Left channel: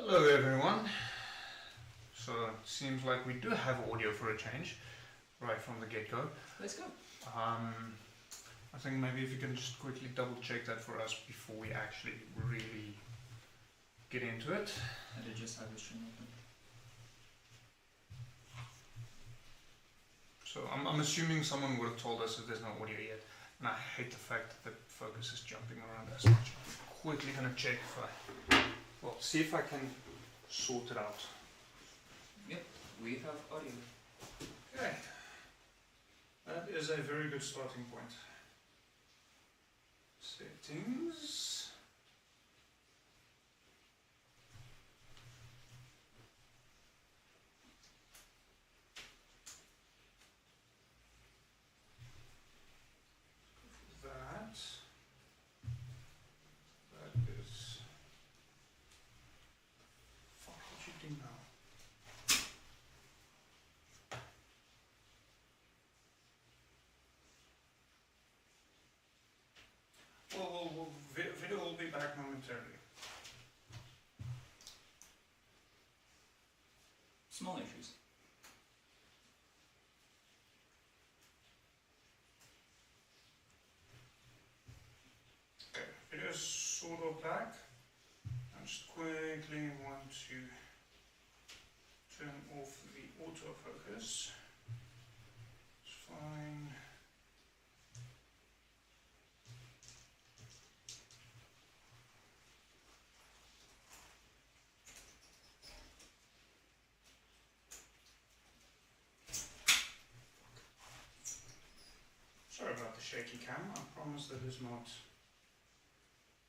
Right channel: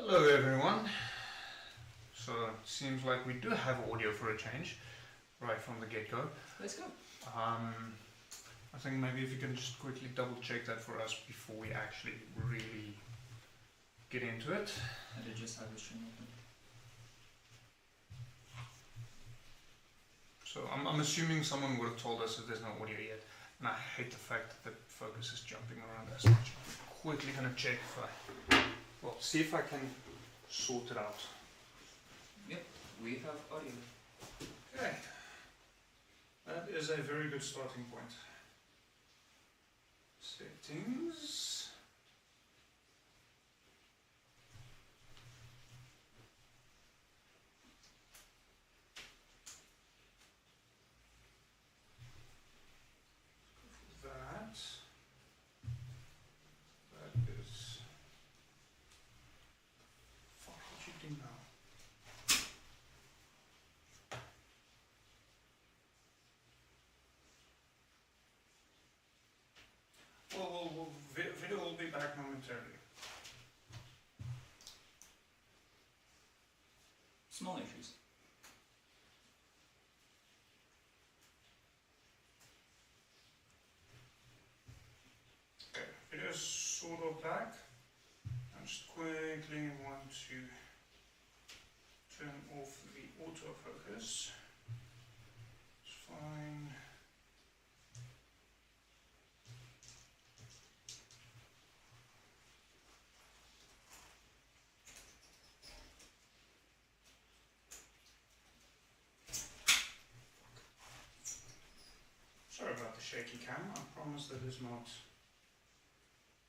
Hello everyone. So it seems like we do have audio for a change, right from the get-go. Let's go. I think maybe if you can just quickly double check that for us before we actually really get into it. I did just have the stream open. So I'm assuming someone would have told us that there's no audio yet, and I hate the fact that the focus is jumping around as much. I'm quickly gonna check if see if I can sort it out. Yep, we have audio. Okay. That is a very good starting point. Settings. That is. Fuck, what you do now? Well, video will be back momentarily. Small issues. Okay, video is sort of back. I just quickly want to turn off the autofocus. It's fine. Sorry about the shaky cam. I promise that is not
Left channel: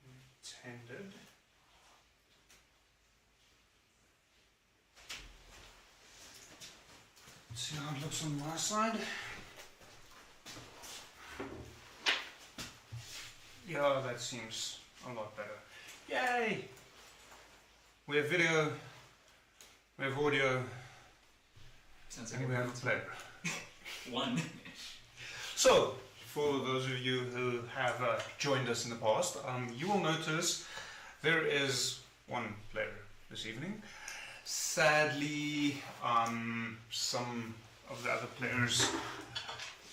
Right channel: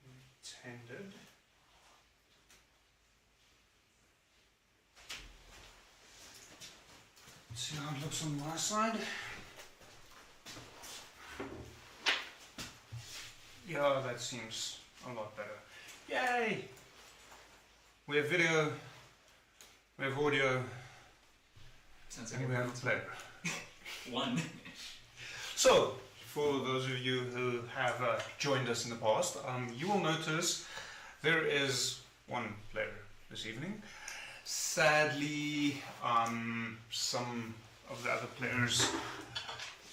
intended. Let's see how it looks on my side. Yeah, that seems a lot better. Yay! We have video, we have audio, Sounds like and we have a player. one. So, for those of you who have joined us in the past, you will notice there is one player this evening. Sadly, some of the other players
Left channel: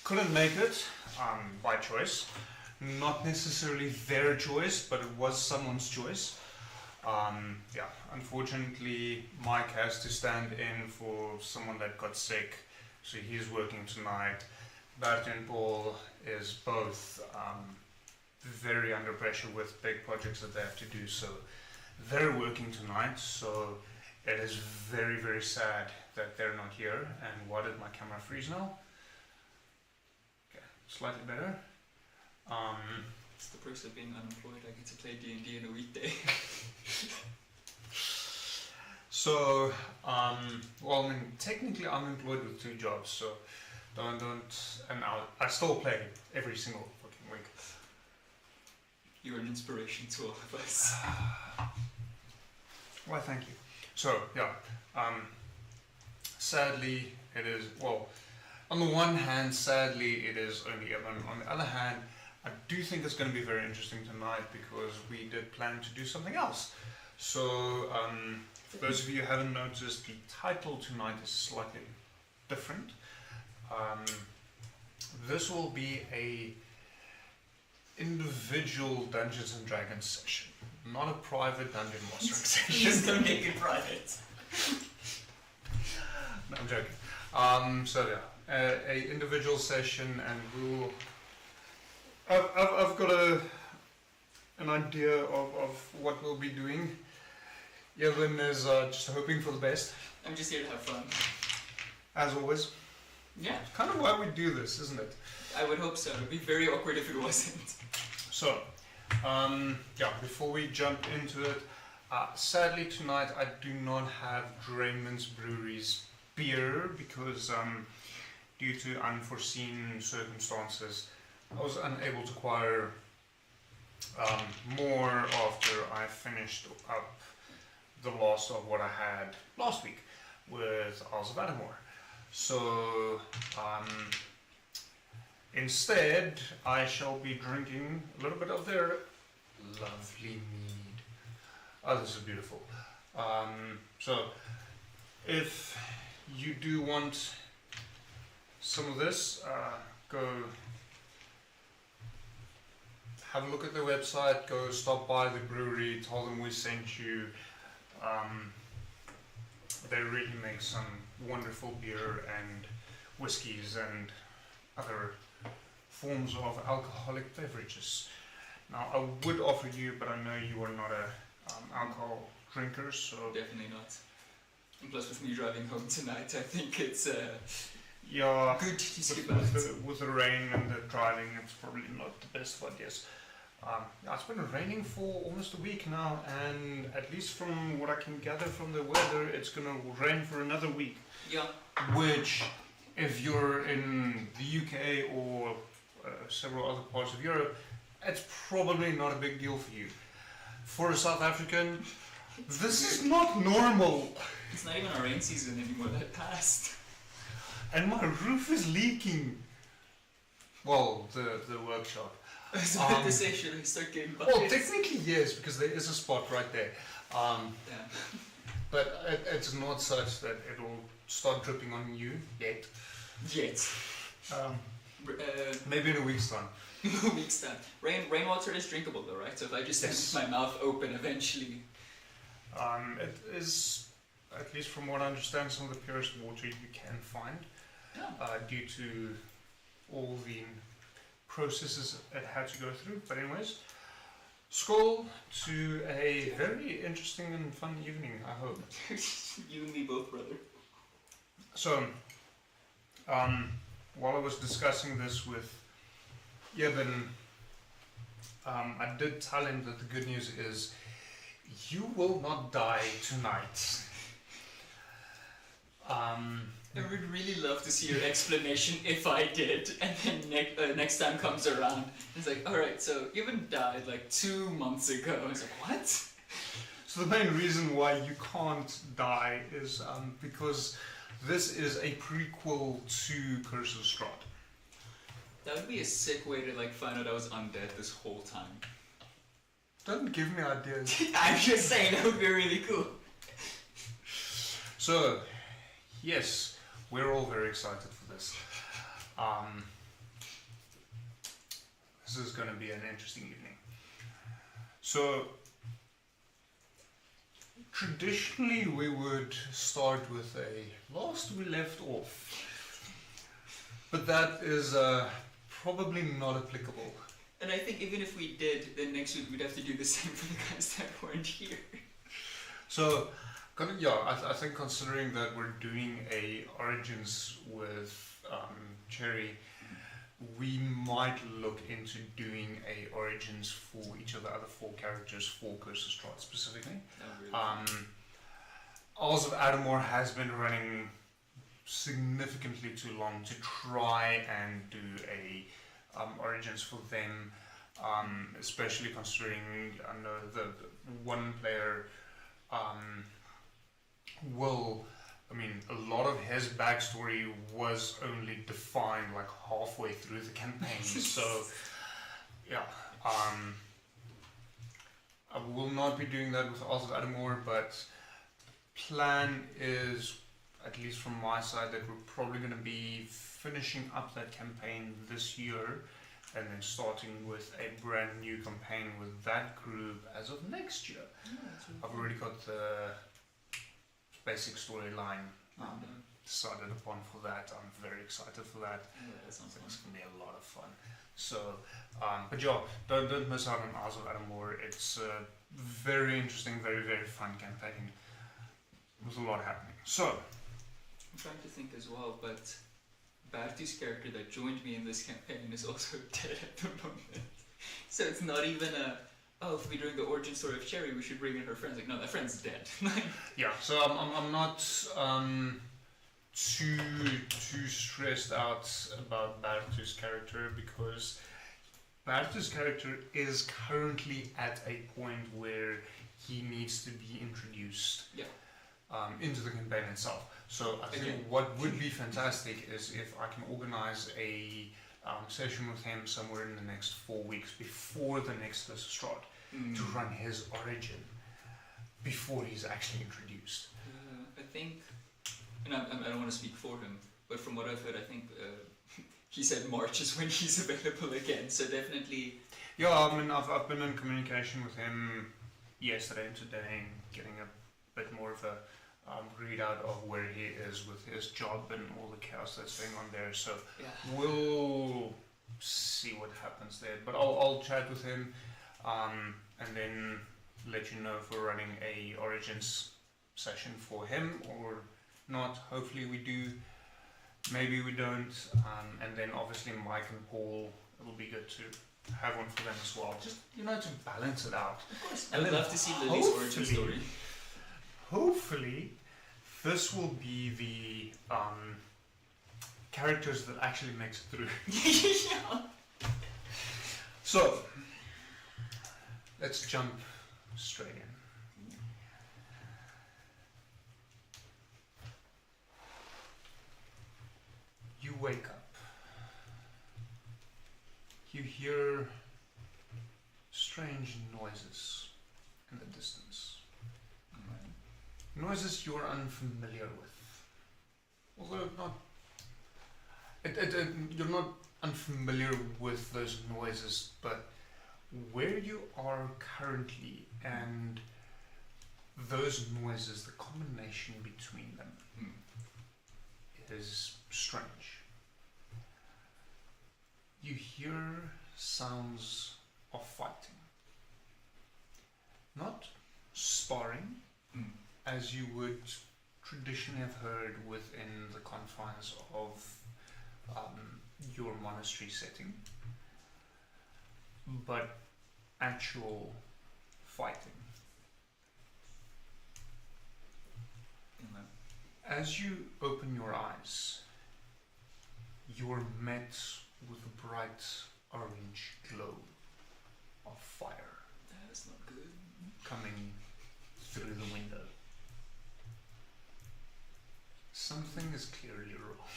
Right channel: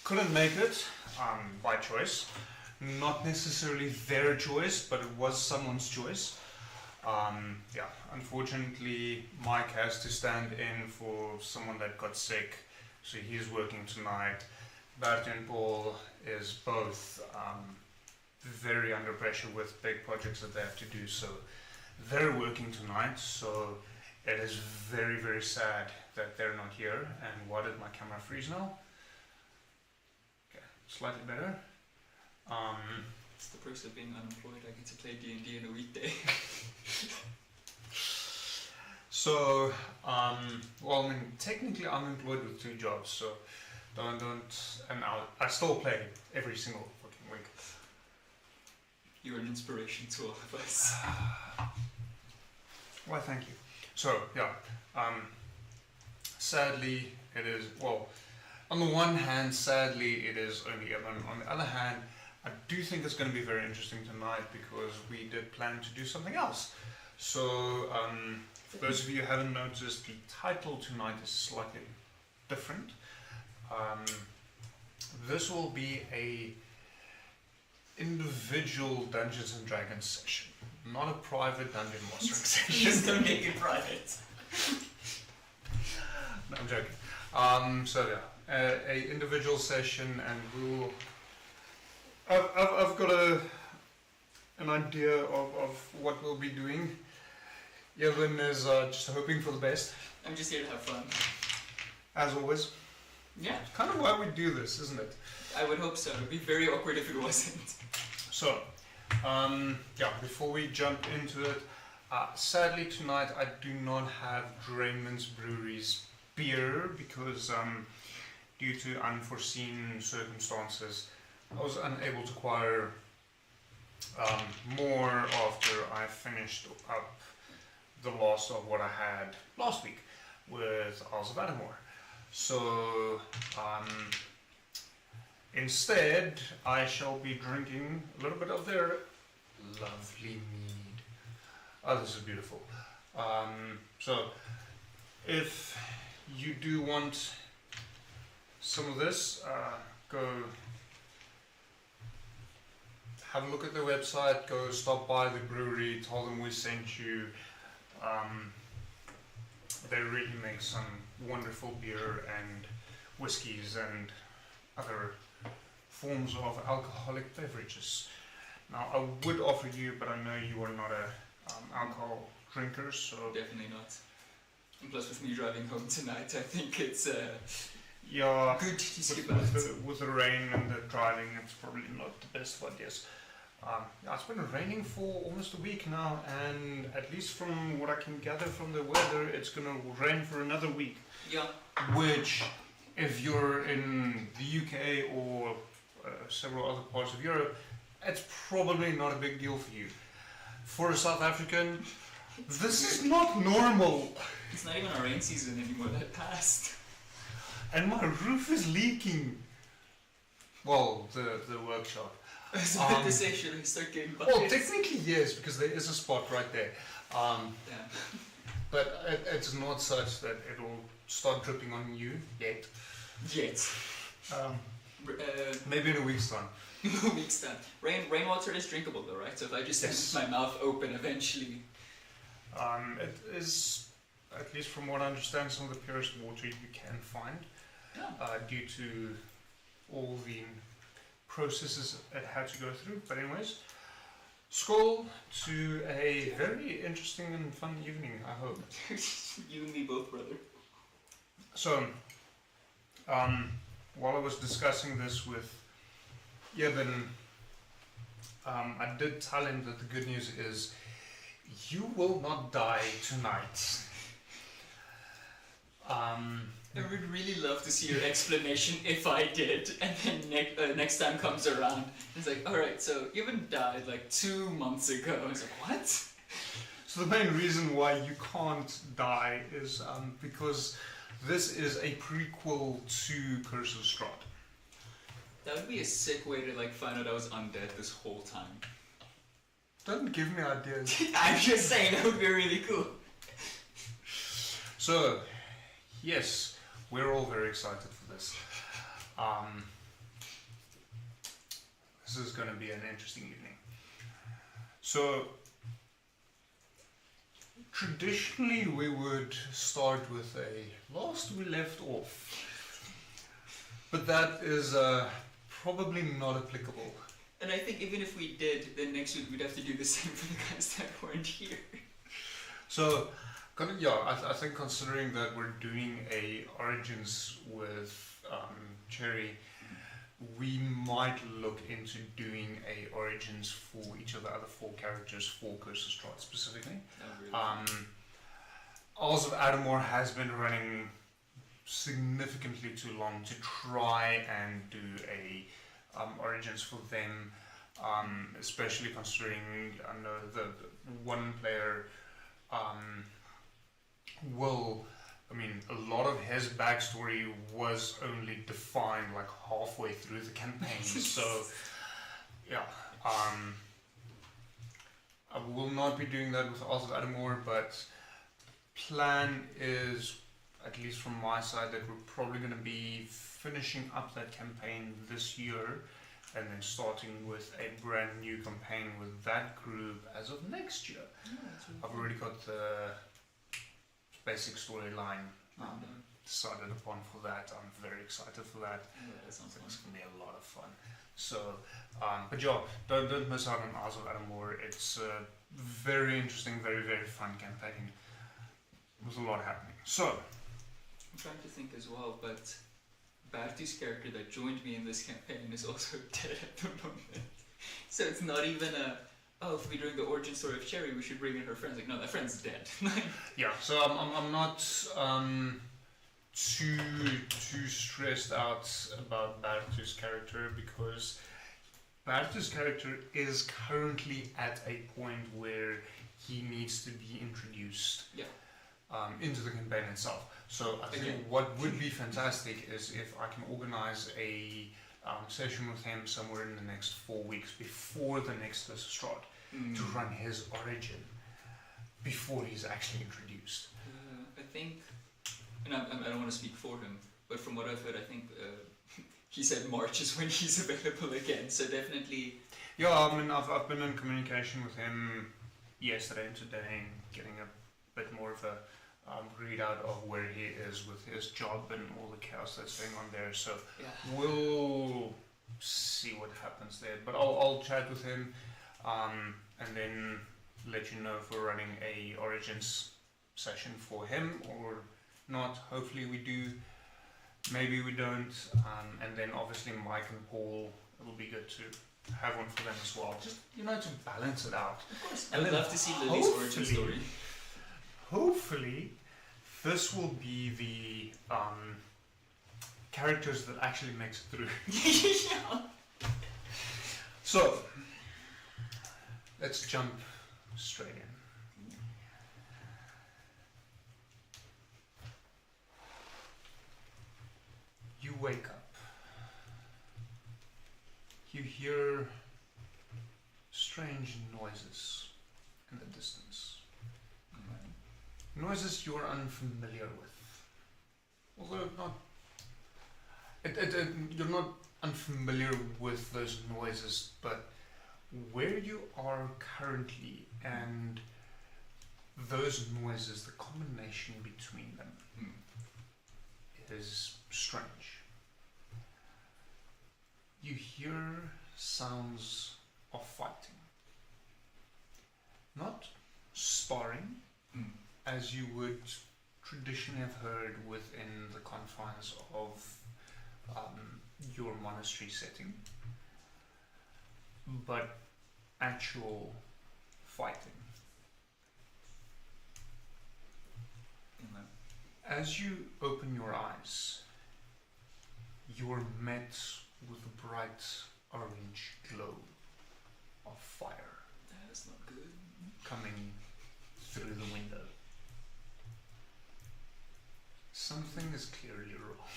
couldn't make it by choice. Not necessarily their choice, but it was someone's choice. Unfortunately, Mike has to stand in for someone that got sick, so he's working tonight. Bert and Paul is both very under pressure with big projects that they have to do, so they're working tonight, so it is very, very sad that they're not here. And why did my camera freeze now? Okay, slightly better. It's the perks of being unemployed. I get to play D&D in a weekday. So, technically I'm employed with 2 jobs, so and I still play every single fucking week. You're an inspiration to all of us. Well, thank you. So, sadly it is, on the one hand, sadly it is only 11. On the other hand, I do think it's going to be very interesting tonight because we did plan to do something else. So, for those of you who haven't noticed, the title tonight is slightly different. This will be a individual Dungeons and Dragons session, not a private dungeon mastering session. Please don't make it private. No, I'm joking. A individual session, and we'll. I've got an idea of what we'll be doing. Evan is just hoping for the best. I'm just here to have fun. As always. Yeah. Kind of why we do this, isn't it? I would hope so. It'd be very awkward if it wasn't. So, before we jump into it, sadly tonight I do not have Drayman's Brewery's beer because due to unforeseen circumstances, I was unable to acquire more after I finished up the last of what I had last week with Isles of Adamore. So, instead, I shall be drinking a little bit of their lovely mead. Oh, this is beautiful. So if you do want some of this, go have a look at their website, go stop by the brewery, tell them we sent you. They really make some wonderful beer and whiskies and other forms of alcoholic beverages. Now, I would offer you, but I know you are not a alcohol drinker, so Definitely not. And plus, with me driving home tonight, I think it's yeah, good to skip out. with the rain and the driving, it's probably not the best of ideas. It's been raining for almost a week now, and at least from what I can gather from the weather, it's going to rain for another week. Yeah. Which, if you're in the UK or several other parts of Europe, it's probably not a big deal for you. For a South African, this is not normal. It's not even a rain season anymore, that passed. And my roof is leaking. Well, the workshop. I was about to say, should we start getting buckets? Well, technically yes, because there is a spot right there. Yeah. But it's not such that it'll start dripping on you yet. Yet. Maybe in a week's time. A week's time. Rainwater is drinkable though, right? So if I just have my mouth open eventually. It is, at least from what I understand, some of the purest water you can find. Yeah. Due to all the processes it had to go through. But anyways, scroll to a very interesting and fun evening, I hope. You and me both, brother. So, while I was discussing this with Eben, I did tell him that the good news is you will not die tonight. I would really love to see your explanation if I did, and then next time comes around, it's like, alright, so Eben died like 2 months ago. I was like, what? So the main reason why you can't die is because this is a prequel to Curse of Strahd. That would be a sick way to like find out I was undead this whole time. Don't give me ideas. I'm just saying, that would be really cool. So, yes, we're all very excited for this. This is going to be an interesting evening. So, traditionally we would start with a last we left off. But that is probably not applicable. And I think even if we did, then next week we'd have to do the same for the guys that weren't here. So, I think considering that we're doing a Origins with Cherry, we might look into doing a Origins for each of the other 4 characters for Curse of Strahd specifically. Oh, really? Isles of Adamore has been running significantly too long to try and do a Origins for them, especially considering I know the one player a lot of his backstory was only defined like halfway through the campaign. So, yeah, I will not be doing that with Isles of Adamore, but plan is, at least from my side, that we're probably going to be finishing up that campaign this year and then starting with a brand new campaign with that group as of next year. I've already got the basic storyline decided upon for that. I'm very excited for that. Yeah, that sounds like it's going to be a lot of fun. So, but yeah, don't miss out on Isles of Adamore. It's a very interesting, very, very fun campaign with a lot happening. So, I'm trying to think as well, but Barty's character that joined me in this campaign is also dead at the moment. So it's not even if we're doing the origin story of Cherry, we should bring in her friends. Like, no, that friend's dead. Yeah, so I'm not too stressed out about Barty's character, because Barty's character is currently at a point where he needs to be introduced into the campaign itself. So I think what would be fantastic is if I can organize a session with him somewhere in the next 4 weeks before the next Curse of Strahd to run his origin. before he's actually introduced? I think, and I don't want to speak for him, but from what I've heard, I think he said March is when he's available again. So definitely. Yeah, I mean, I've been in communication with him yesterday and today, getting a bit more of a readout of where he is with his job and all the chaos that's going on there. So we'll see what happens there. But I'll chat with him and then let you know if we're running a Origins session for him or not. Hopefully we do. Maybe we don't. And then obviously Mike and Paul, it will be good to have one for them as well. Just, to balance it out. Of course. I'd love to see Lily's origin story. Hopefully, this will be the characters that actually makes it through. Yeah. So, let's jump straight in. You wake up. You hear strange noises in the distance. Noises you're unfamiliar with. Although you're not unfamiliar with those noises, but where you are currently and those noises, the combination between them is strange. You hear sounds of fighting. Not sparring, as you would traditionally have heard within the confines of your monastery setting, but actual fighting. As you open your eyes, you're met with a bright orange glow of fire. That's not good. Coming through the window. Something is clearly wrong.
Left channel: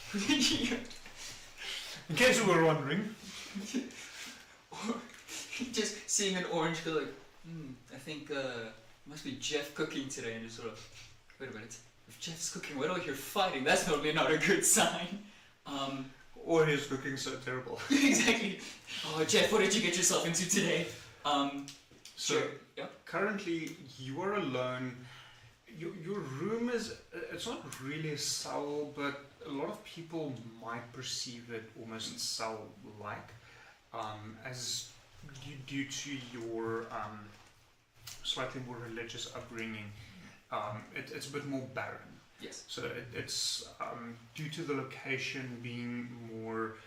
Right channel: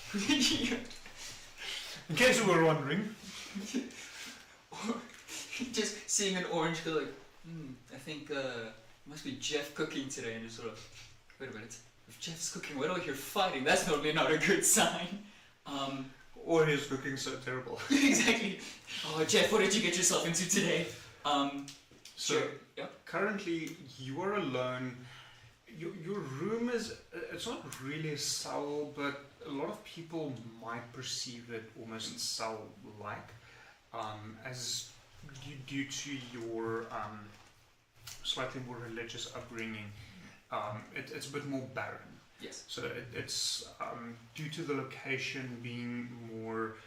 In case you were wondering. Just seeing an orange glow, like, I think must be Jeff cooking today, and just sort of, wait a minute, if Jeff's cooking, why do I hear fighting? That's totally not a good sign. Or he's looking so terrible. Exactly. Oh, Jeff, what did you get yourself into today? Currently you are alone. Your room it's not really a cell, but a lot of people might perceive it almost cell-like, as due to your slightly more religious upbringing. It's a bit more barren. Yes. So it's due to the location being more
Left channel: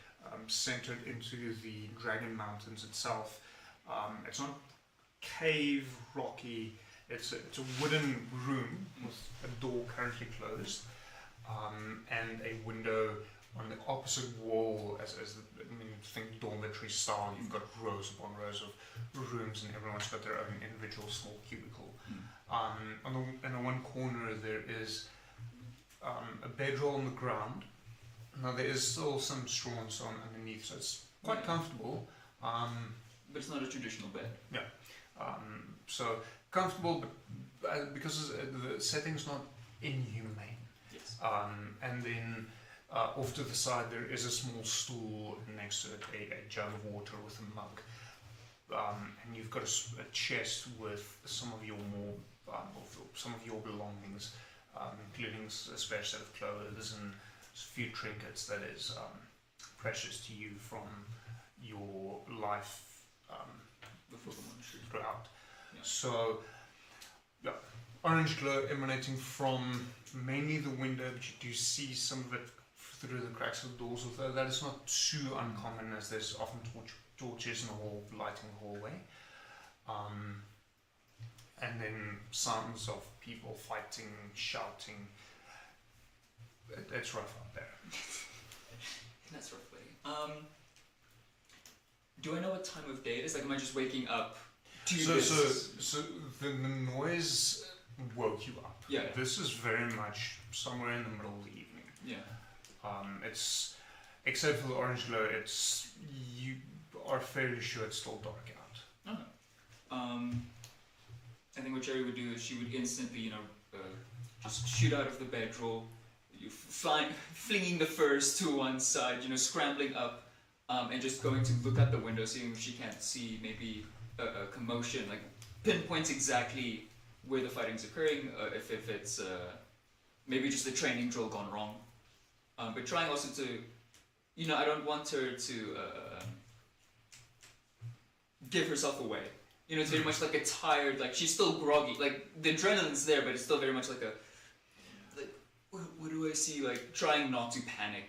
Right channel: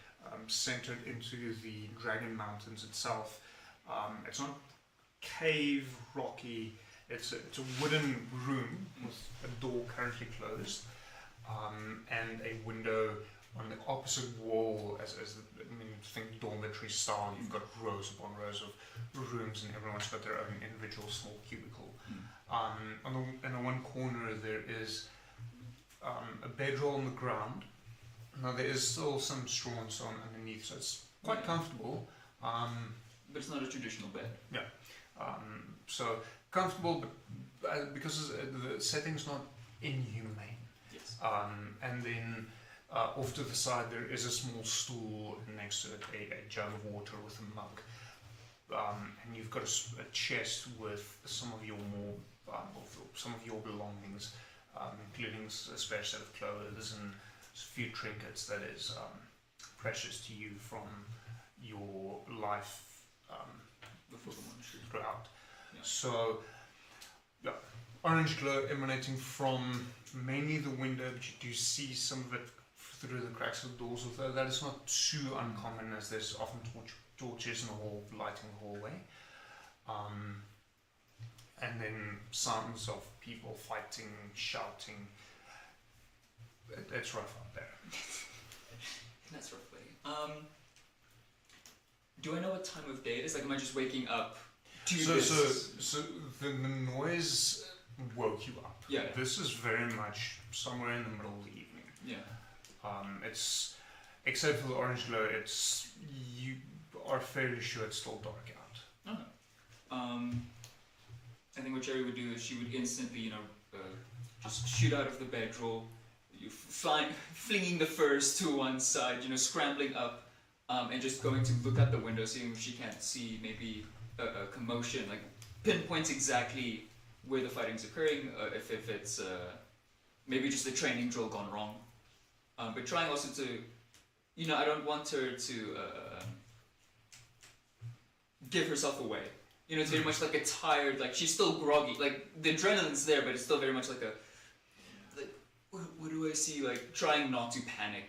centered into the Dragon Mountains itself. It's not cave, rocky. It's a wooden room with a door currently closed, and a window on the opposite wall. Think dormitory style. You've got rows upon rows of rooms, and everyone's got their own individual small cubicle. In the one corner there is a bedroll on the ground. Now there is still some straw and so on underneath, so it's quite comfortable. But it's not a traditional bed. Yeah. So comfortable, but because the setting's not inhumane. Yes. And then off to the side there is a small stool, and next to it a jug of water with a mug. And you've got a chest with some of your more some of your belongings, including a spare set of clothes and a few trinkets that is precious to you from your life before the monastery throughout. Yeah. So, orange glow emanating from mainly the window, but you do see some of it through the cracks of the doors, although that is not too uncommon, as there's often torches in the hall lighting the hallway. And then sounds of people fighting, shouting. It's rough out there. That's rough, buddy. Do I know what time of day it is? Like, am I just waking up to this? So the noise woke you up. Yeah. This is very much somewhere in the middle of the evening. Yeah. It's, except for the orange glow, you are fairly sure it's still dark out. Oh. I think what Cherry would do is she would instantly, just shoot out of the bedroll, flinging the furs to one side, scrambling up, and just going to look out the window, seeing if she can't see maybe a commotion, like pinpoints exactly where the fighting's occurring, if it's maybe just the training drill gone wrong. But trying also to, I don't want her to give herself away. It's very much like a tired, like she's still groggy, like the adrenaline's there, but it's still very much like what do I see, like trying not to panic.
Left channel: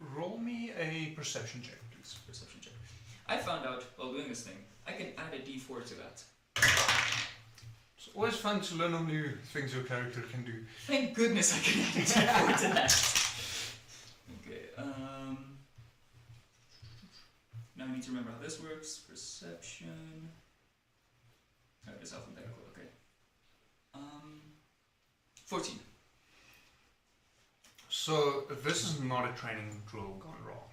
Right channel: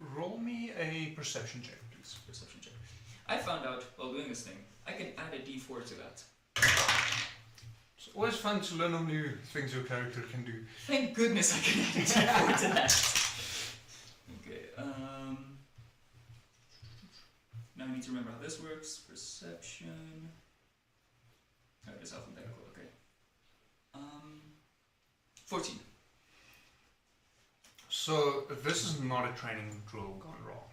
Roll me a perception check, please. Perception check. I found out while doing this thing, I can add a d4 to that. It's always fun to learn on new things your character can do. Thank goodness I can add a d4 to that. Okay, now I need to remember how this works. Perception. No, it's alphabetical, okay. 14. So this is not a training drill gone wrong.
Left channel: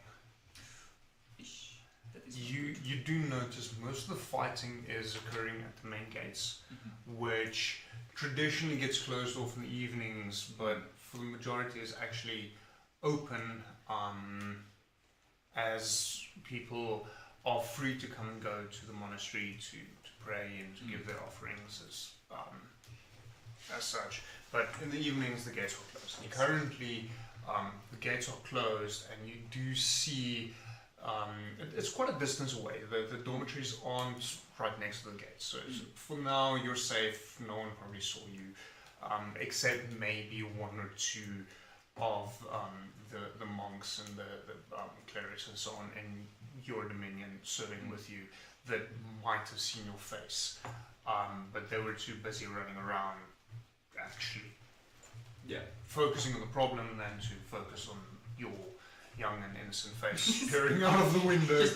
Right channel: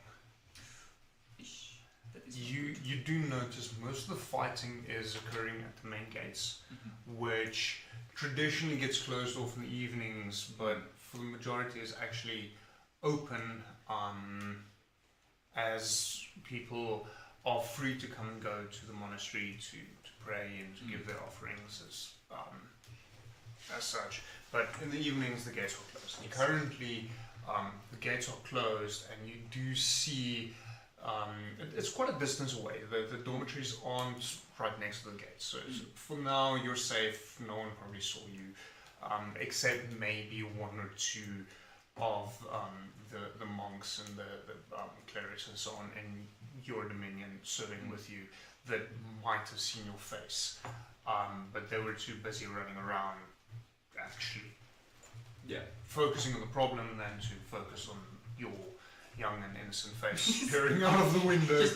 You do notice most of the fighting is occurring at the main gates, which traditionally gets closed off in the evenings, but for the majority is actually open as people are free to come and go to the monastery to pray and to give their offerings as such. But in the evenings the gates are closed. And currently the gates are closed, and you do see it's quite a distance away. The dormitories aren't right next to the gates, so for now you're safe. No one probably saw you, except maybe one or two of the monks and the clerics and so on in your dominion serving with you that might have seen your face, but they were too busy running around actually focusing on the problem than to focus on your young and innocent face peering out of the window.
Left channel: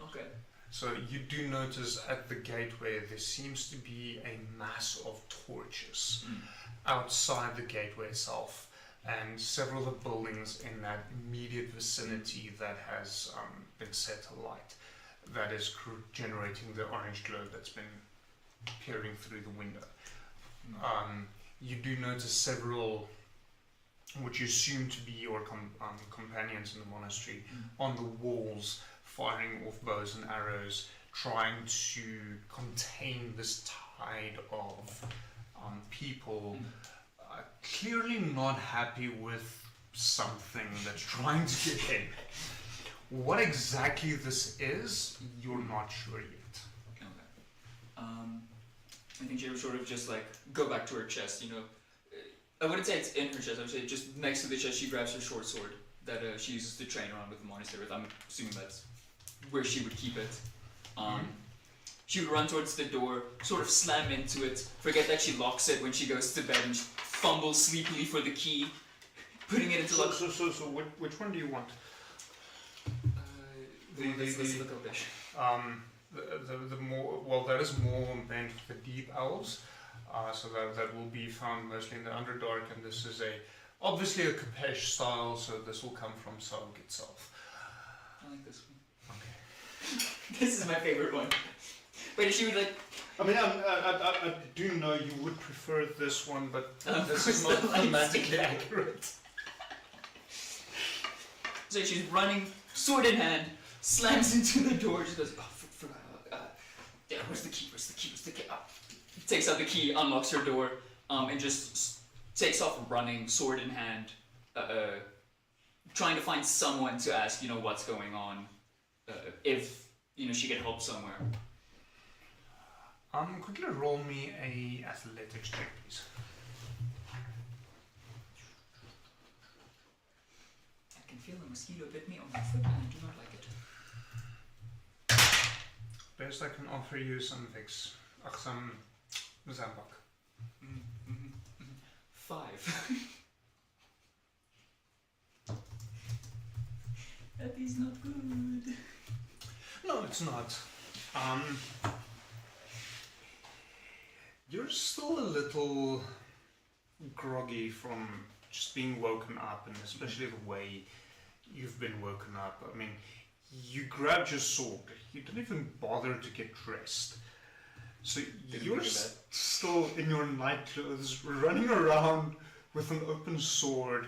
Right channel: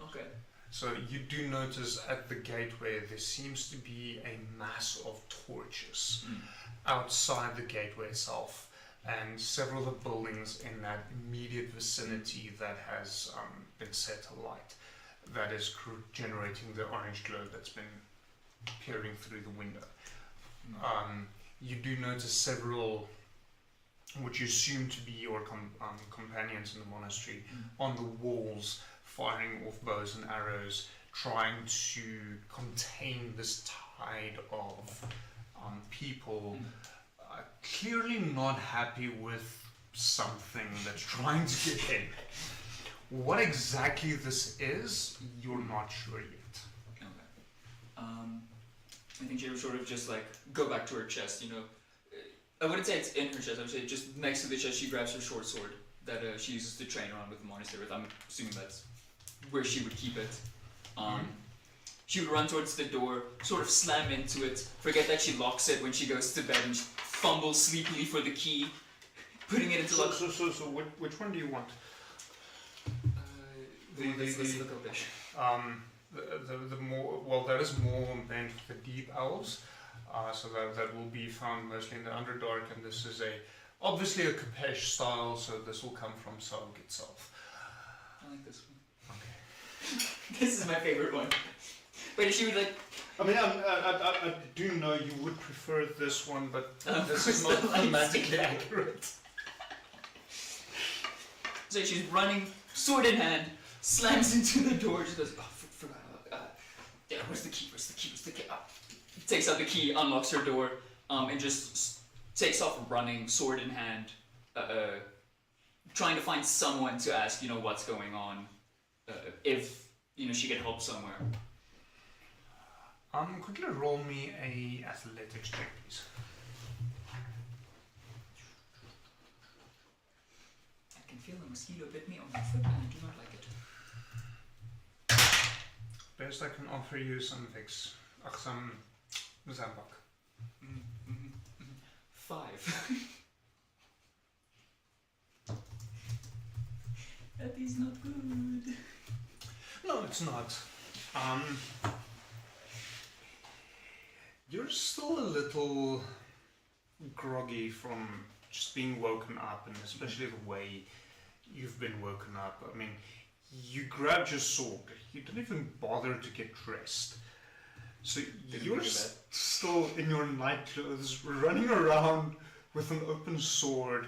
Okay. So you do notice at the gateway there seems to be a mass of torches outside the gateway itself, and several of the buildings in that immediate vicinity that has been set alight, that is generating the orange glow that's been peering through the window. You do notice several, which you assume to be your companions in the monastery, on the walls, firing off bows and arrows, trying to contain this tide of people, clearly not happy with something that's trying to get in. What exactly this is, you're not sure yet. Okay. I think she would sort of just like go back to her chest, I wouldn't say it's in her chest, I would say just next to the chest she grabs her short sword that she uses to train around with the monastery with. I'm assuming that's where she would keep it. She would run towards the door, sort of slam into it, forget that she locks it when she goes to bed, and fumble sleepily for the key, putting it into So which one do you want? The more, well, that is more meant for the deep elves, so that will be found mostly in the Underdark, and this is obviously a Capesh style, so this will come from Sarg itself. I like this one. Okay. This is my favorite one. But if she would like... I mean, I do know you would prefer this one, but this is not thematically accurate. So she's running, sword in hand, slams into the door, just goes, where's the key, where's the key? Takes out the key, unlocks her door, and just takes off running, sword in hand, trying to find someone to ask, what's going on, if, she can help somewhere. Quickly roll me a athletics check, please. I can feel a mosquito bit me on my foot, and I do not like it. Best I can offer you some Vicks. Some Zambak. 5. That is not good. No, it's not. You're still a little groggy from just being woken up, and especially the way you've been woken up. I mean, you grabbed your sword. You didn't even bother to get dressed. So you're still in your night clothes, running around with an open sword,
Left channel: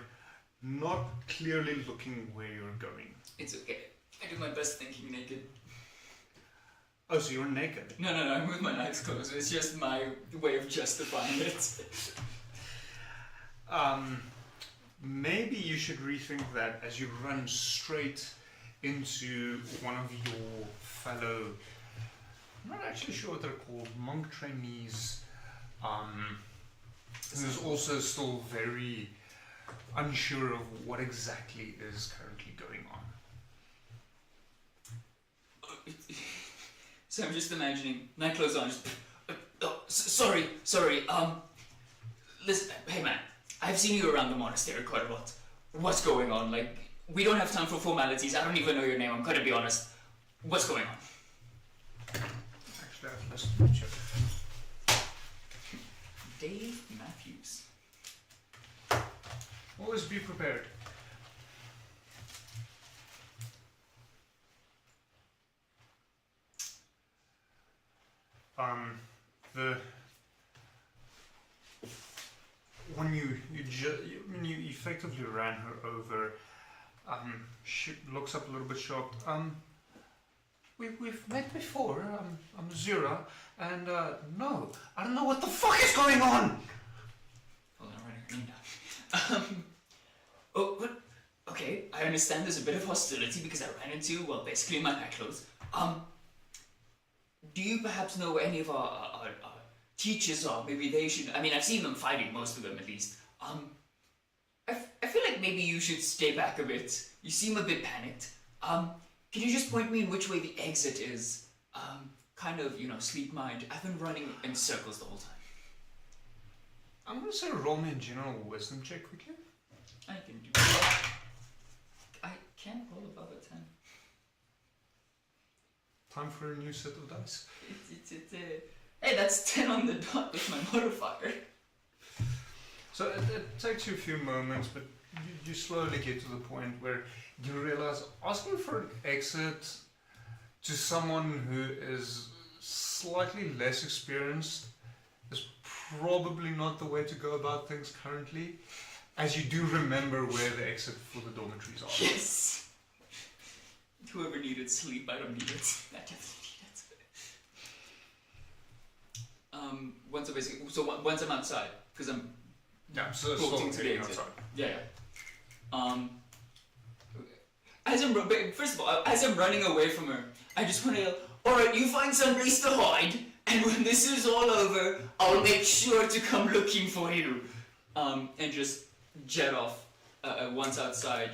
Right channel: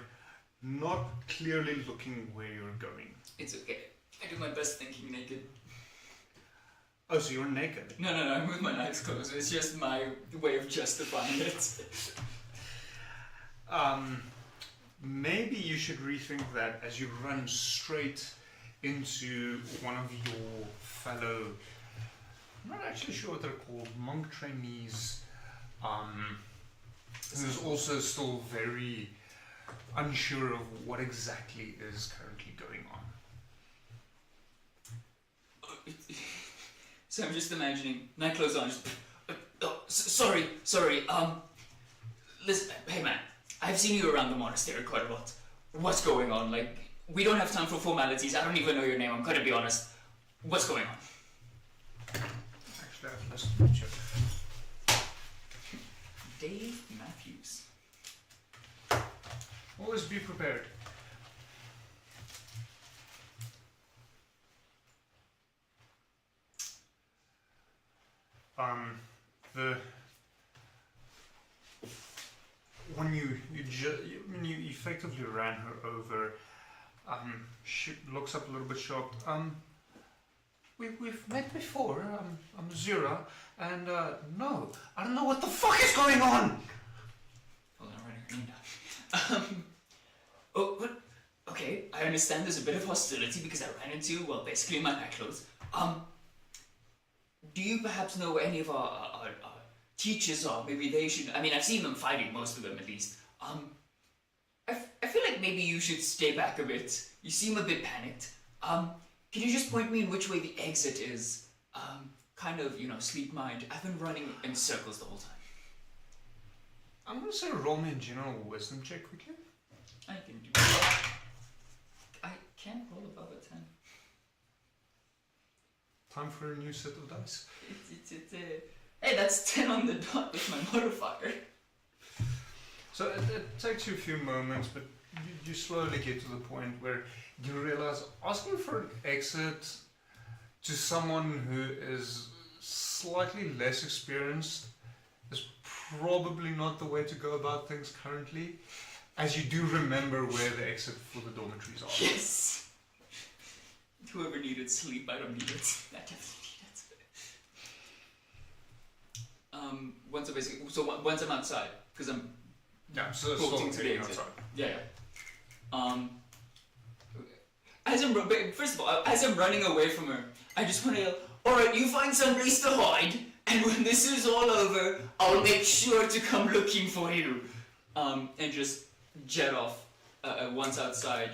not clearly looking where you're going. It's okay. I do my best thinking naked. Oh, so you're naked? No, I'm with my night clothes. It's just my way of justifying it. Maybe you should rethink that as you run straight into one of your fellow, I'm not actually sure what they're called, monk trainees. Who's also still very unsure of what exactly is currently going on. So I'm just imagining night clothes on. Sorry. Listen, hey man, I've seen you around the monastery quite a lot. What's going on? Like, we don't have time for formalities. I don't even know your name. I'm gonna be honest. What's going on? Actually, let's meet you. Dave Matthews. Always be prepared. When you effectively ran her over, she looks up a little bit shocked. We've met before. I'm Zura, and no, I don't know what the fuck is going on. Hold on, oh, what? Okay, I understand there's a bit of hostility because I ran into, well, basically my night clothes. Do you perhaps know where any of our teachers are? Maybe they should. I mean, I've seen them fighting, most of them at least. I feel like maybe you should stay back a bit. You seem a bit panicked. Can you just point me in which way the exit is? Kind of, sweet mind. I've been running in circles the whole time. I'm going to say roll me a general wisdom check quickly. I can do that. I can't roll above a 10. Time for a new set of dice. Hey, that's 10 on the dot with my modifier. So it takes you a few moments, but you slowly get to the point where you realize asking for an exit to someone who is slightly less experienced is probably not the way to go about things currently, as you do remember where the exit for the dormitories are. Yes! Whoever needed sleep, I don't need it. I definitely need it. Once I'm outside, because I'm talking to the exit. Yeah. First of all, as I'm running away from her, I just want to yell, alright, you find some place to hide, and when this is all over, I'll make sure to come looking for you. And just jet off once outside,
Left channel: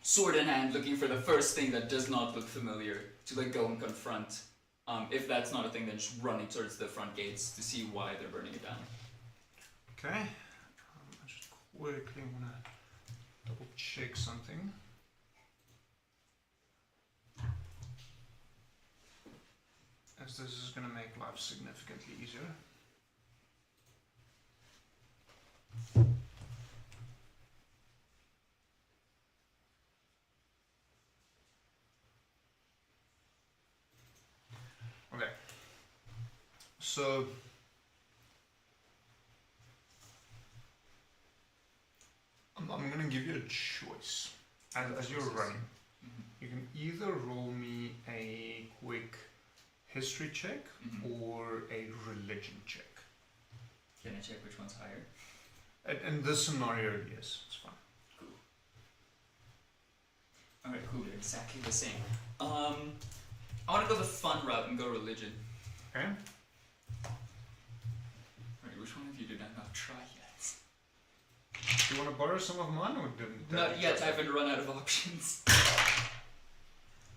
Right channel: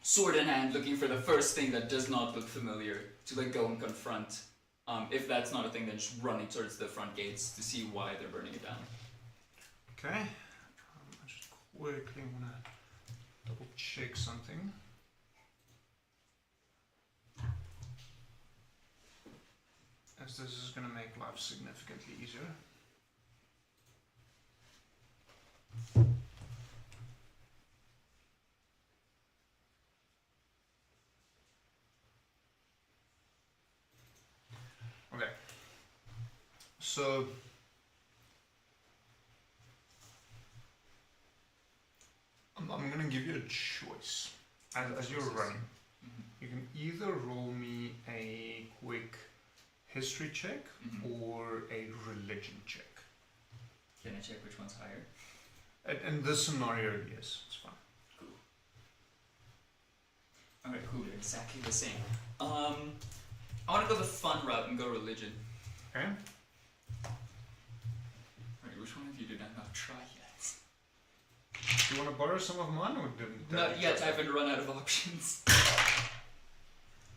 sword in hand, looking for the first thing that does not look familiar to go and confront. If that's not a thing, then just running towards the front gates to see why they're burning it down. Okay. I just quickly want to double check something. As this is going to make life significantly easier. Okay. So I'm going to give you a choice as you're running. You can either roll me a quick history check or a religion check. Can I check which one's higher? In this scenario, yes, it's fine. Cool. Alright, cool, exactly the same. I want to go the fun route and go religion. Okay. Alright, which one of you did I not try yet? Do you want to borrow some of mine or didn't? Not yet, I haven't run out of options.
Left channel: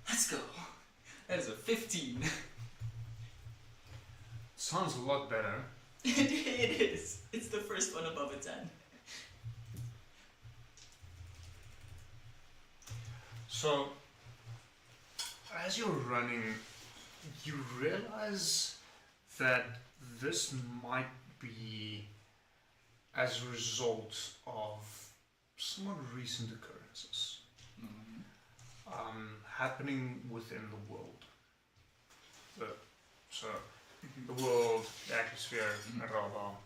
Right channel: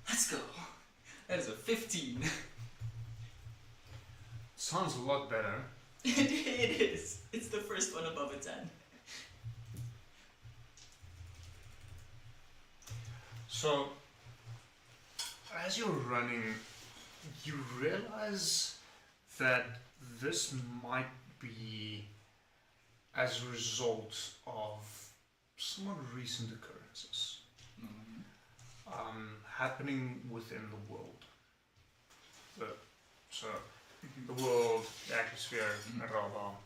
Let's go. That is a 15. Sounds a lot better. It is. It's the first one above a 10. So, as you're running, you realize that this might be as a result of somewhat recent occurrences. happening within the world. So the world, the atmosphere, Rava,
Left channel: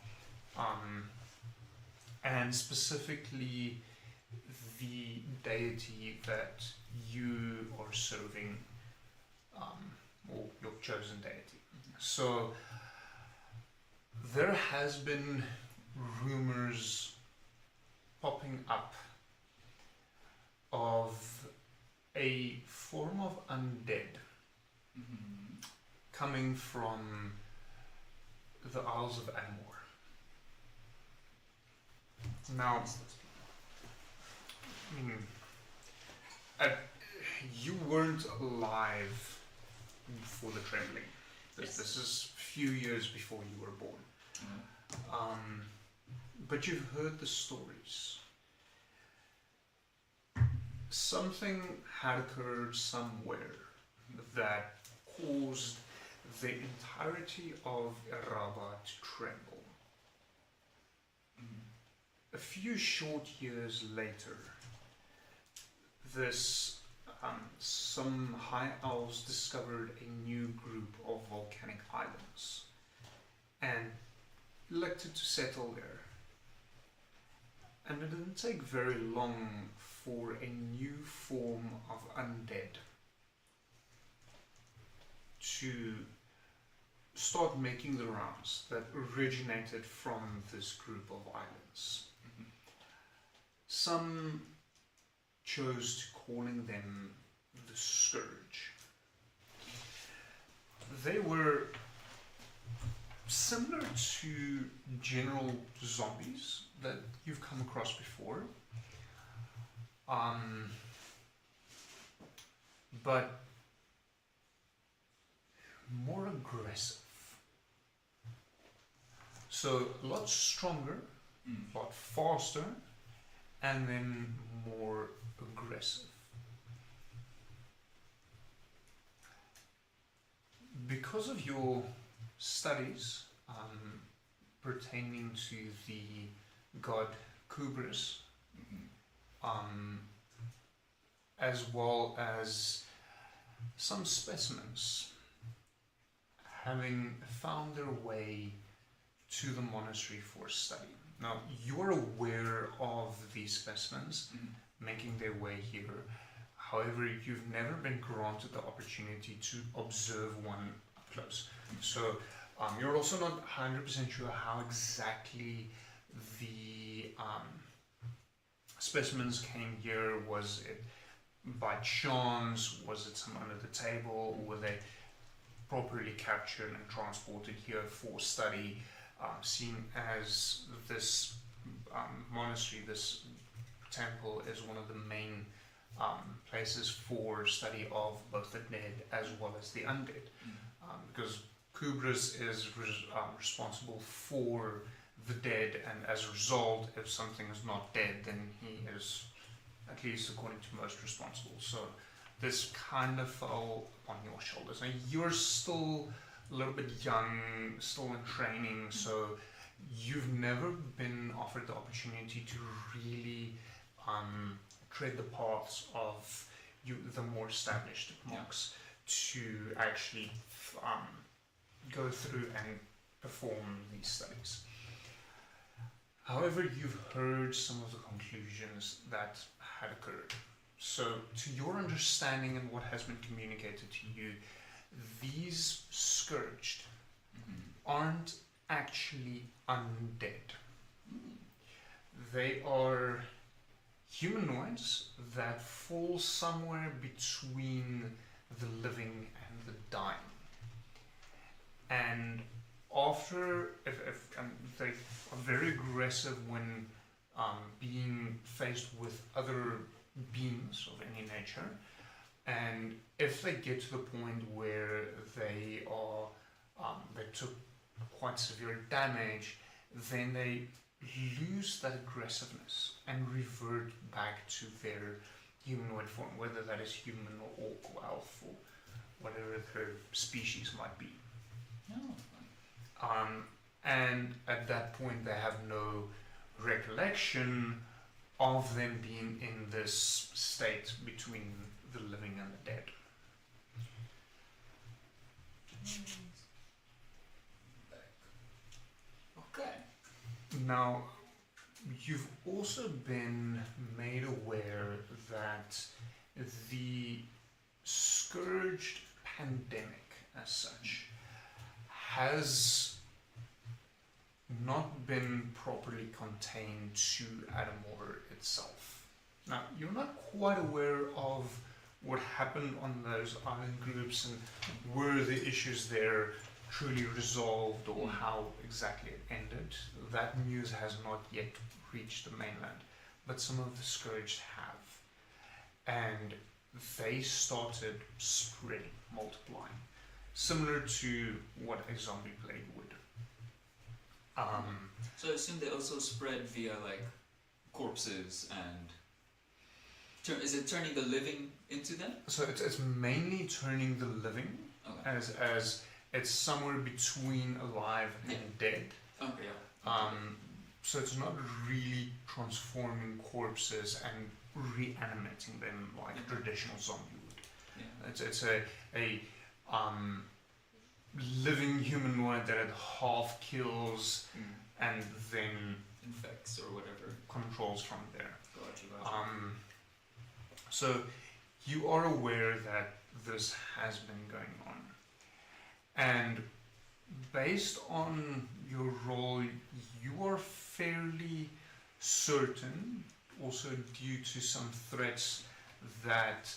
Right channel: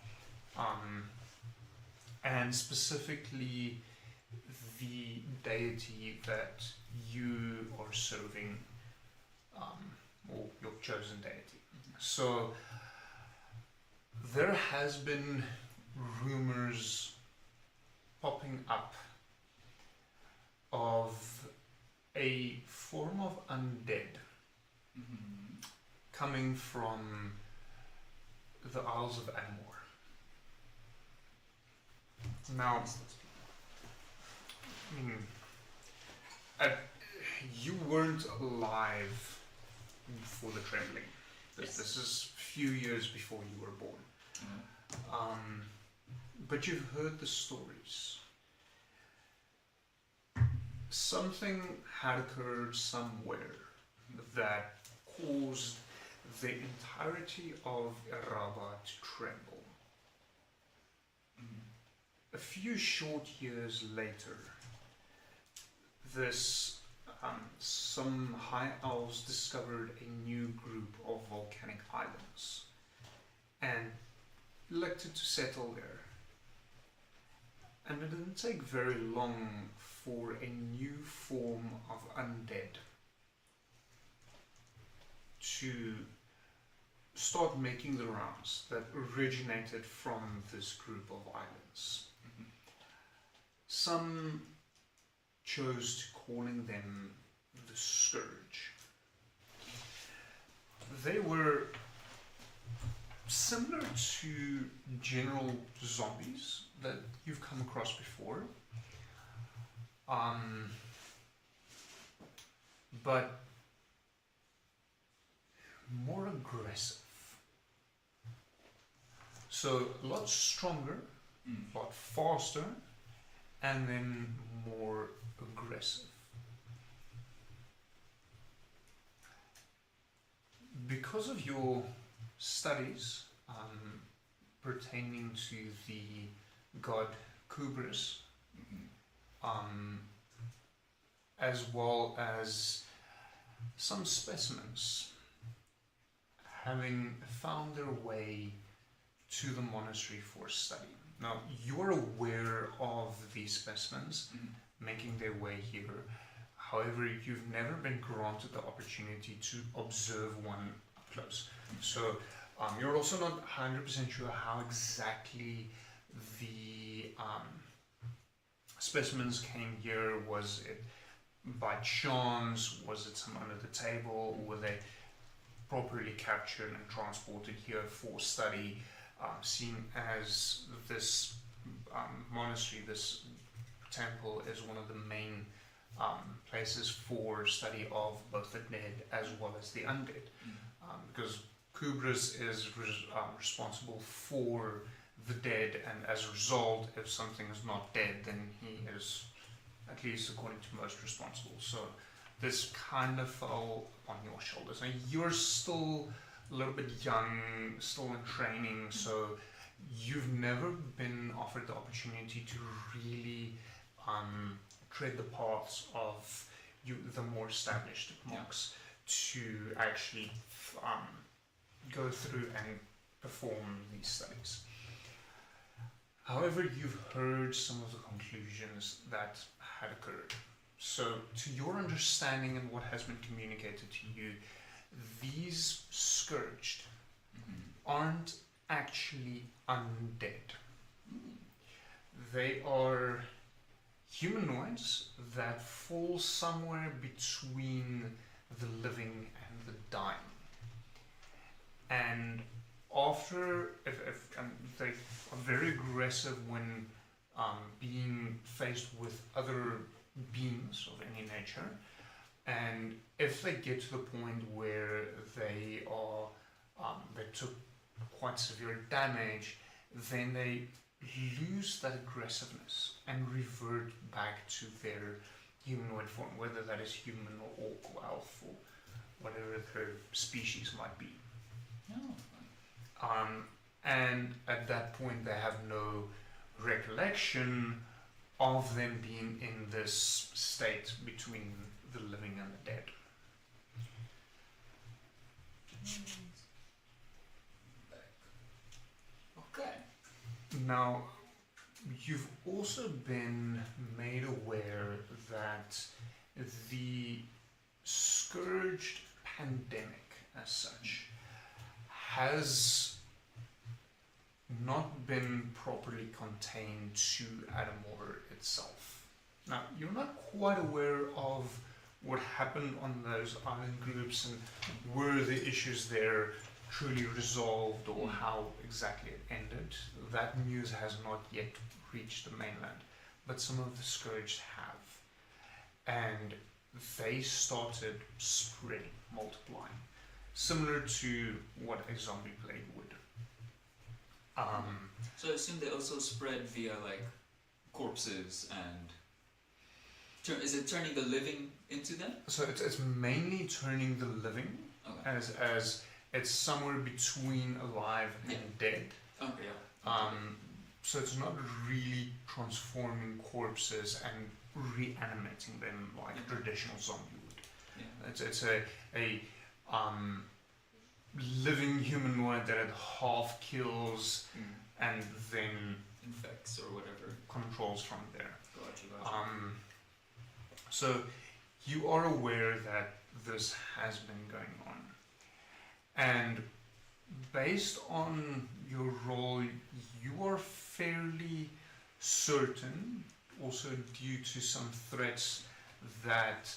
and specifically the deity that you are serving, or your chosen deity. So there has been rumors popping up of a form of undead coming from the Isles of Amor. Now, you weren't alive before the Trembling. This is a few years before you were born. But you've heard the stories. Something had occurred somewhere that caused the entirety of Rava to tremble. A few short years later, some high elves discovered a new group of volcanic islands and elected to settle there. And it didn't take very long for a new form of undead to start making the rounds that originated from this group of islands. Some chose to calling them the Scourge. They were similar to general zombies that you've come across before, but more aggressive. So a lot stronger, a lot faster, and then more aggressive. Because of your studies pertaining to the god Kubris, as well as some specimens having found their way to the monastery for study. Now, you're aware of these specimens making their way here. However, you've never been granted the opportunity to observe one up close. So, you're also not 100% sure how exactly the specimens came here. Was it by chance? Was it some under the table? Were they properly captured and transported here for study? Seeing as this monastery, this temple, is one of the main places for study of both the dead as well as the undead, because Kubris is responsible for the dead, and as a result, if something is not dead, then he is, at least according to most, responsible. So this kind of fell on your shoulders, and you're still a little bit young, still in training, so you've never been offered the opportunity to really tread the paths of the more established monks, to actually go through and perform these studies. However, you've heard some of the conclusions that had occurred. So, to your understanding and what has been communicated to you, these Scourged aren't actually undead. They are humanoids that fall somewhere between the living and the dying. And after, they are very aggressive when being faced with other beings of any nature, and if they get to the point where they took quite severe damage, then they lose that aggressiveness and revert back to their humanoid form, whether that is human or orc or elf or whatever their species might be. And at that point they have no recollection of them being in this state between the living and the dead. Okay. Now, you've also been made aware that the scourged pandemic, as such, has not been properly contained to Adamore itself. Now, you're not quite aware of what happened on those island groups and were the issues there truly resolved or how exactly it ended. That news has not yet reached the mainland, but some of the scourged have. And they started spreading, multiplying, similar to what a zombie plague would. So I assume they also spread via like corpses and is it turning the living into them? So it's mainly turning the living Okay. as it's somewhere between alive and dead. Okay. Yeah. So it's not really transforming corpses and reanimating them like traditional zombie would. Yeah. It's a living humanoid that it half kills and then Infects or whatever. controls from there. Gotcha. So you are aware that this has been going on, and based on your role, you are fairly certain, also due to some threats that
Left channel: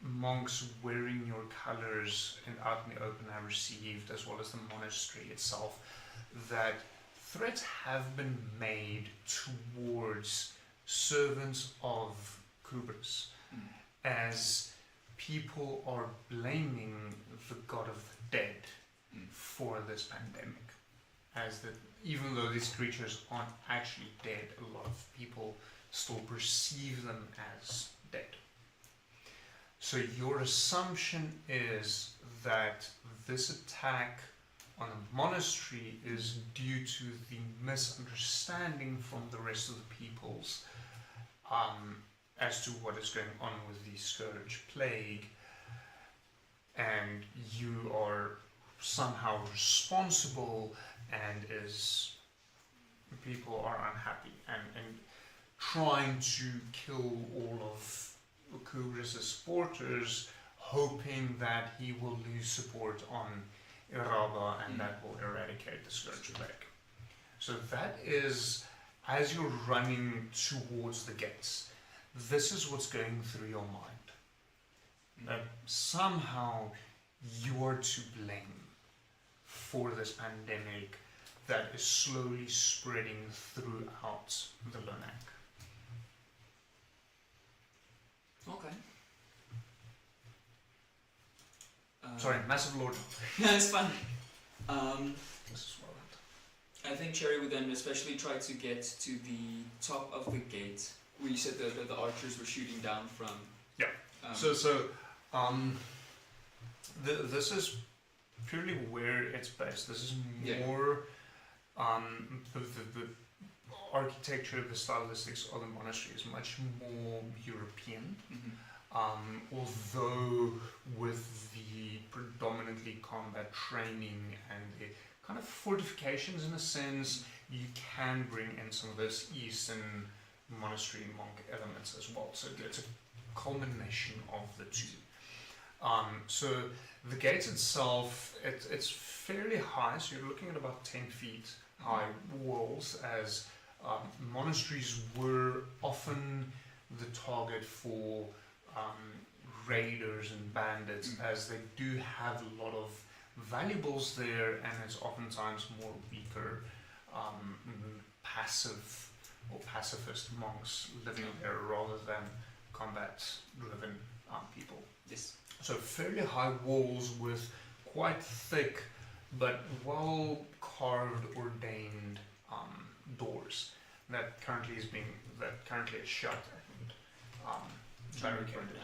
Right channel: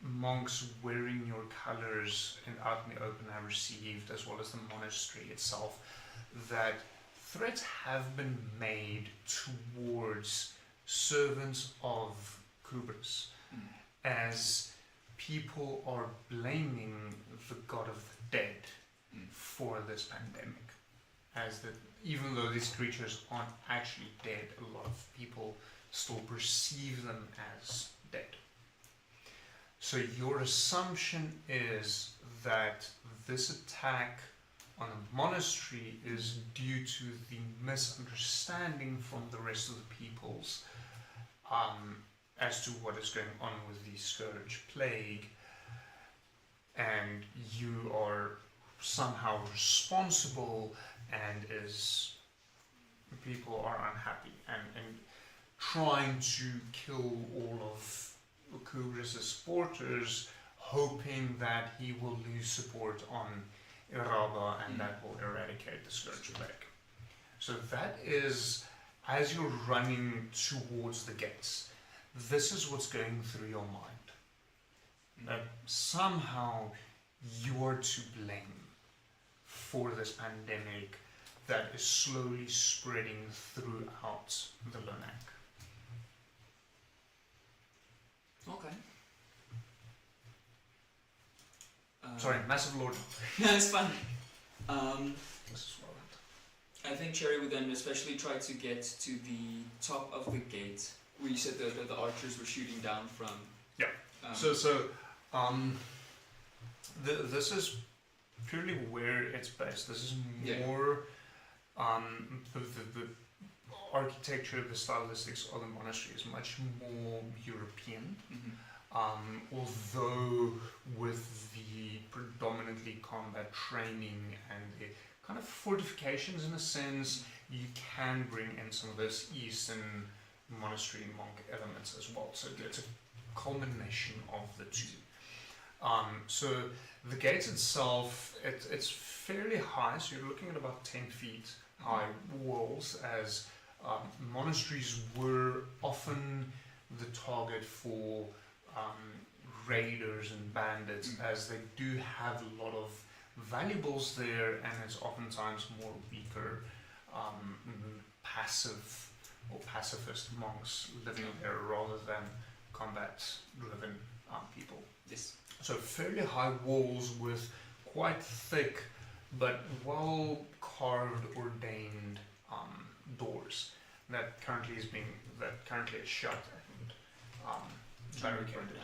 monks wearing your colors and out in the open have received, as well as the monastery itself, that threats have been made towards servants of Kubris, as people are blaming the god of the dead for this pandemic. As that, even though these creatures aren't actually dead, a lot of people still perceive them as dead. So your assumption is that this attack on the monastery is due to the misunderstanding from the rest of the peoples as to what is going on with the scourge plague, and you are somehow responsible, and people are unhappy and trying to kill all of Kubris' supporters, hoping that he will lose support on Iraba and that will eradicate the scourge plague. So that is, as you're running towards the gates, this is what's going through your mind. That somehow you are to blame for this pandemic that is slowly spreading throughout the Lunang. Okay. Sorry, massive lord. No, it's fun. This is well done. I think Cherry would then especially try to get to the top of the gate where you said the archers were shooting down from. Yeah. This is purely where it's based. This is more the architecture, the stylistics of the monastery is much more European. Although with the predominantly combat training and the kind of fortifications in a sense, you can bring in some of those Eastern monastery monk elements as well. So it's a culmination of the two. So the gate itself, it's fairly high, so you're looking at about 10 feet high walls, as monasteries were often the target for raiders and bandits, as they do have a lot of valuables there, and it's oftentimes more weaker, passive or pacifist monks living there rather than combat-driven people. Yes. So fairly high walls with quite thick but well carved, ordained doors that currently is shut and barricaded.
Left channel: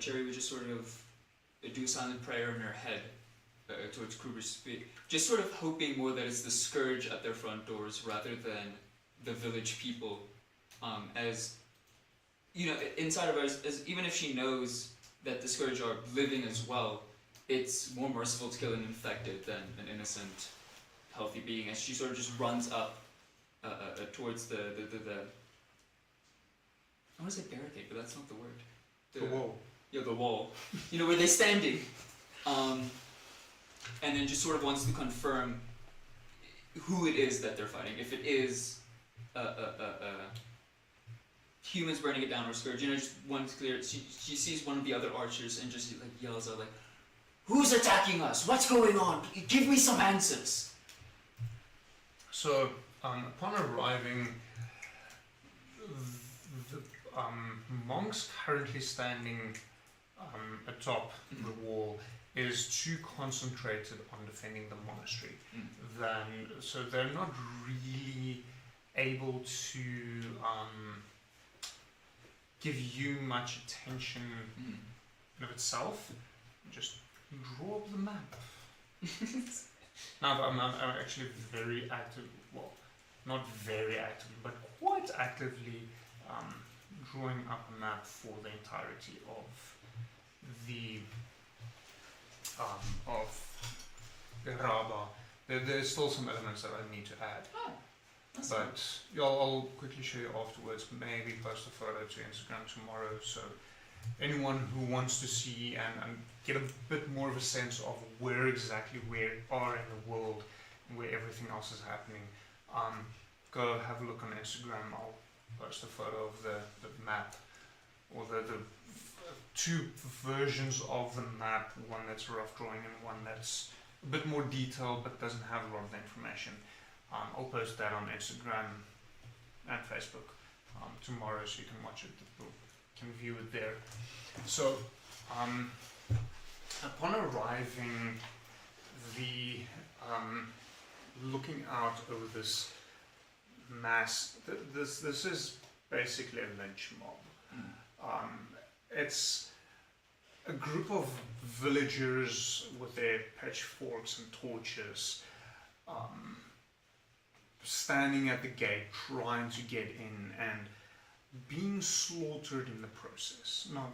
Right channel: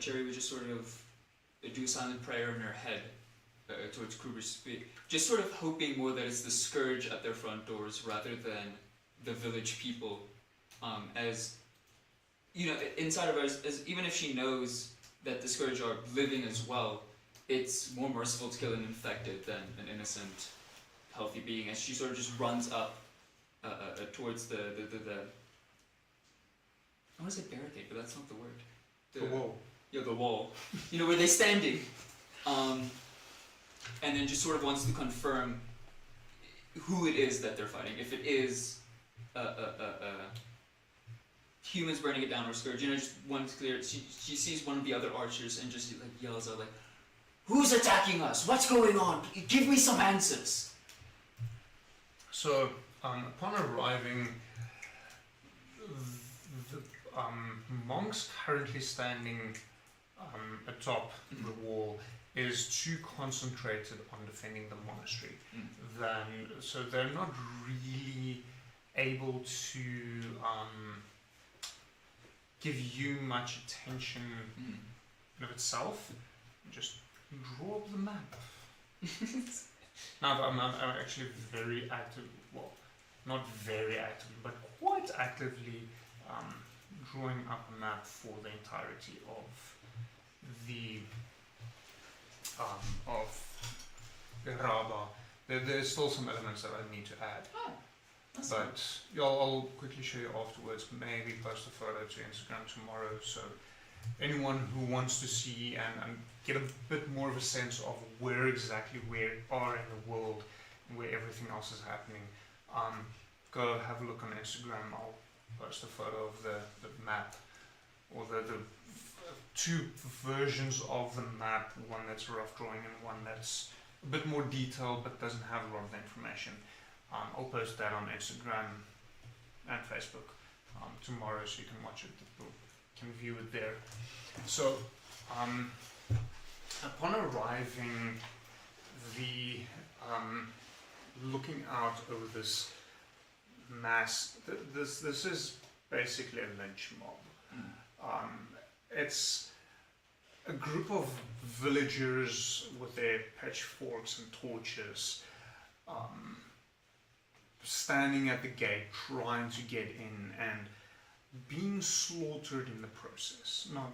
Cherry would just sort of do a silent prayer in her head towards Kruger's feet, just sort of hoping more that it's the scourge at their front doors rather than the village people, as you know, inside of us, as even if she knows that the Scourge are living as well, it's more merciful to kill an infected than an innocent, healthy being. And she sort of just runs up towards the I want to say barricade, but that's not the word. The wall. Yeah, the wall. You know, where they're standing. And then just sort of wants to confirm who it is that they're fighting. If it is humans burning it down or Scourge, you know, just one's clear. She sees one of the other archers and just like yells out like, "Who's attacking us? What's going on? Give me some answers." So, upon arriving, the monks currently standing atop the wall is too concentrated on defending the monastery. So they're not really able to give you much attention in of itself. Just draw up the map. Now, I'm actually very active, well, not very active, but quite actively drawing up a map for the entirety of the Raba. There's still some elements that I need to add. But yeah, I'll quickly show you afterwards. Maybe post a photo to Instagram tomorrow, so anyone who wants to see and get a bit more of a sense of where exactly we are in the world and where everything else is happening, go have a look on Instagram. I'll post a photo of the map, or the two versions of the map, one that's a rough drawing and one that's a bit more detailed but doesn't have a lot of information. I'll post that on Instagram and Facebook tomorrow, so you can watch it, you can view it there. So, upon arriving, looking out over this mass, this is basically a lynch mob. It's a group of villagers with their pitchforks and torches, standing at the gate, trying to get in and being slaughtered in the process. Now,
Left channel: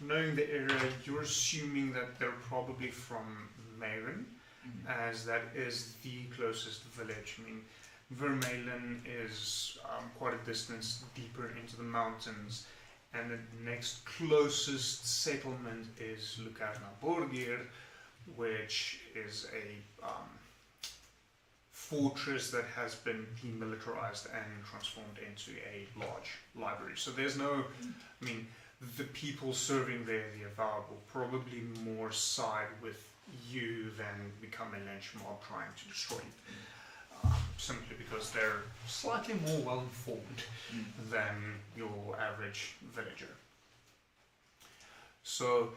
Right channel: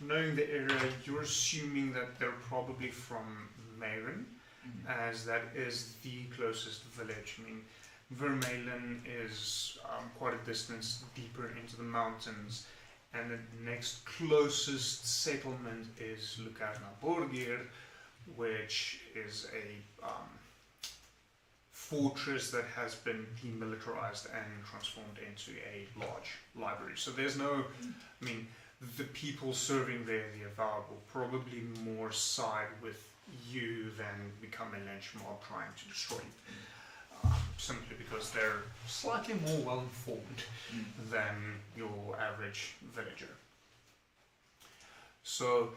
knowing the area, you're assuming that they're probably from Meren, as that is the closest village. I mean, Vermeulen is quite a distance deeper into the mountains, and the next closest settlement is Lucarna Borgir, which is a fortress that has been demilitarized and transformed into a large library. So there's no, I mean, the people serving there, the Avar, will probably more side with you than become a lynch mob trying to destroy you. Simply because they're slightly more well informed than your average villager. So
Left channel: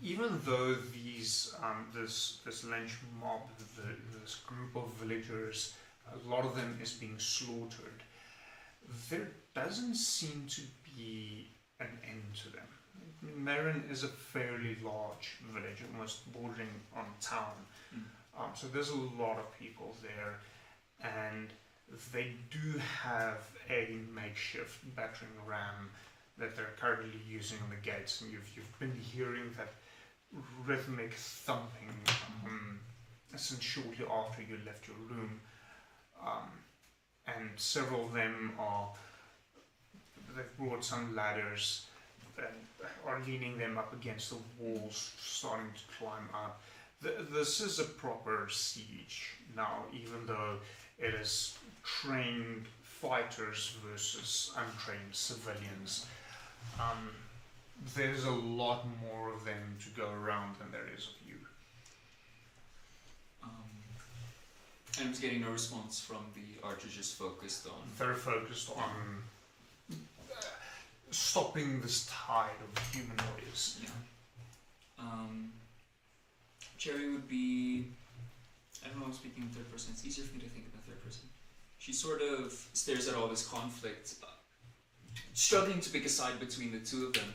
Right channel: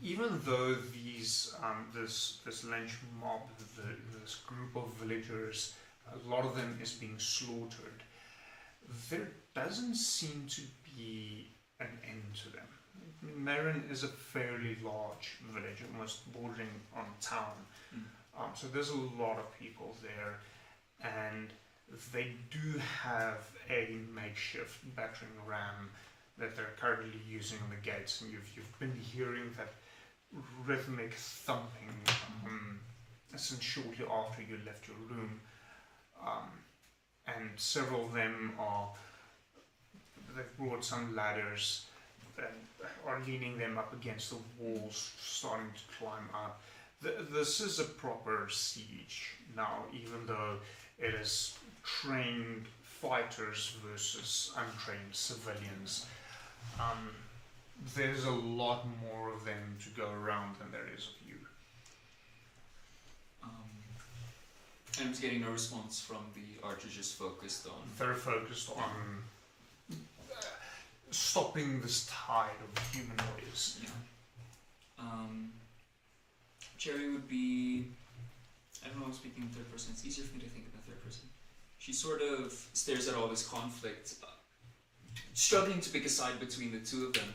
even though these this lynch mob, this group of villagers, a lot of them is being slaughtered, there doesn't seem to be an end to them. Meren is a fairly large village, almost bordering on town. So there's a lot of people there, and they do have a makeshift battering ram that they're currently using on the gates, and you've been hearing that rhythmic thumping since shortly after you left your room, and several of them they've brought some ladders and are leaning them up against the walls, starting to climb up. This is a proper siege now, even though it is trained fighters versus untrained civilians. There's a lot more of them to go around than there is of you. And it's getting no response from the archers, just focused on... They're focused on stopping this tide of humanoids. Cherry would be... I don't know, I'm speaking in third person. It's easier for me to think about third person. She sort of stares at all this conflict, struggling to pick a side between the two of them.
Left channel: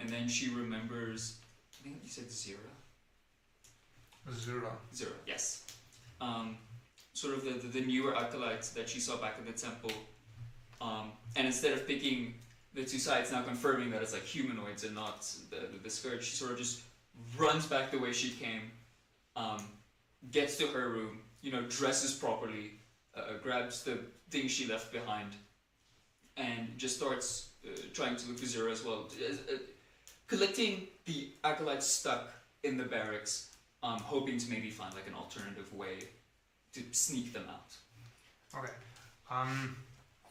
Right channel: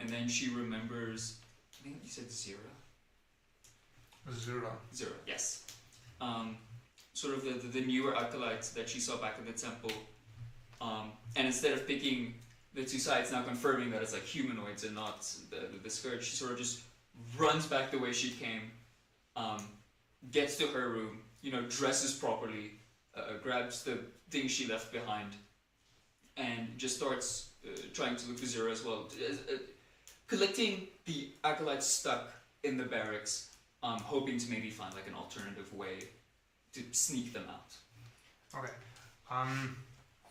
And then she remembers, I think you said Zira? Zira. Zira, yes. sort of the newer acolytes that she saw back in the temple. And instead of picking the two sides, now confirming that it's like humanoids and not the scourge, she sort of just runs back the way she came, gets to her room, dresses properly, grabs the things she left behind, and just starts trying to look for Zero as well. Collecting the acolytes stuck in the barracks, hoping to maybe find like an alternative way to sneak them out. Okay.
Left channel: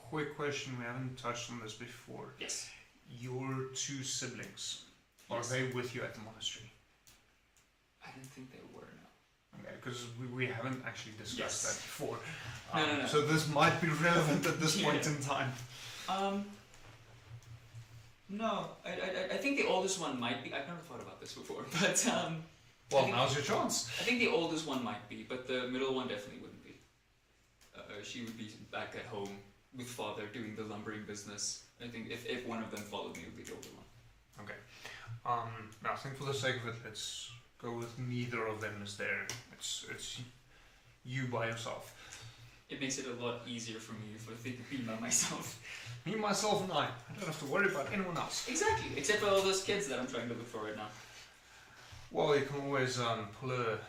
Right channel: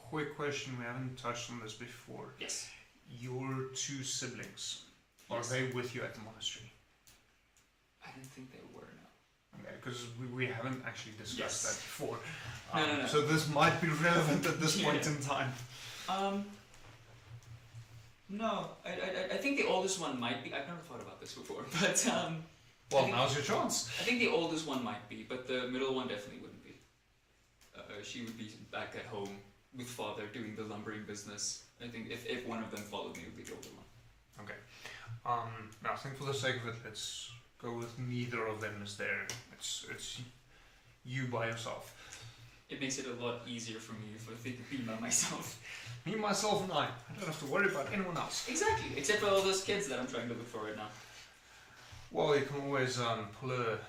Quick question, we haven't touched on this before. Yes. Your two siblings, are Yes. they with you at the monastery? I didn't think they were. No. Okay, because we haven't actually discussed Yes. that before. No. So this might be relevant at this point Yeah. in time. No, I think the oldest one might be. I've never thought about this before, but Well, I think- now's your chance. I think the oldest one might be, but the middle one definitely wouldn't be. She would be back at home with father doing the lumbering business. I think if one of them followed me, it would be the older one. Okay. Now, I think for the sake of it, let's go with neither of them is there. It's you by yourself. It makes it a lot easier for me if I think of being by myself. Me, myself, and I don't have to worry about anyone else. Exactly, except for all those kids that I'm trying to look for right now. Well, you can always pull a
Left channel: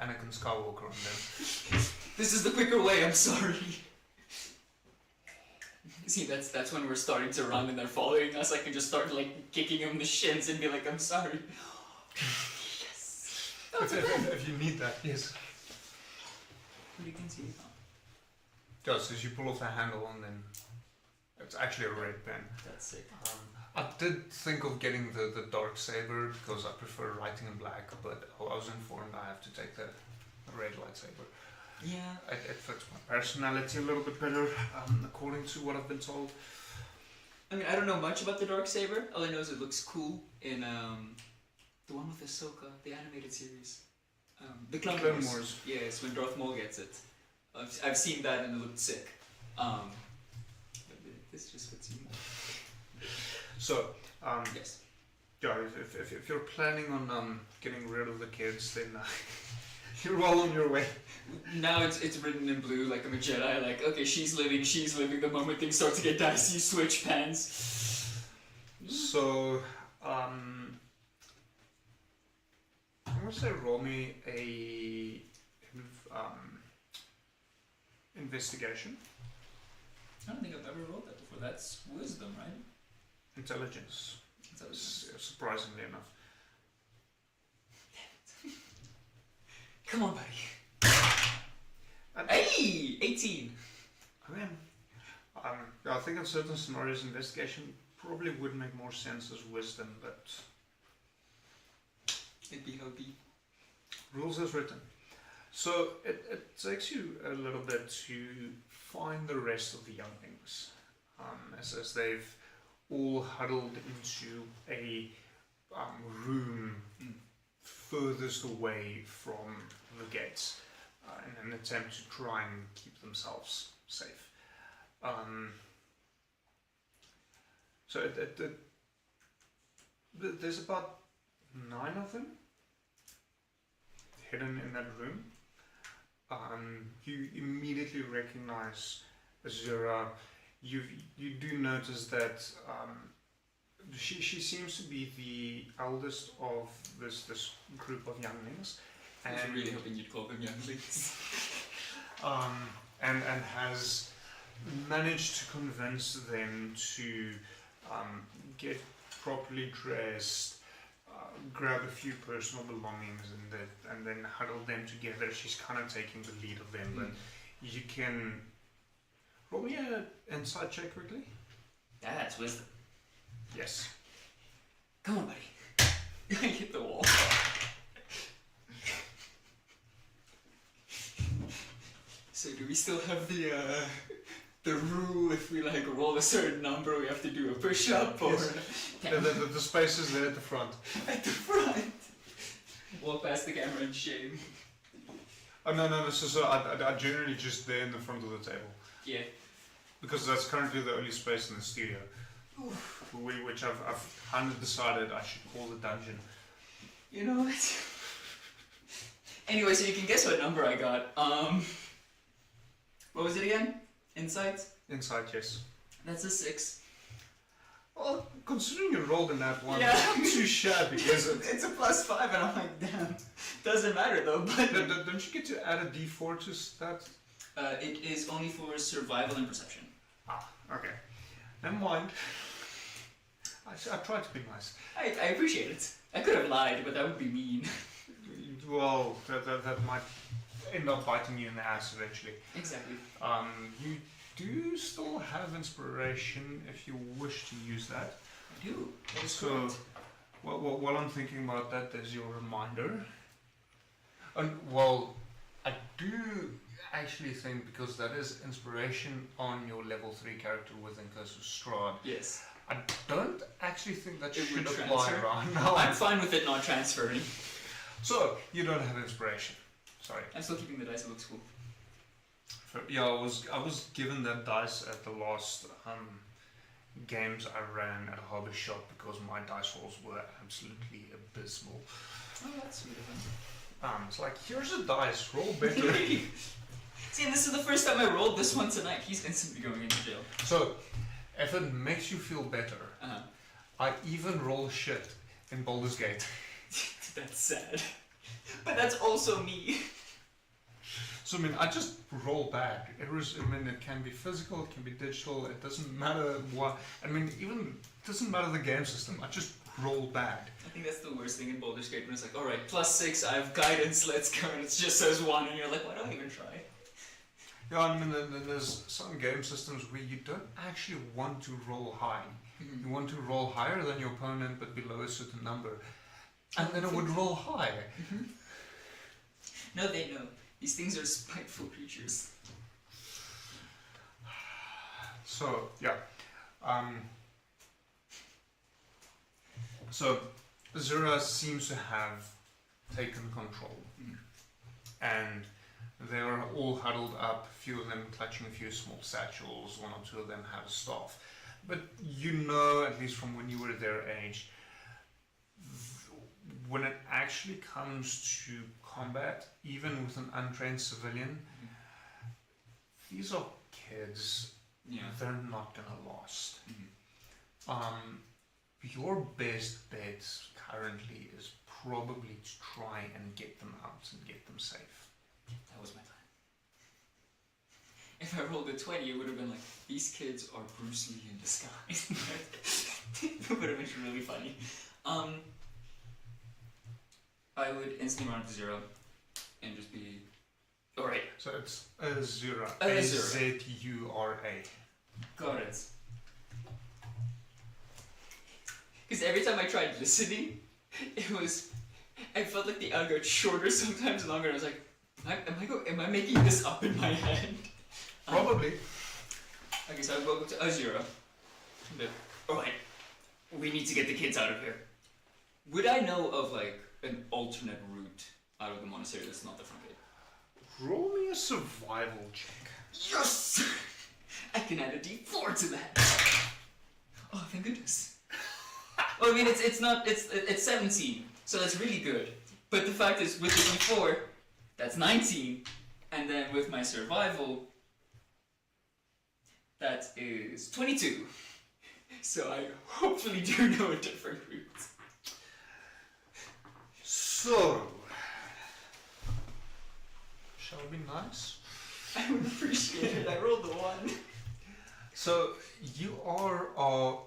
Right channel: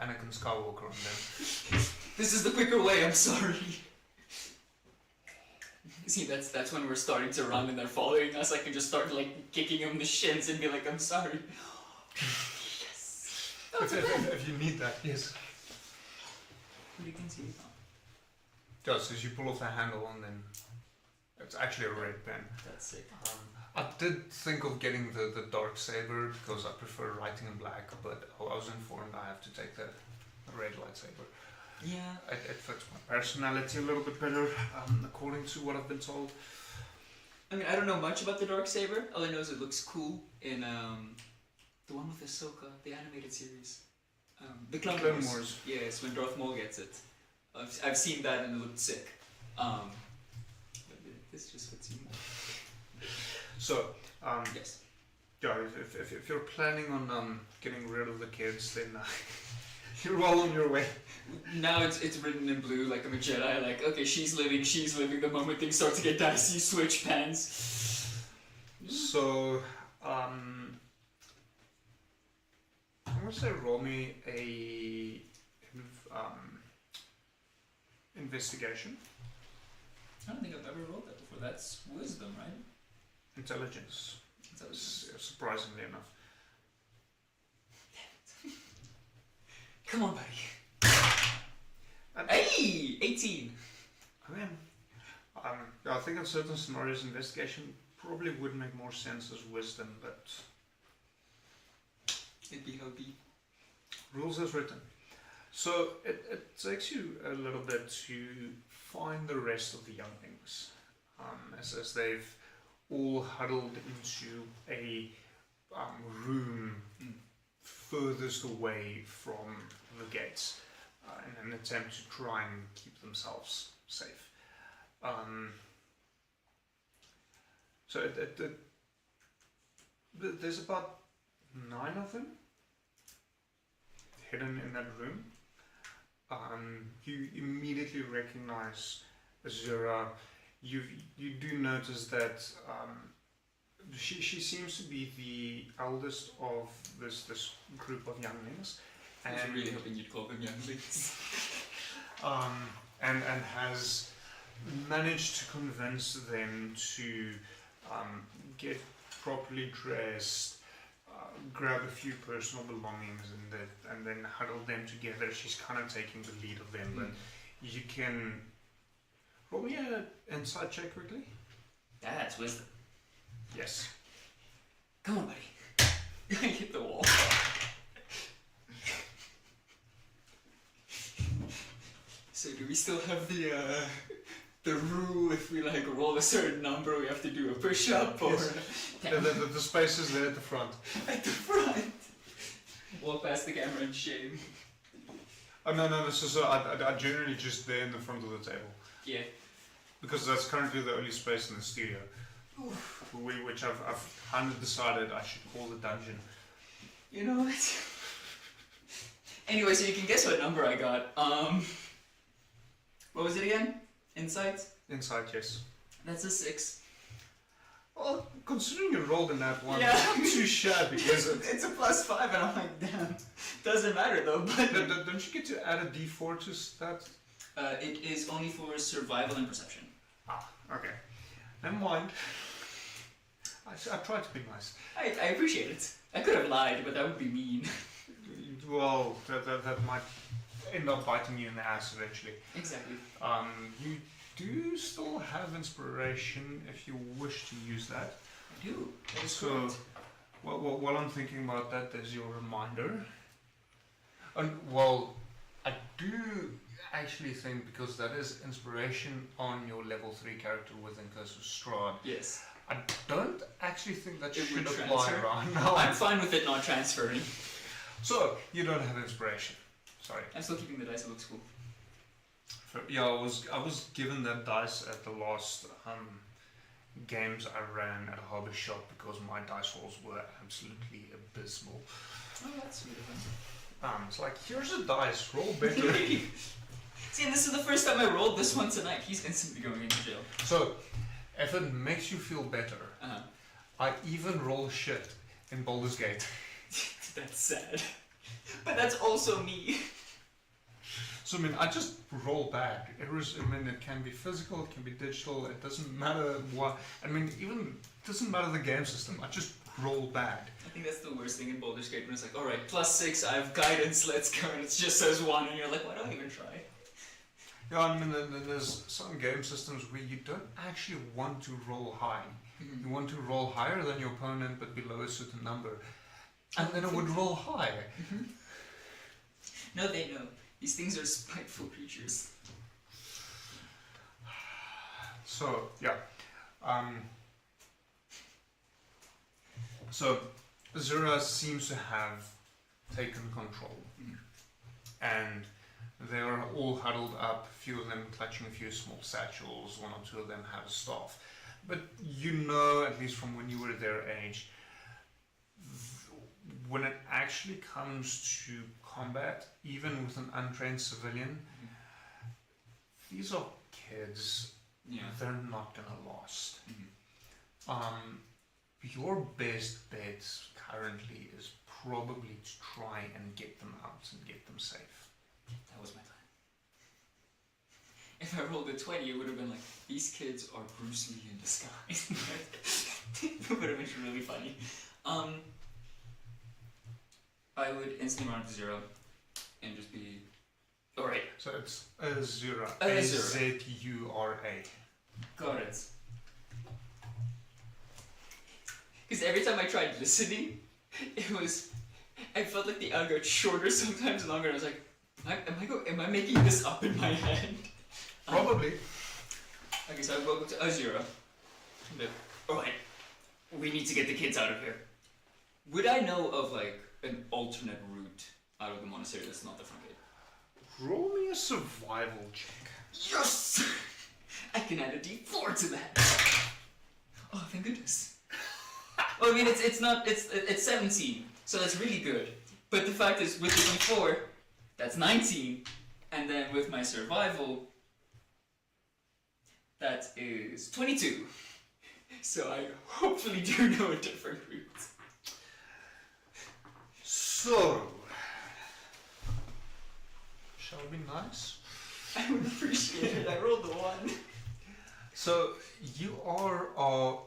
Anakin Skywalker on them. This is the quicker way, I'm sorry. See, that's when we're starting to run and they're following us. I can just start like kicking them in the shins and be like, I'm sorry. Yes. If you need that, yes. You can see it now. Just as you pull off the handle and then it's actually a red pen. That's sick. I did think of getting the dark saber because I prefer writing in black, but I was informed I have to take the red lightsaber. Yeah. It fits my personality a little bit better, according to what I've been told. I mean, I don't know much about the dark saber. All I know is it looks cool in the one with Ahsoka, the animated series. The Clone Clone Wars. Wars. Yes, when Darth Maul gets it. I've seen that and it looked sick. But yeah, this just fits you more. So, Yes. yeah, if you're planning on getting rid of the kids, then you're well on your way. Now it's written in blue like I'm a Jedi. Like, okay, she's living. The moment things start to get dicey, you switch pens. So, I'm gonna say roll me a investigation, I don't think I've ever rolled that before. That's wisdom, right? intelligence. Surprisingly enough. Come on, buddy. Hey, 18. I mean, I think in certain scenarios, investigation probably would make more sense as wisdom, but It'd be hopey. rules as written. So it takes you a little bit to find the rest of the younglings, as they've all huddled into a room furthest away from the gates in an attempt to try and keep themselves safe. So there's about 9 of them hidden in that room. You immediately recognize Azura. You do notice that she seems to be the eldest of this group of younglings, I was and really hoping you'd call them younglings. and has managed to convince them to get properly dressed, grab a few personal belongings, and then huddle them together. She's kind of taking the lead of them, but you can roll me an insight check quickly. That's wisdom. Yes. Come on, buddy. Hit the wall. So do we still have the rule if we like roll a certain number we have to do a push-up or The space is there at the front. at the front? Walk past the camera in shame. Oh, no. So I generally just there in the front of the table. Yeah. Because that's currently the only space in the studio. Which I've kind of decided I should call the dungeon. You know what? Anyway, so you can guess what number I got. What was it again? Insight? Insight, yes. That's a 6. Well, considering you rolled in that one, Yeah. it's too shabby, isn't it? It's a +5, and I'm like, damn. Doesn't matter though, but. Don't you get to add a d4 to that? It is only for survival and perception. Okay. Never mind. I tried to be nice. I appreciate it. I could have lied, but that would be mean. Well, that might end up biting you in the ass eventually. Exactly. You do still have inspiration if you wish to use that. I do. That is So, correct. while I'm thinking about that, there's your reminder. And well, I do actually think, because that is inspiration on your level 3 character within Curse of Strahd, Yes. I don't actually think that It should would apply transfer? right now. I'm fine with it not transferring. So, you don't have inspiration. Sorry. I'm still keeping the dice. It looks cool. Yeah, I was given that dice at the last games I ran at a hobby shop because my dice rolls were absolutely abysmal. Oh, that's sweet of him. It's like, here's a dice, roll better. See, and this is the first time I rolled this one tonight. He's instantly going into jail. So, if it makes you feel better, Uh-huh. I even roll shit in Baldur's Gate. That's sad. But that's also me. So, I mean, I just roll bad. It can be physical, it can be digital, it doesn't matter what. I mean, even it doesn't matter the game system, I just roll bad. I think that's the worst thing in Baldur's Gate when it's like, alright, +6, I have guidance, let's go, and it just says 1, and you're like, why don't I even try? Yeah, I mean, there's some game systems where you don't actually want to roll high. You want to roll higher than your opponent, but below a certain number. And then it would roll higher. No, they know. These things are spiteful creatures. So, yeah. So, Zura seems to have taken control. And they are all huddled up, a few of them clutching a few small satchels, one or two of them have a staff. But you know, at least from when you were their age, when it actually comes to combat, even with an untrained civilian, these are kids. Yeah. They're not gonna last. Your best bet currently is probably to try and get them out and get them safe. That was my plan. If I rolled a 20, it would have been like, these kids are Bruce Lee in disguise. It would have been really funny. I would instantly run to 0 and just be, alright. So it's Azura. Azura. A-Z-U-R-A. Got it. Because every time I tried listening, I felt like the hour got shorter, sometimes longer. I was like, am I making this up in my head? Probably. Okay, so I go to Azura. Alright, we need to get the kids out of here. Would I know of like an alternate route out of the monastery that's not the front gate? Roll me a survival check. Yes! I can add a D4 to that. Oh, thank goodness. Well, I mean, it's 17, so that's really good. But the fact is, with the D4, that's 19, and then with my survival, that is 22. So I hopefully do know a different route. So, shall we be nice? I would appreciate it. I rolled the 1. So, you are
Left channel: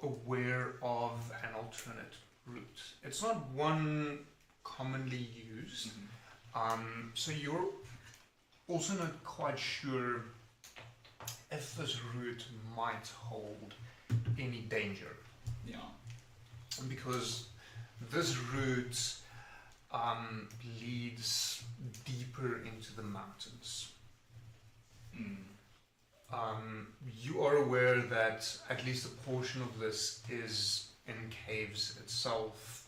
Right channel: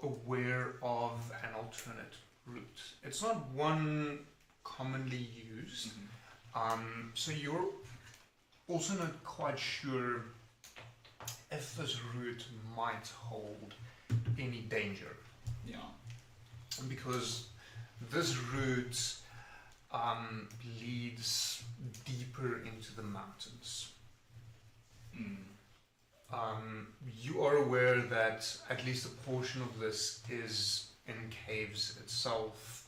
aware of an alternate route. It's not one commonly used. So you're also not quite sure if this route might hold any danger. Yeah. Because this route leads deeper into the mountains. You are aware that at least a portion of this is in caves itself,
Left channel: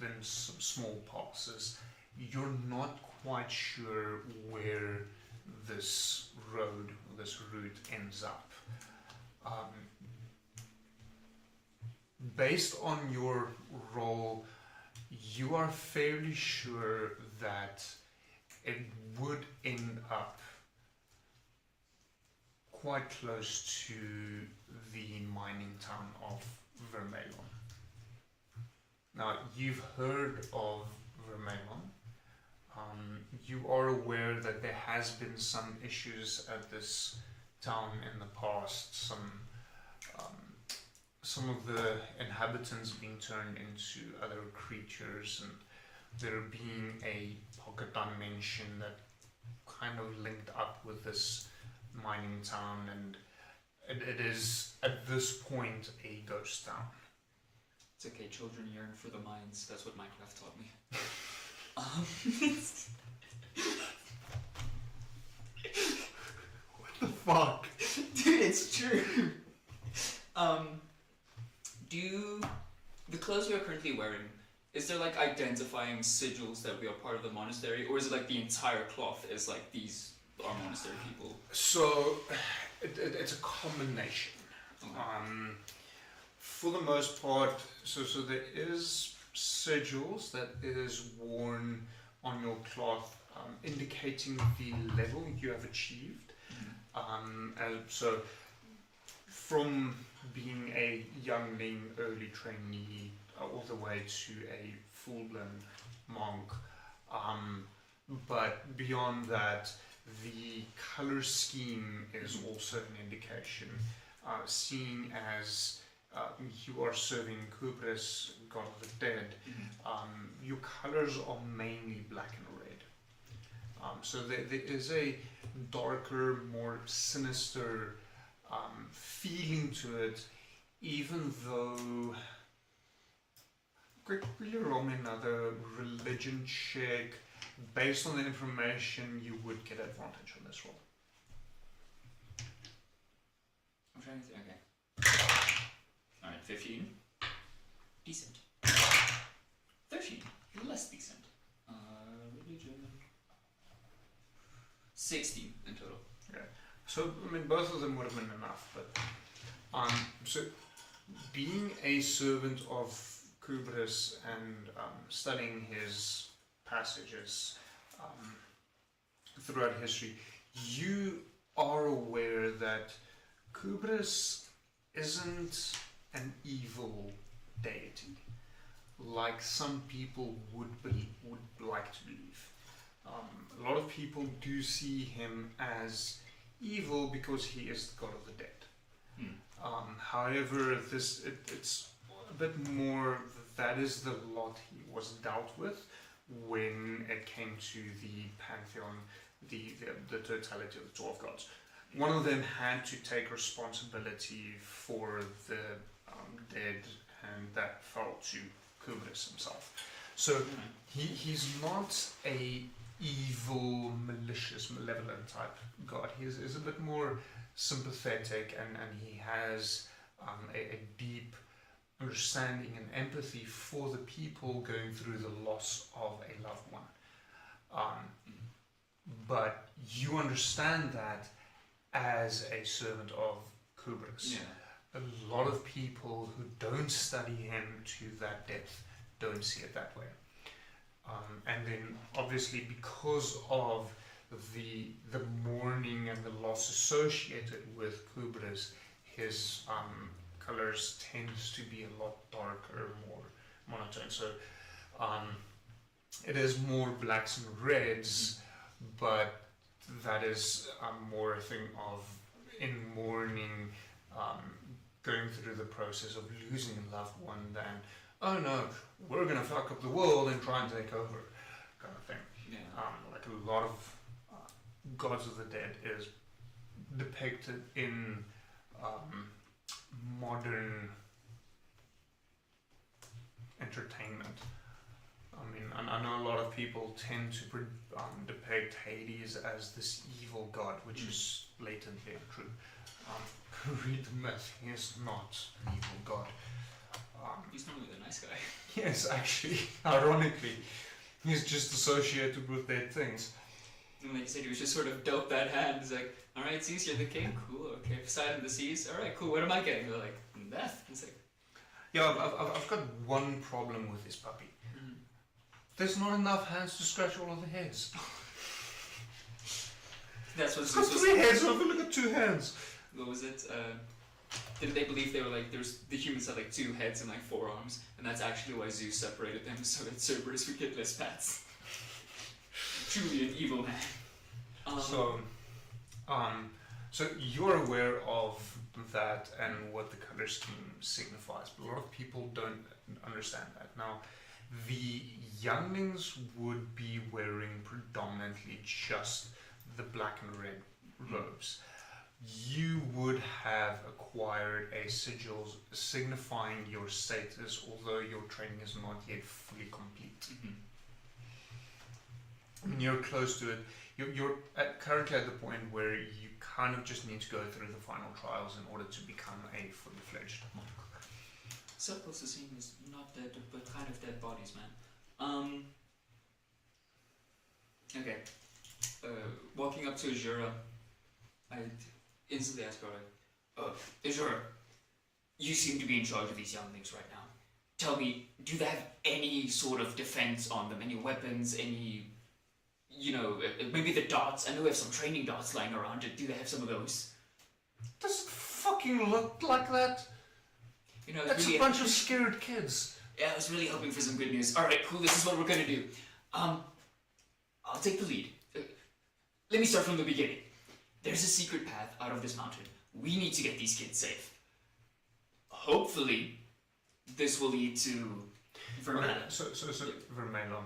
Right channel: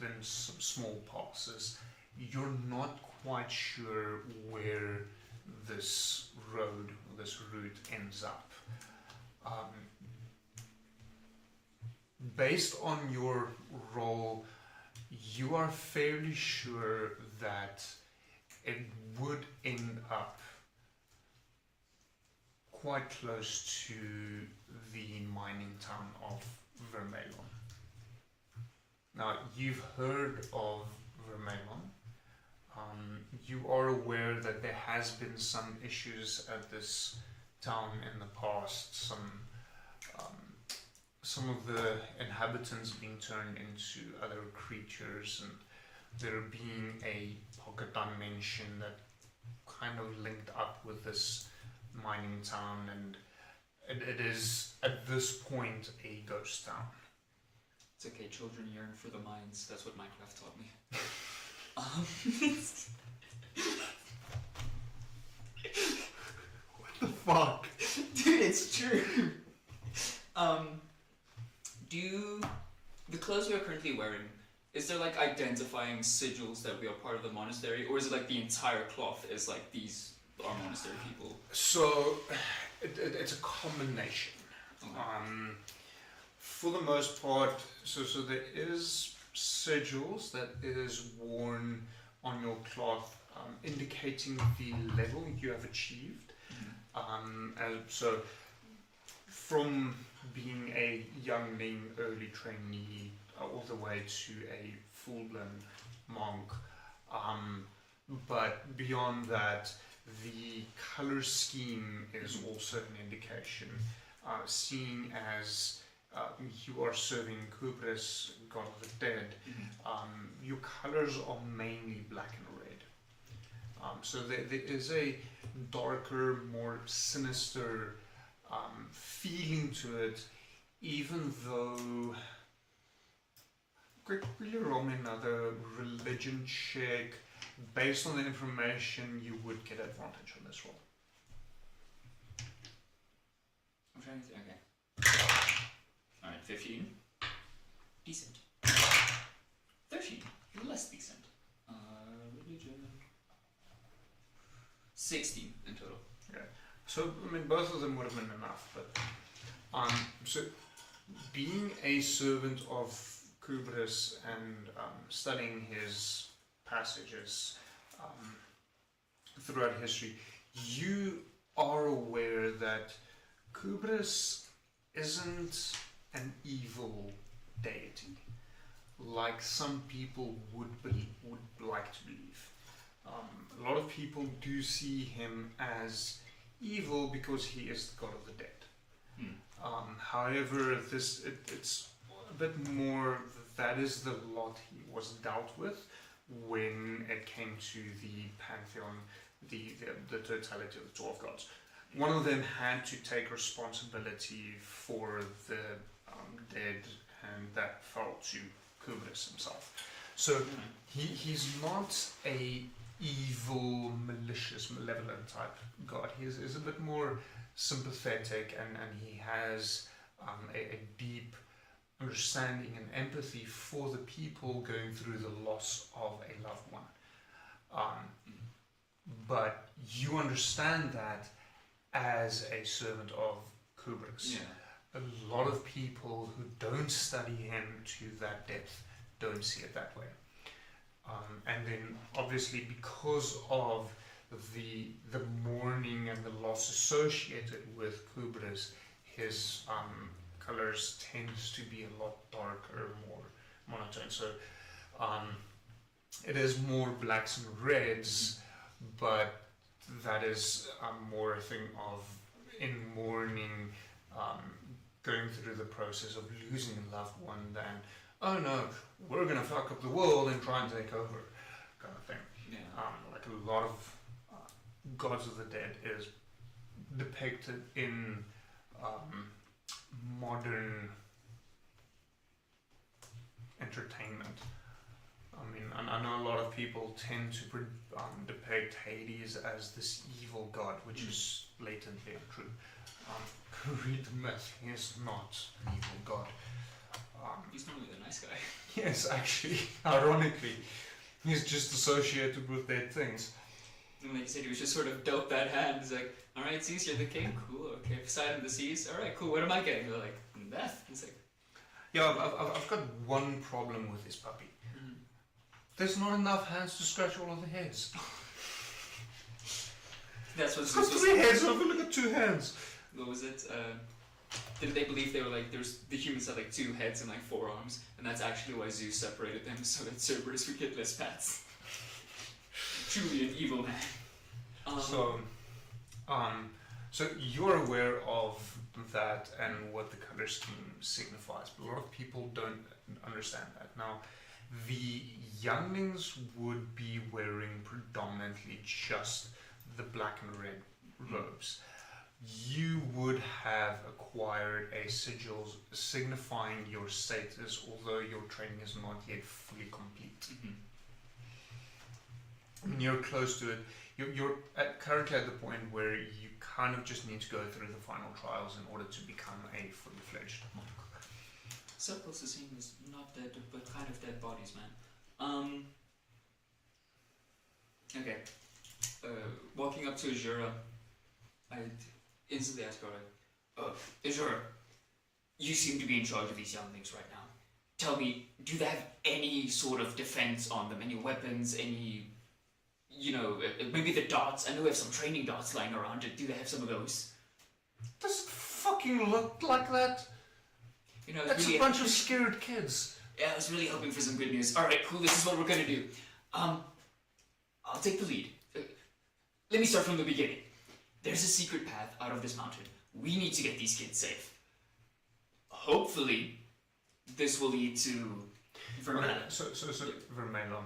then some small passes. You're not quite sure where this road, this route ends up. Based on your role, you are fairly sure that it would end up quite close to the mining town of Vermelon. Now, you've heard of Vermelon. You are aware that there has been some issues at this town in the past. Some of the inhabitants being turned into other creatures, and there being a pocket dimension that kind of linked up with this mining town, and it is at this point a ghost town. It's okay, children yearn for the mines. That's what Minecraft taught me. What the fuck? Dude, it's true. Do the clothes we're currently wearing, is there like identifying sigils that we are part of the monastery, or is it like the entire cloth is like these are monastery people? So it's a combination. Okay. For the most part, so there is sigils that is worn on your cloth, indicating the level you have achieved. And so from being a youngling, early trainee, all the way to a full-blown monk. But beyond that, the color scheme is also an indication. Seeing as you are serving Kubris, God of the Dead, your colors are mainly black and red. So there is a darker, more sinister feeling to it, even though, quickly roll me another religion check. Based on the information, you would get advantage on this roll. I'm trying to think. Okay. Alright, 15. Decent. 13. Less decent. Religion. 16 in total. Okay. So, I mean, both of them would have been enough, but so being a servant of Kubris and studying his passages throughout history, you are aware that Kubris isn't an evil deity like some people would like to believe. A lot of people do see him as evil because he is the god of the dead. However, it's a bit more, that is the lot he was dealt with when it came to the pantheon, the totality of the 12 gods. One of them had to take responsibility for the dead, and that fell to Kubris himself. So he's not a evil, malicious, malevolent type god. He is a bit more sympathetic, and he has a deep understanding and empathy for the people going through the loss of a loved one. But you understand that as a servant of Kubris. Yeah. A lot of people who don't study him to that depth don't see it that way. And then obviously because of the mourning and the loss associated with Kubris, his colors tends to be a lot darker, more monotone. So it is more blacks and reds, but that is more a thing of in mourning, going through the process of losing a loved one than, oh no, we're going to fuck up the world and try and take over, kind of thing. Yeah. Like a lot of gods of the dead is depicted in modern entertainment. I mean, I know a lot of people tend to depict Hades as this evil god, which is blatantly untrue. Read the myth, he is not an evil god. He's normally the nice guy. Yes, actually, ironically, he's just associated with dead things. And like you said, he was just sort of dealt that hand. He's like, alright, Zeus, you're the king? Cool, okay. Poseidon, the seas? Alright, cool, what am I getting? They're like, death. He's like, yeah, I've got one problem with this puppy. There's not enough hands to scratch all of the hairs. That's what It's Zeus got was 3 heads, I've only got 2 hands. What was it? Didn't they believe they were like the humans had like 2 heads and like 4 arms, and that's actually why Zeus separated them so that Cerberus would get less pats. Truly an evil man. So you're aware of that and what the color scheme signifies, but a lot of people don't understand that. Now, the younglings would be wearing predominantly just the black and red robes. You would have acquired a sigil signifying your status, although your training is not yet fully complete. When you're close to it, you're currently at the point where you kind of just need to go through the final trials in order to become a fully fledged monk. Surplus is seen as not dead, but kind of dead bodies, man. Okay. Walking up to Azura, I'd instantly ask her, Azura, you seem to be in charge of these younglings right now. Tell me, do they have any sort of defense on them? Any weapons? Any, maybe the darts? I know we have some training darts lying around. Do they have some of those? Does it fucking look like that? It's really a bunch of scared kids. Yeah, I was really hoping for some good news. Alright, cool, this is what we're gonna do. I'll take the lead. Let me start from the beginning. There's a secret path out of this mountain. We need to get these kids safe. Hopefully, this will lead to Vermella. So Vermella.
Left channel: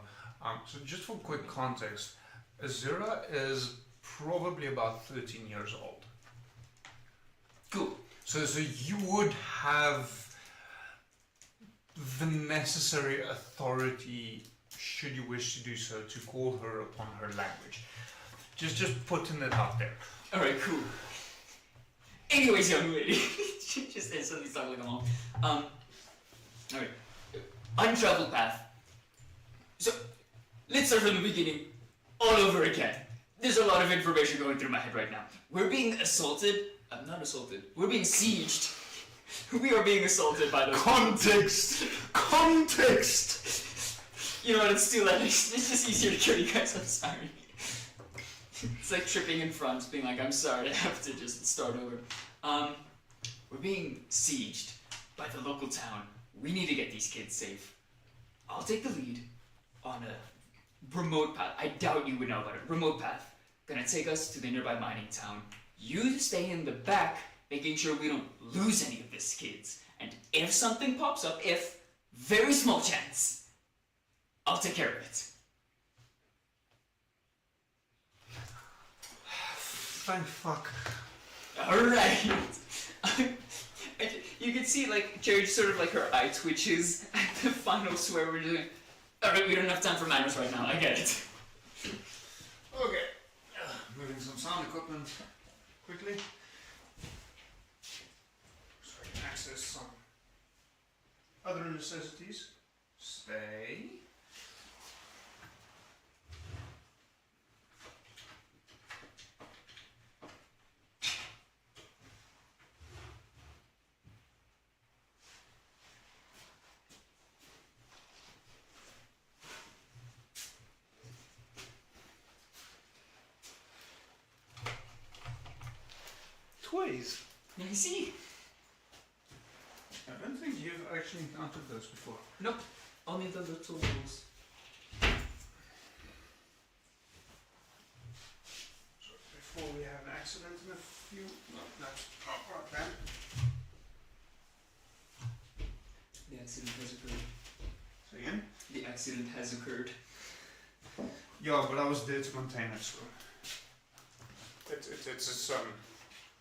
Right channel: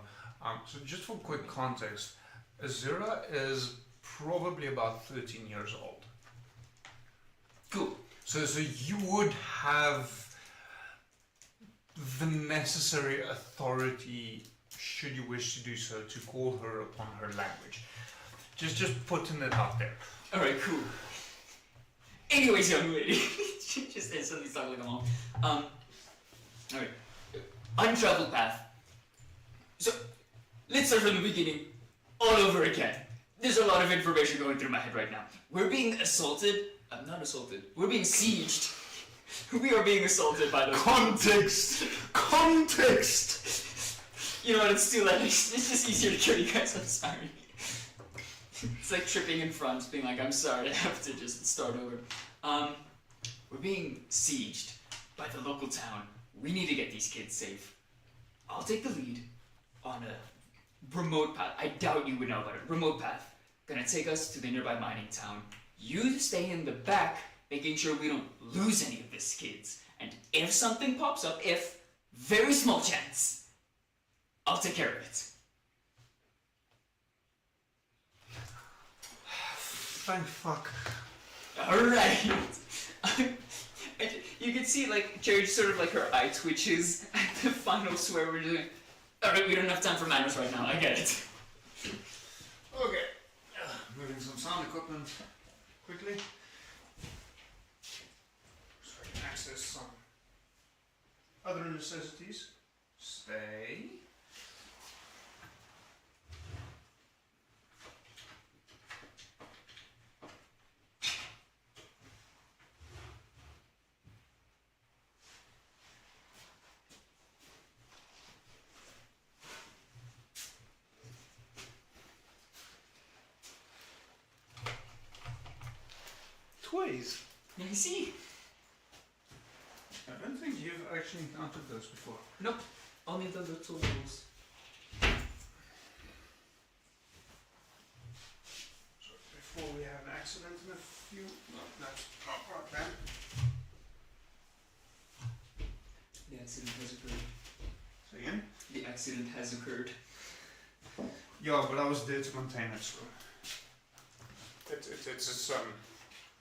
So just for quick context, Azura is probably about 13 years old. Cool. So you would have the necessary authority, should you wish to do so, to call her upon her language. Just putting it out there. Alright, cool. Anyways, young lady. She just instantly started along. Alright. Untraveled path. So, let's start from the beginning, all over again. There's a lot of information going through my head right now. We're being assaulted. I'm not assaulted. We're being sieged. We are being assaulted by those Context! You know what, it's too late. It's just easier to kill you guys, I'm sorry. It's like tripping in front, being like, I'm sorry, I have to just start over. We're being sieged by the local town. We need to get these kids safe. I'll take the lead on a remote path. I doubt you would know about it. Remote path. Gonna take us to the nearby mining town. You stay in the back, making sure we don't lose any of these kids. And if something pops up, very small chance, I'll take care of it. Thank fuck. Alright. You can see, Cherry sort of, her eye twitches at the final swear we're doing. Alright, we don't have time for manners right now, I get it. Okay. Moving some sound equipment quickly. So I can access some other necessities. Stay. Toys. You see? I don't think you've actually encountered those before. Nope. Only the little ones. So before we have an accident in a few... No, that's not right then. The accident has occurred. So again? The accident has occurred. Yeah, but I was there to maintain it, so...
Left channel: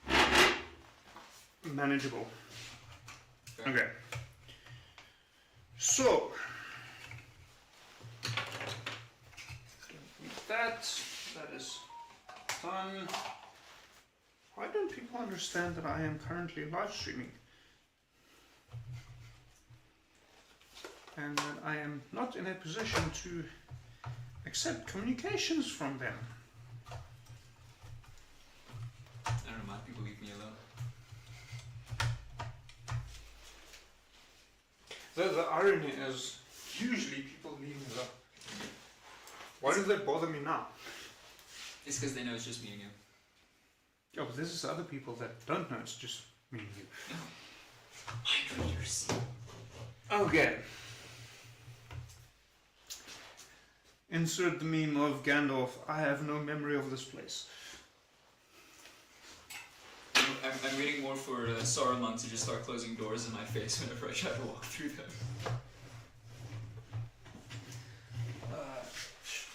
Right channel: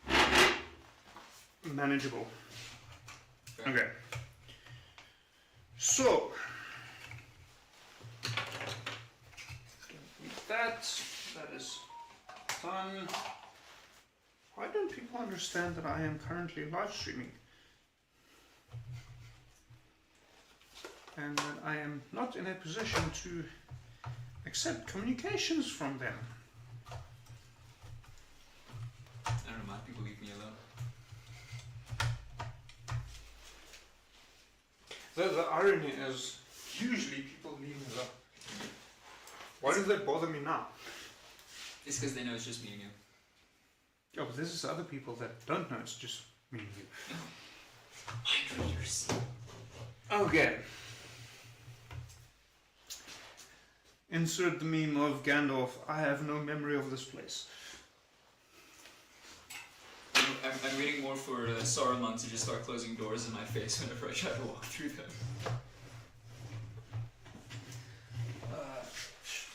It's manageable. Okay. So... That is done. Why don't people understand that I am currently live streaming? And that I am not in a position to accept communications from them. I don't know, people leave me alone. The irony is, usually people leave me alone. Why does that bother me now? It's because they know it's just me and you. Oh, but this is other people that don't know. It's just me and you. Mind readers. Okay. Insert the meme of Gandalf. I have no memory of this place. I'm waiting more for Saruman to just start closing doors in my face whenever I try to walk through them.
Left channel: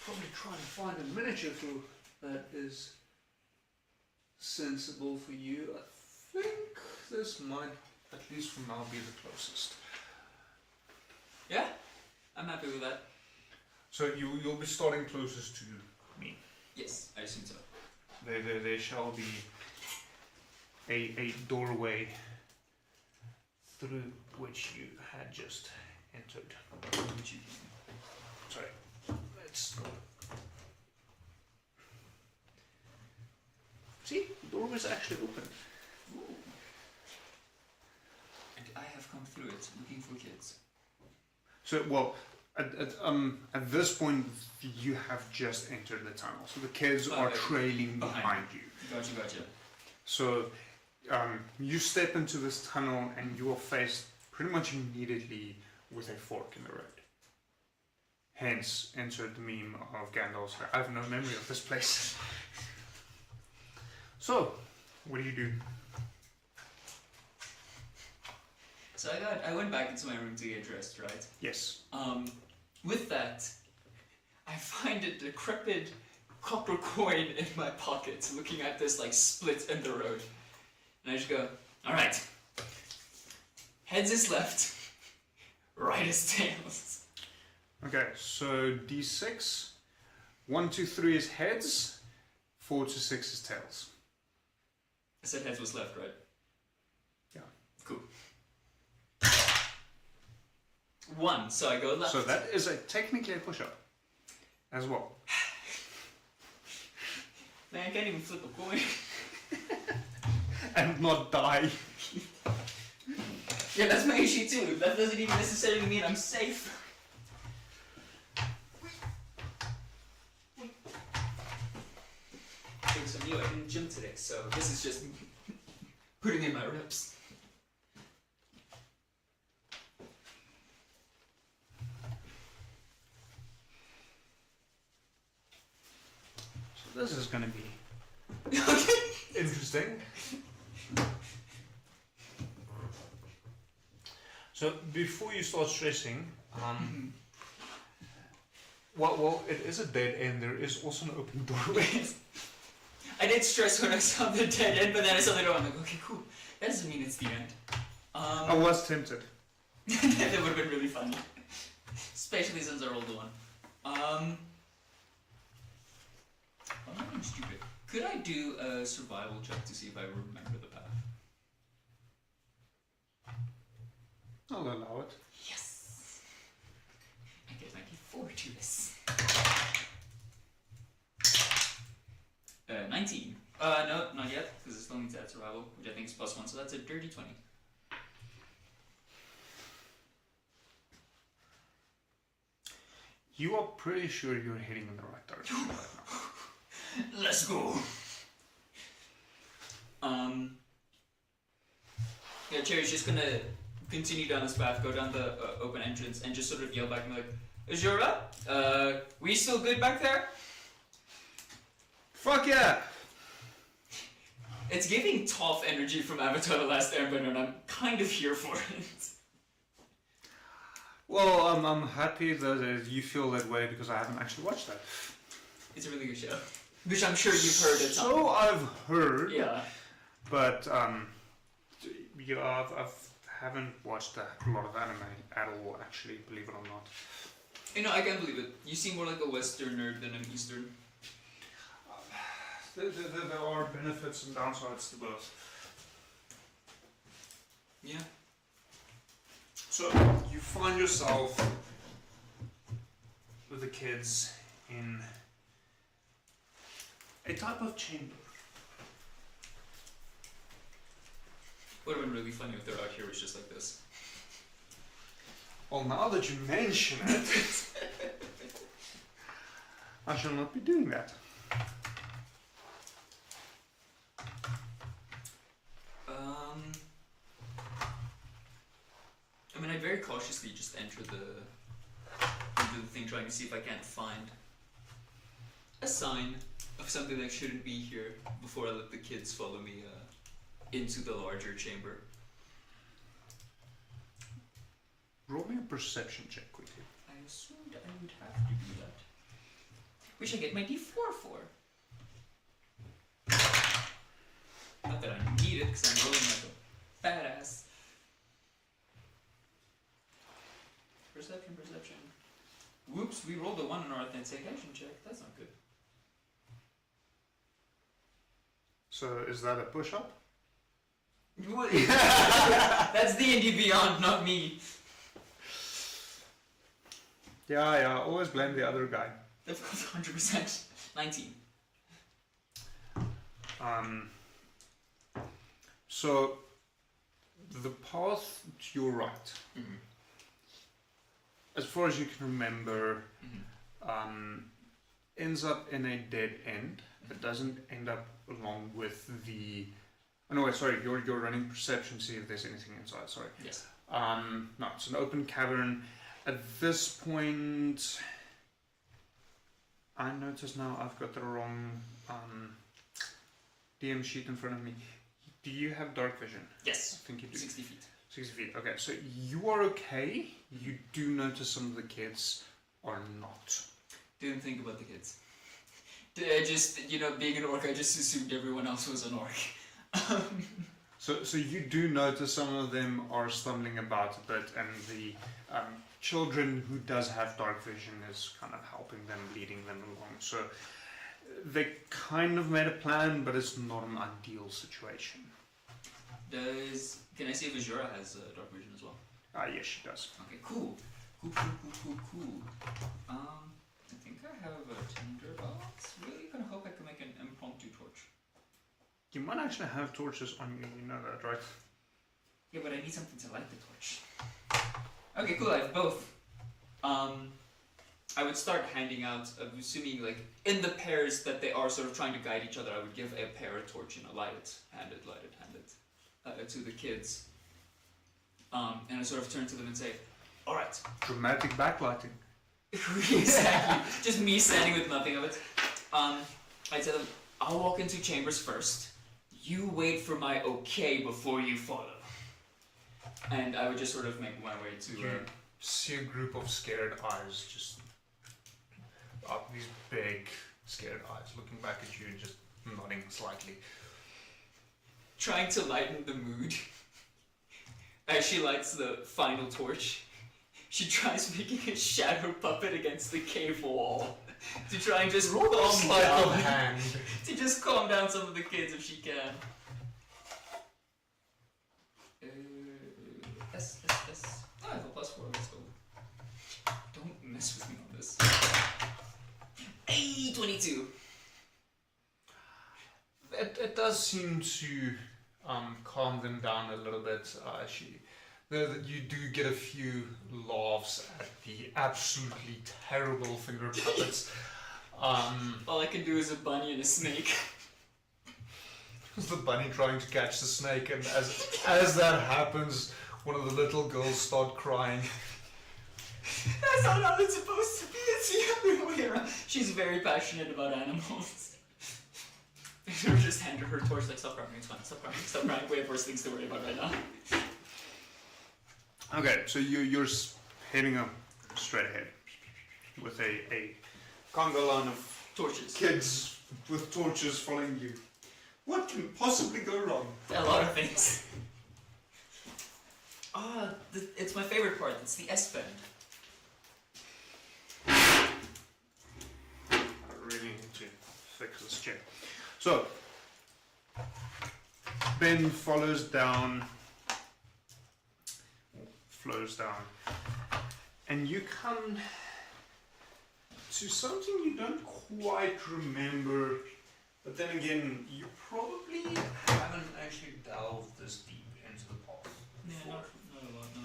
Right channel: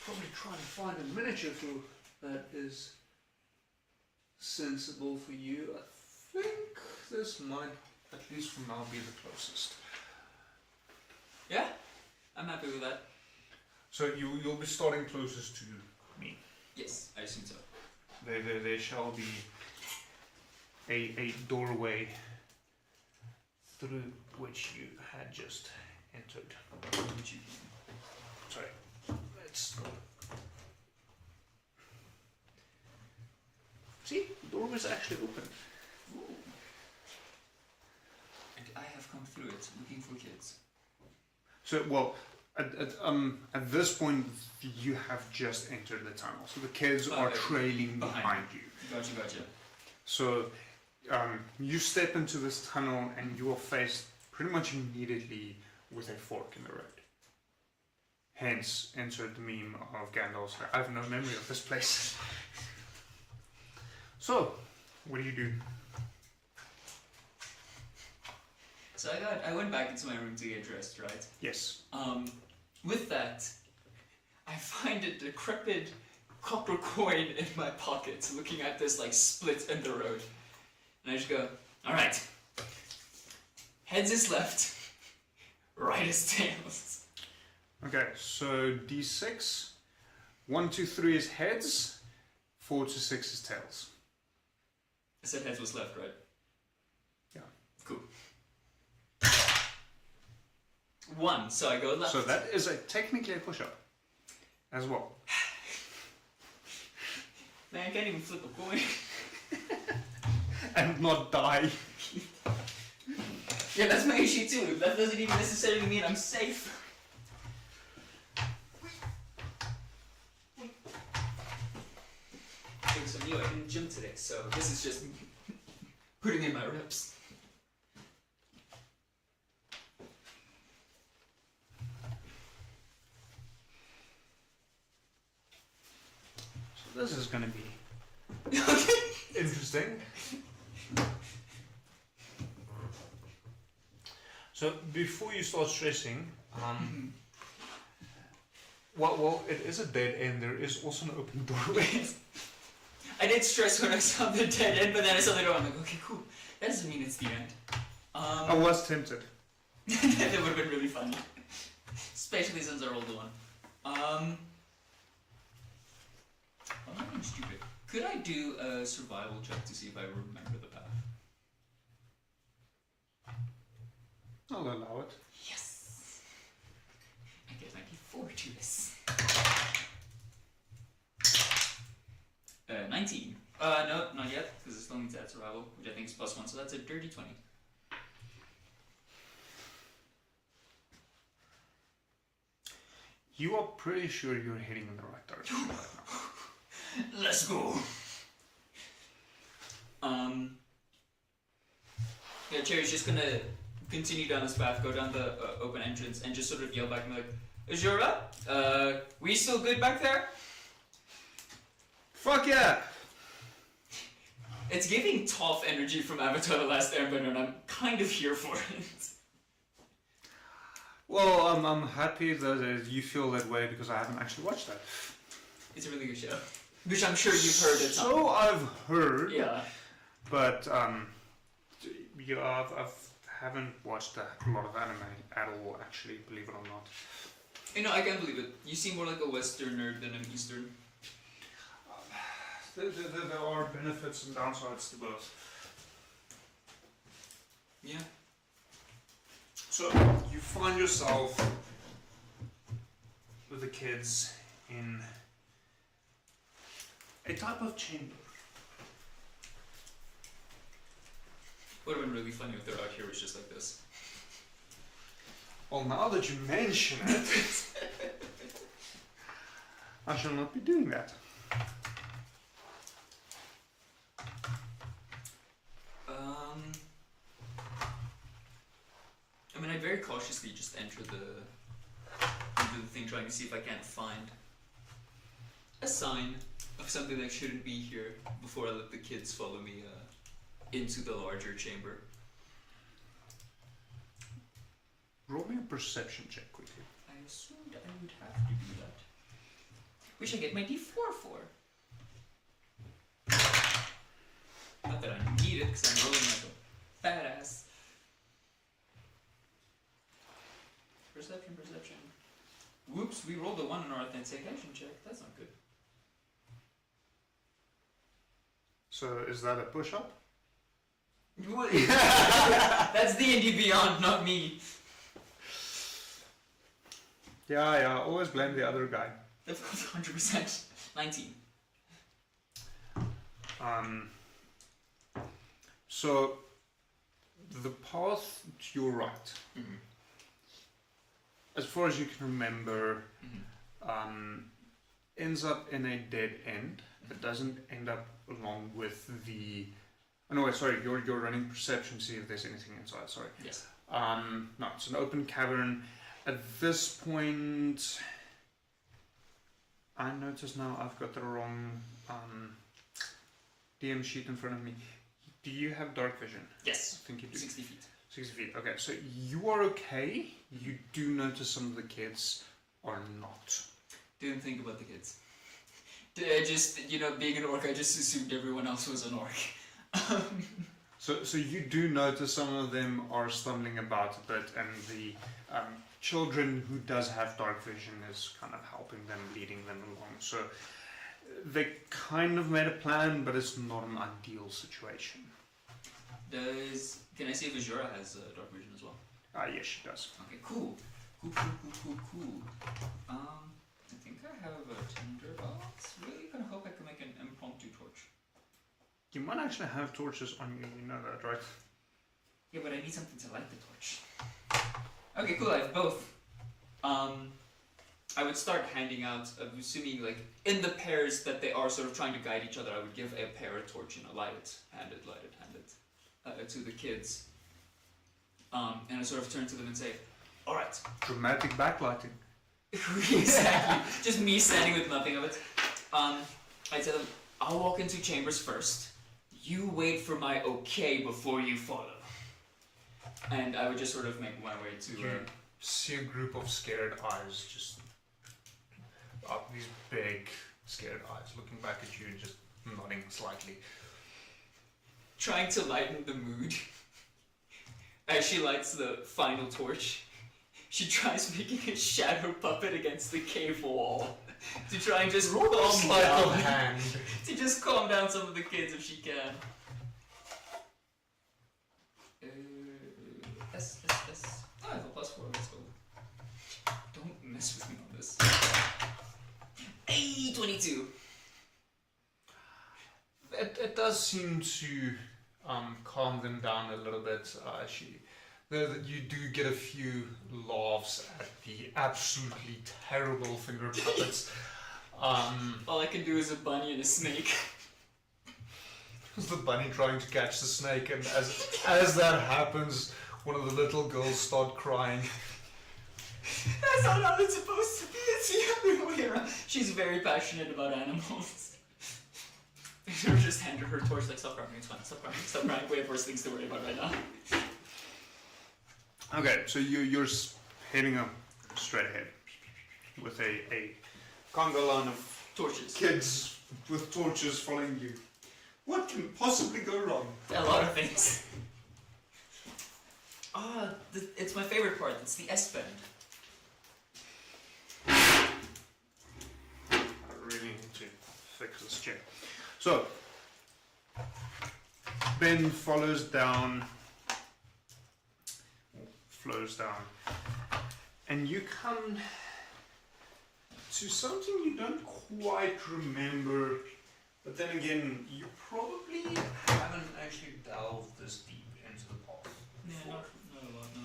Probably try and find a miniature tool that is sensible for you. I think this might, at least for now, be the closest. Yeah, I'm happy with that. So you'll be starting closest to me. Yes, I assume so. There shall be a doorway through which you had just entered. Sorry. Let's see, the door is actually open. Ooh. And I have come through it looking for kids. So, well, at this point, you have just entered the tunnel. So the kids are trailing behind you. Gotcha. So you step into this tunnel and you are faced pretty much immediately with a fork in the road. Hence, insert the meme of Gandalf. I have no memory of this place. So, what do you do? So I went back into my room to get dressed, right? Yes. With that, I find a decrepit copper coin in my pocket, looking at this like split in the road. And I just go, alright. Heads is left, right is tails. Okay, so D6. 1, 2, 3 is heads. 4 to 6 is tails. I said heads was left, right? Yeah. Cool. 1, so I go left. So that is technically a push-up as well. Man, I can't even flip a coin. And not die. Yeah, that's my issue too. That doesn't even necessarily mean I'm safe. Because of you, I didn't gym today, so this is just putting in my reps. So this is going to be interesting. So before you start stressing, well, it is a dead end. There is also an open doorway. I did stress when I saw the dead end, but then I saw the door. I'm like, okay, cool. That doesn't mean it's the end. I was tempted. That would have been really funny, especially since I rolled a 1. I'm not being stupid. Could I do a survival check to see if I remember the path? I'll allow it. Yes! I get 94 to this. 19. No, not yet, because it still needs to add survival, which I think is +1, so that's a dirty 20. You are pretty sure you're heading in the right direction right now. Let's go! Yeah, Cherry's just gonna continue down this path, go down the open entrance, and just sort of yell back and be like, Azura, we still good back there? Fuck yeah! It's giving Toph energy from Avatar The Last Airbender, and I'm kind of here for it. Well, I'm happy that you feel that way because I haven't actually watched that. It's a really good show. Which I'm sure you've heard at some point. So I've heard. Yeah. But, yeah, I haven't watched a lot of anime at all, actually, believe it or not. You know, I can't believe it. You seem more like a Western nerd than an Eastern. There are benefits and downsides to both. Yeah. So, you find yourself with the kids in a type of chamber. Would have been really funny if they're out here was just like this. Well, now that you mention it, I shall not be doing that. I mean, I very cautiously just enter the thing, trying to see if I can't find a sign of something that shouldn't be here before I let the kids follow me into the larger chamber. Roll me a perception check quickly. I assumed I would have to do that. Which I get my D4 for. Not that I need it, because I'm rolling like a badass. Perception. Whoops, we rolled a 1 on our authentication check. That's not good. So is that a push-up? That's D&D Beyond, not me. Yeah, always blame the other guy. That's 100%. 19. So the path to your right, as far as you can remember, ends up in a dead end. It doesn't end up along with the... Oh no, wait, sorry, you're running perception, see if there's anything inside, sorry. Yes. No, it's an open cavern. At this point, I notice now I've got the wrong DM sheet in front of me. Do you have dark vision? Yes. I think you do. 60 feet. 60 feet. Okay, so you are okay. You do notice some of the kids are not. Didn't think about the kids. I just, being an orc, I just assumed everyone else was an orc. So you do notice some of them are stumbling about a bit, and the children who does have dark vision is kind of helping them, leading them along. So they kind of made a plan, but it's not an ideal situation. Can I see if Azura has dark vision as well? Yes, she does. Okay, cool. Cool. I think I have a tinderbox. Really gonna hope I can make an impromptu torch. You might actually have torches on you, you know that, right? Yeah, but I need something to light the torch. Okay, cool, I have both. I would start handing out, I'm assuming like in the pairs that they are sort of trying to guide each other, I would give a pair a torch, light it, hand it to the kids. And I sort of turn to them and say, alright. Dramatic backlighting. Exactly. Just me standing with nothing of it. I tell them, I'll walk into chambers first. You wait for my okay before you follow. And I would just sort of make my way to... You see a group of scared eyes, just these big scared eyes looking back at you, just nodding slightly. Trying to lighten the mood. As she lights the final torch, she tries making a shadow puppet against the cave wall to try and just calm down. Hand. To just calm down some of the kids if she can. S. Oh, I have a +4. Let's go. Don't mess with me on this. Hey, 22. It does seem to calm them down a little bit. You do get a few laughs at the absolutely terrible finger puppets. All I can do is a bunny and a snake. The bunny trying to catch the snake, and as that happens, one of the little girls start crying. That's not how it's supposed to be. It's the other way around. She's very passionate about animals. I should have just handed her torch, like, stop crying, it's fine, stop crying, we have worse things to worry about right now. Okay, so you're heading up straight ahead with a conga line of Torches. kids with torches following you. What can possibly go wrong? A lot of things. It's my favorite part, it's the S-bend. I really need to fix this chair. So, Ben flows down, and you come to something you don't quite remember, but then again, you probably haven't actually delved this deep into the path. Yeah, not a lot, no.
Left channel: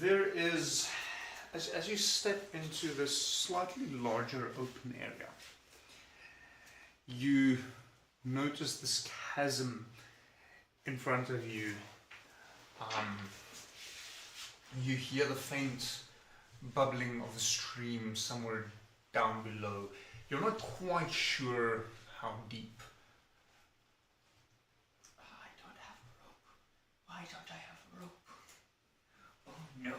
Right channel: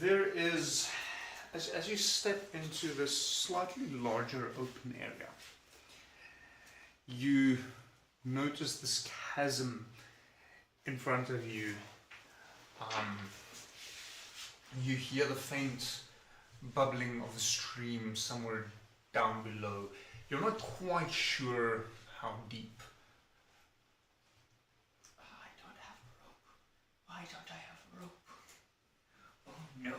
There is, as you step into this slightly larger open area, you notice this chasm in front of you, you hear the faint bubbling of the stream somewhere down below. You're not quite sure how deep. I don't have a rope. Why don't I have a rope? Oh no.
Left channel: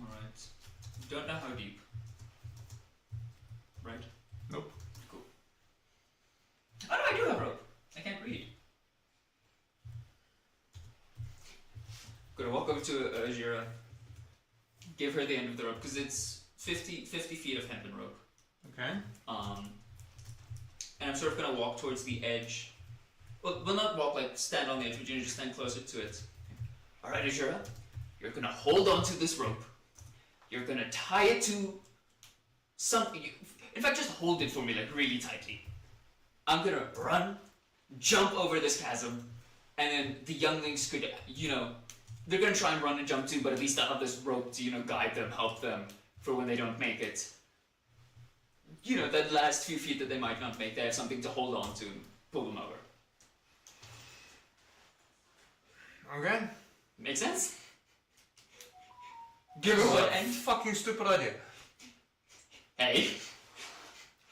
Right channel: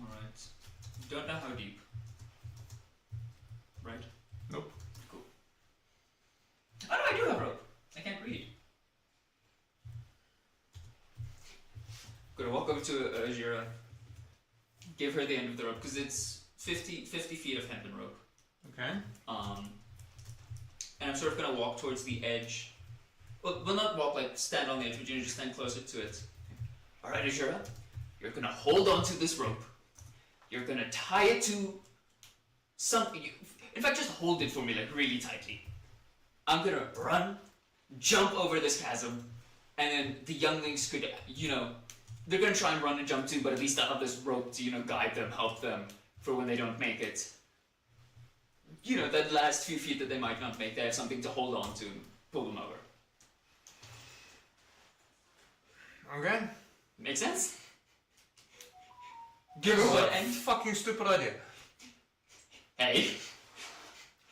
Alright. You don't know how deep. Right? Nope. Cool. Oh no, I do have a rope. I can't read. Gonna walk over to Jira, give her the end of the rope, because it's 50 feet of hempen rope. Okay. And I'm sort of gonna walk towards the edge. Well, not walk, like stand on the edge, but you just stand closer to it. Alright, Jira, you're gonna hold on to this rope. You're gonna tie it to something. In fact, just hold it for me, like really tightly. I'm gonna run, jump over this chasm, and then the younglings could, they're gonna try and run and jump too, but at least I have this rope to, guide them, help them for when they don't make it. That last few feet that they might not make, they have something to hold on to and pull them over. Okay. Make sense? Give us What a end? fucking stupid idea. Hey,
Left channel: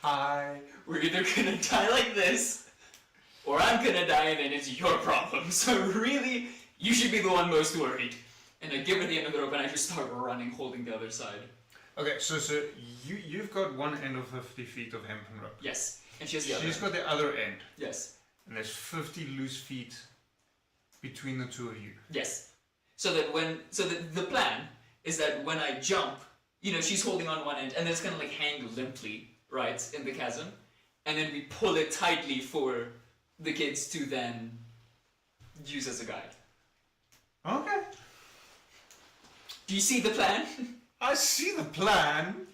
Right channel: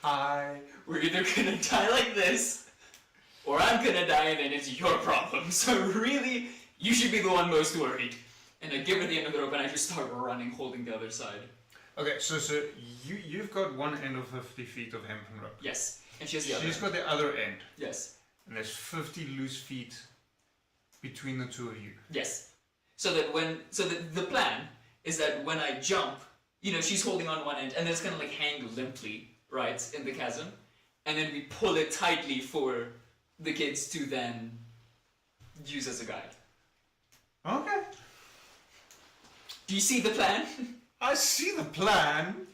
Hi. we're either gonna die like this, or I'm gonna die and then it's your problem. So really, you should be the one most worried. And I give her the end of the rope and I just start running, holding the other side. Okay, so you've got one end of 50 feet of hempen rope. Yes. And she has the other. She's got the other end, Yes. and there's 50 loose feet between the two of you. Yes. So the plan is that when I jump, she's holding on one end and it's gonna like hang limply, right, in the chasm. And then we pull it tightly for the kids to then use as a guide. Okay. Do you see the plan? I see the plan.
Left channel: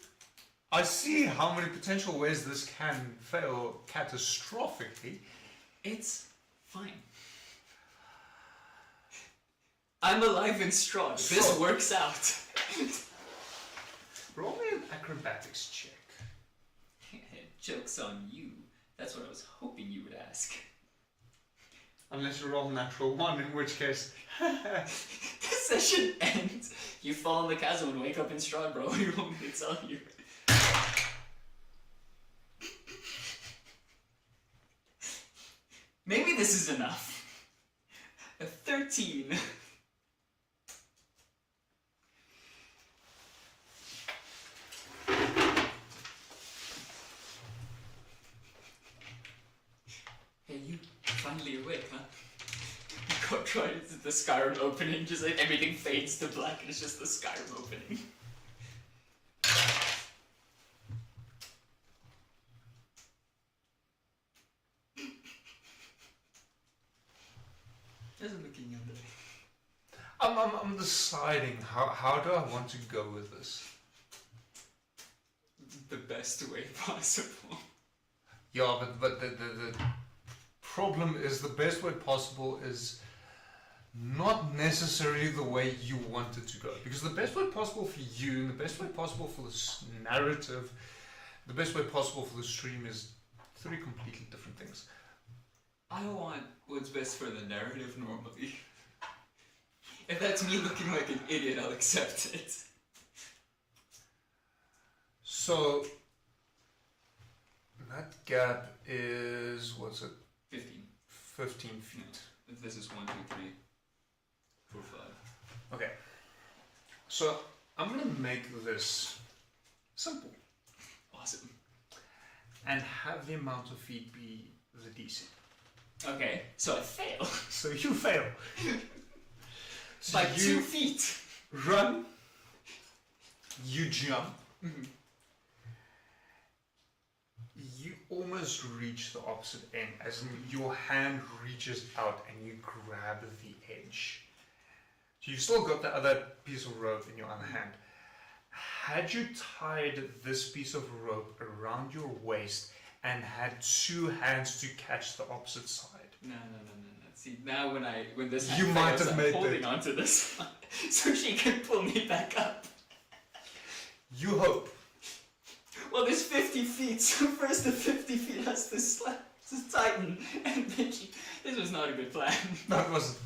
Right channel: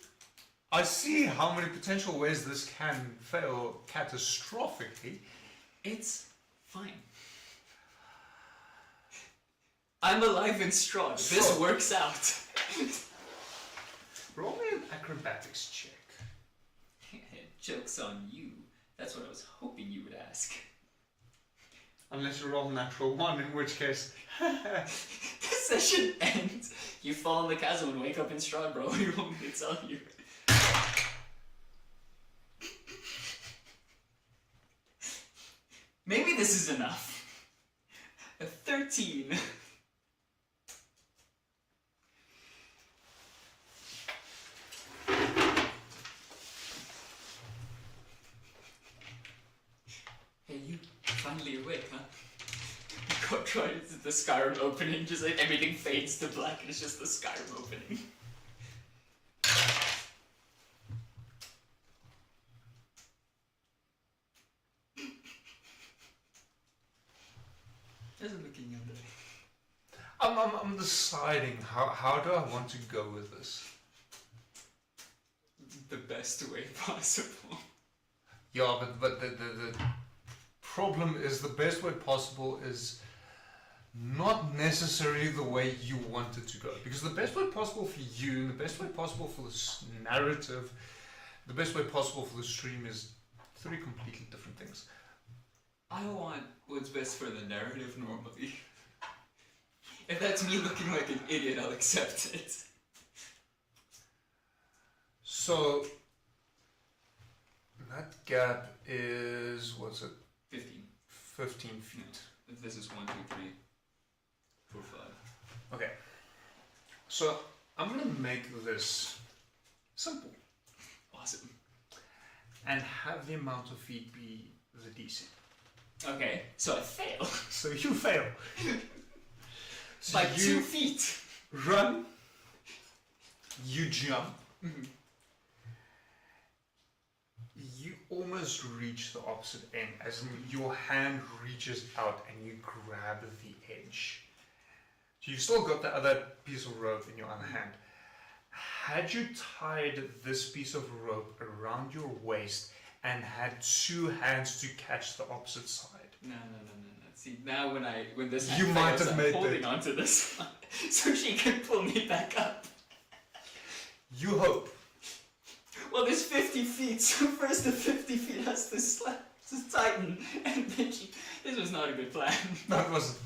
I see how many potential ways this can fail catastrophically. It's fine. I'm alive in Strahd. This So- works out. Roll me an acrobatics check. Joke's on you. That's what I was hoping you would ask. Unless you roll a natural one, in which case... This session ends. You fall in the chasm and wake up in Strahd, bro. You want me to tell you? Maybe this is enough. A 13. Hey, you finally awake, huh? You got right into the Skyrim opening, just like everything fades to black and it's just the Skyrim opening. How's it looking in there? I'm deciding how do I want to go with this. The best way possible. Yeah, but the problem is the best way possible is not necessarily the way you want it to go. Because the best way possible for you, and the best way possible for this narrative, the best way possible for the stream is three completely different things. I want what's best for the narrative normally. If that's me looking like an idiot, I'll accept it. So that gap is, what's it, 15. 15 feet. If this is 1, 2, 3, 4, 5. Okay. So I'm going to make this simple Awesome. and have the amount of feet be the DC. Okay, so I fail. So you fail. So By 2 you feet. run, you jump, you almost reach the opposite end, as in your hand reaches out and you grab the edge. So you've still got the other piece of rope in your other hand. Had you tied this piece of rope around your waist and had two hands to catch the opposite side? No. See, now when this You hand might fails, have I'm made holding it. onto this so she can pull me back up. You hope. Well, there's 50 feet, so first the 50 feet has to tighten, and then this was not a good plan. No, it wasn't.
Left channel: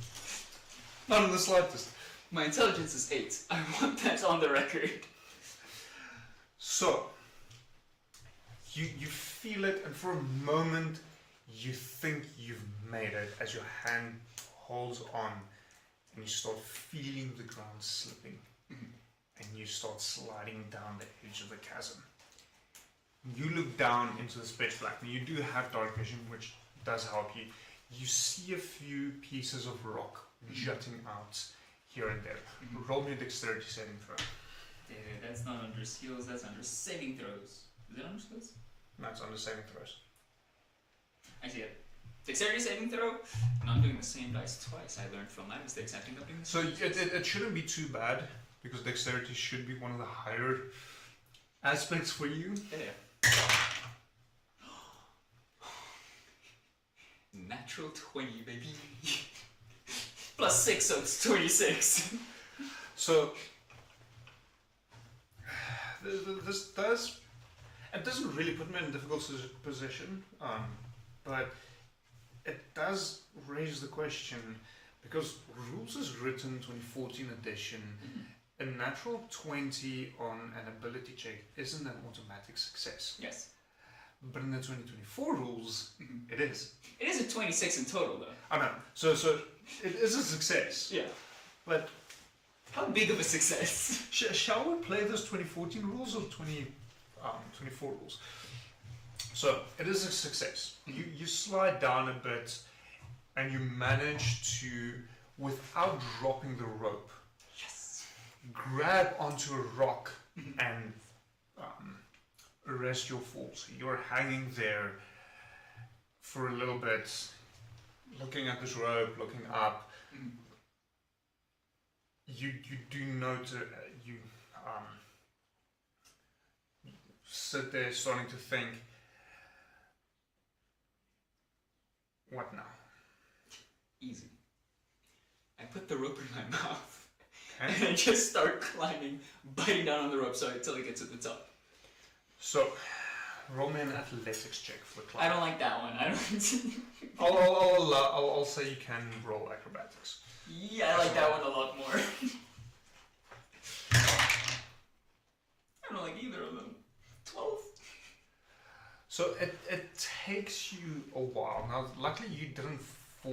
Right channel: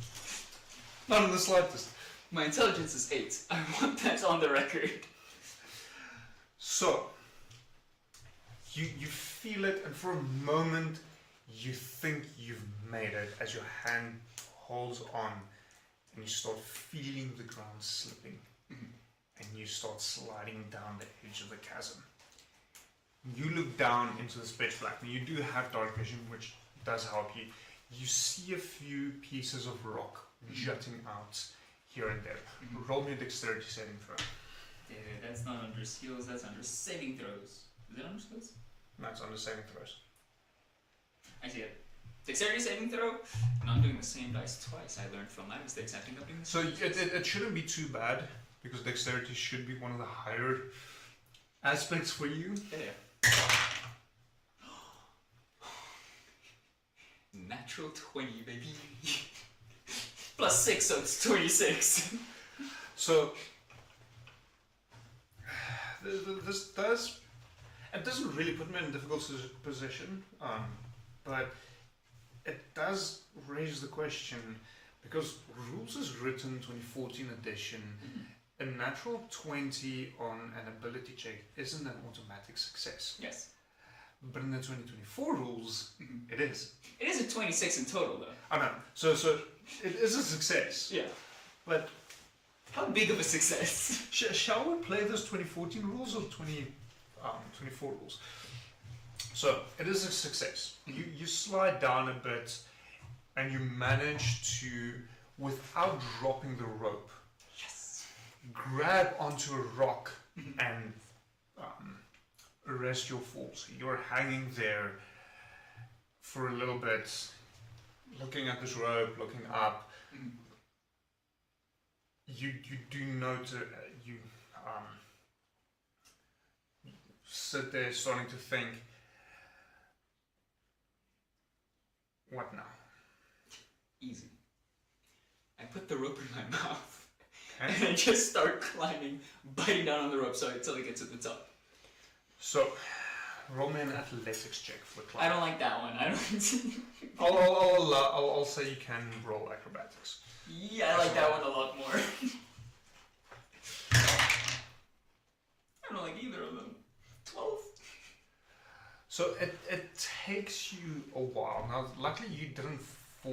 Not in the slightest. My intelligence is 8. I want that on the record. So, you feel it, and for a moment, you think you've made it as your hand holds on, and you start feeling the ground slipping, and you start sliding down the edge of the chasm. You look down into the pitch black, and you do have dark vision, which does help you. You see a few pieces of rock jutting out here and there. Roll me a dexterity saving throw. Yeah, that's not under skills, that's under saving throws. Is that under skills? No, it's under saving throws. I see it. Dexterity saving throw? And I'm doing the same dice twice. I learned from my mistakes. I think I'm doing the So it shouldn't be too bad, because dexterity should be one of the higher aspects for you. Yeah. Natural 20, baby. Plus 6, so it's 26. So this it doesn't really put me in a difficult position, but it does raise the question, because Rules is written 2014 edition, a natural 20 on an ability check isn't an automatic success. Yes. But in the 2024 rules, it is. It is a 26 in total, though. I know. So it is a success. Yeah. But how big of a success? Shall we play those 2014 rules or 2024 rules? So it is a success. You slide down a bit, and you manage to, without dropping the rope, grab onto a rock and arrest your fall. So you're hanging there for a little bit, looking at this rope, looking up. You do notice, you sit there starting to think, what now? Easy. I put the rope in my mouth. Okay. And I just start climbing, biting down on the rope until it gets to the top. So, roll me an athletics check for the climb. I don't like that one. I don't. I'll say you can roll acrobatics. Yeah, I like that one a lot more. I don't like either of them. 12. So it takes you a while. Now, luckily you didn't fall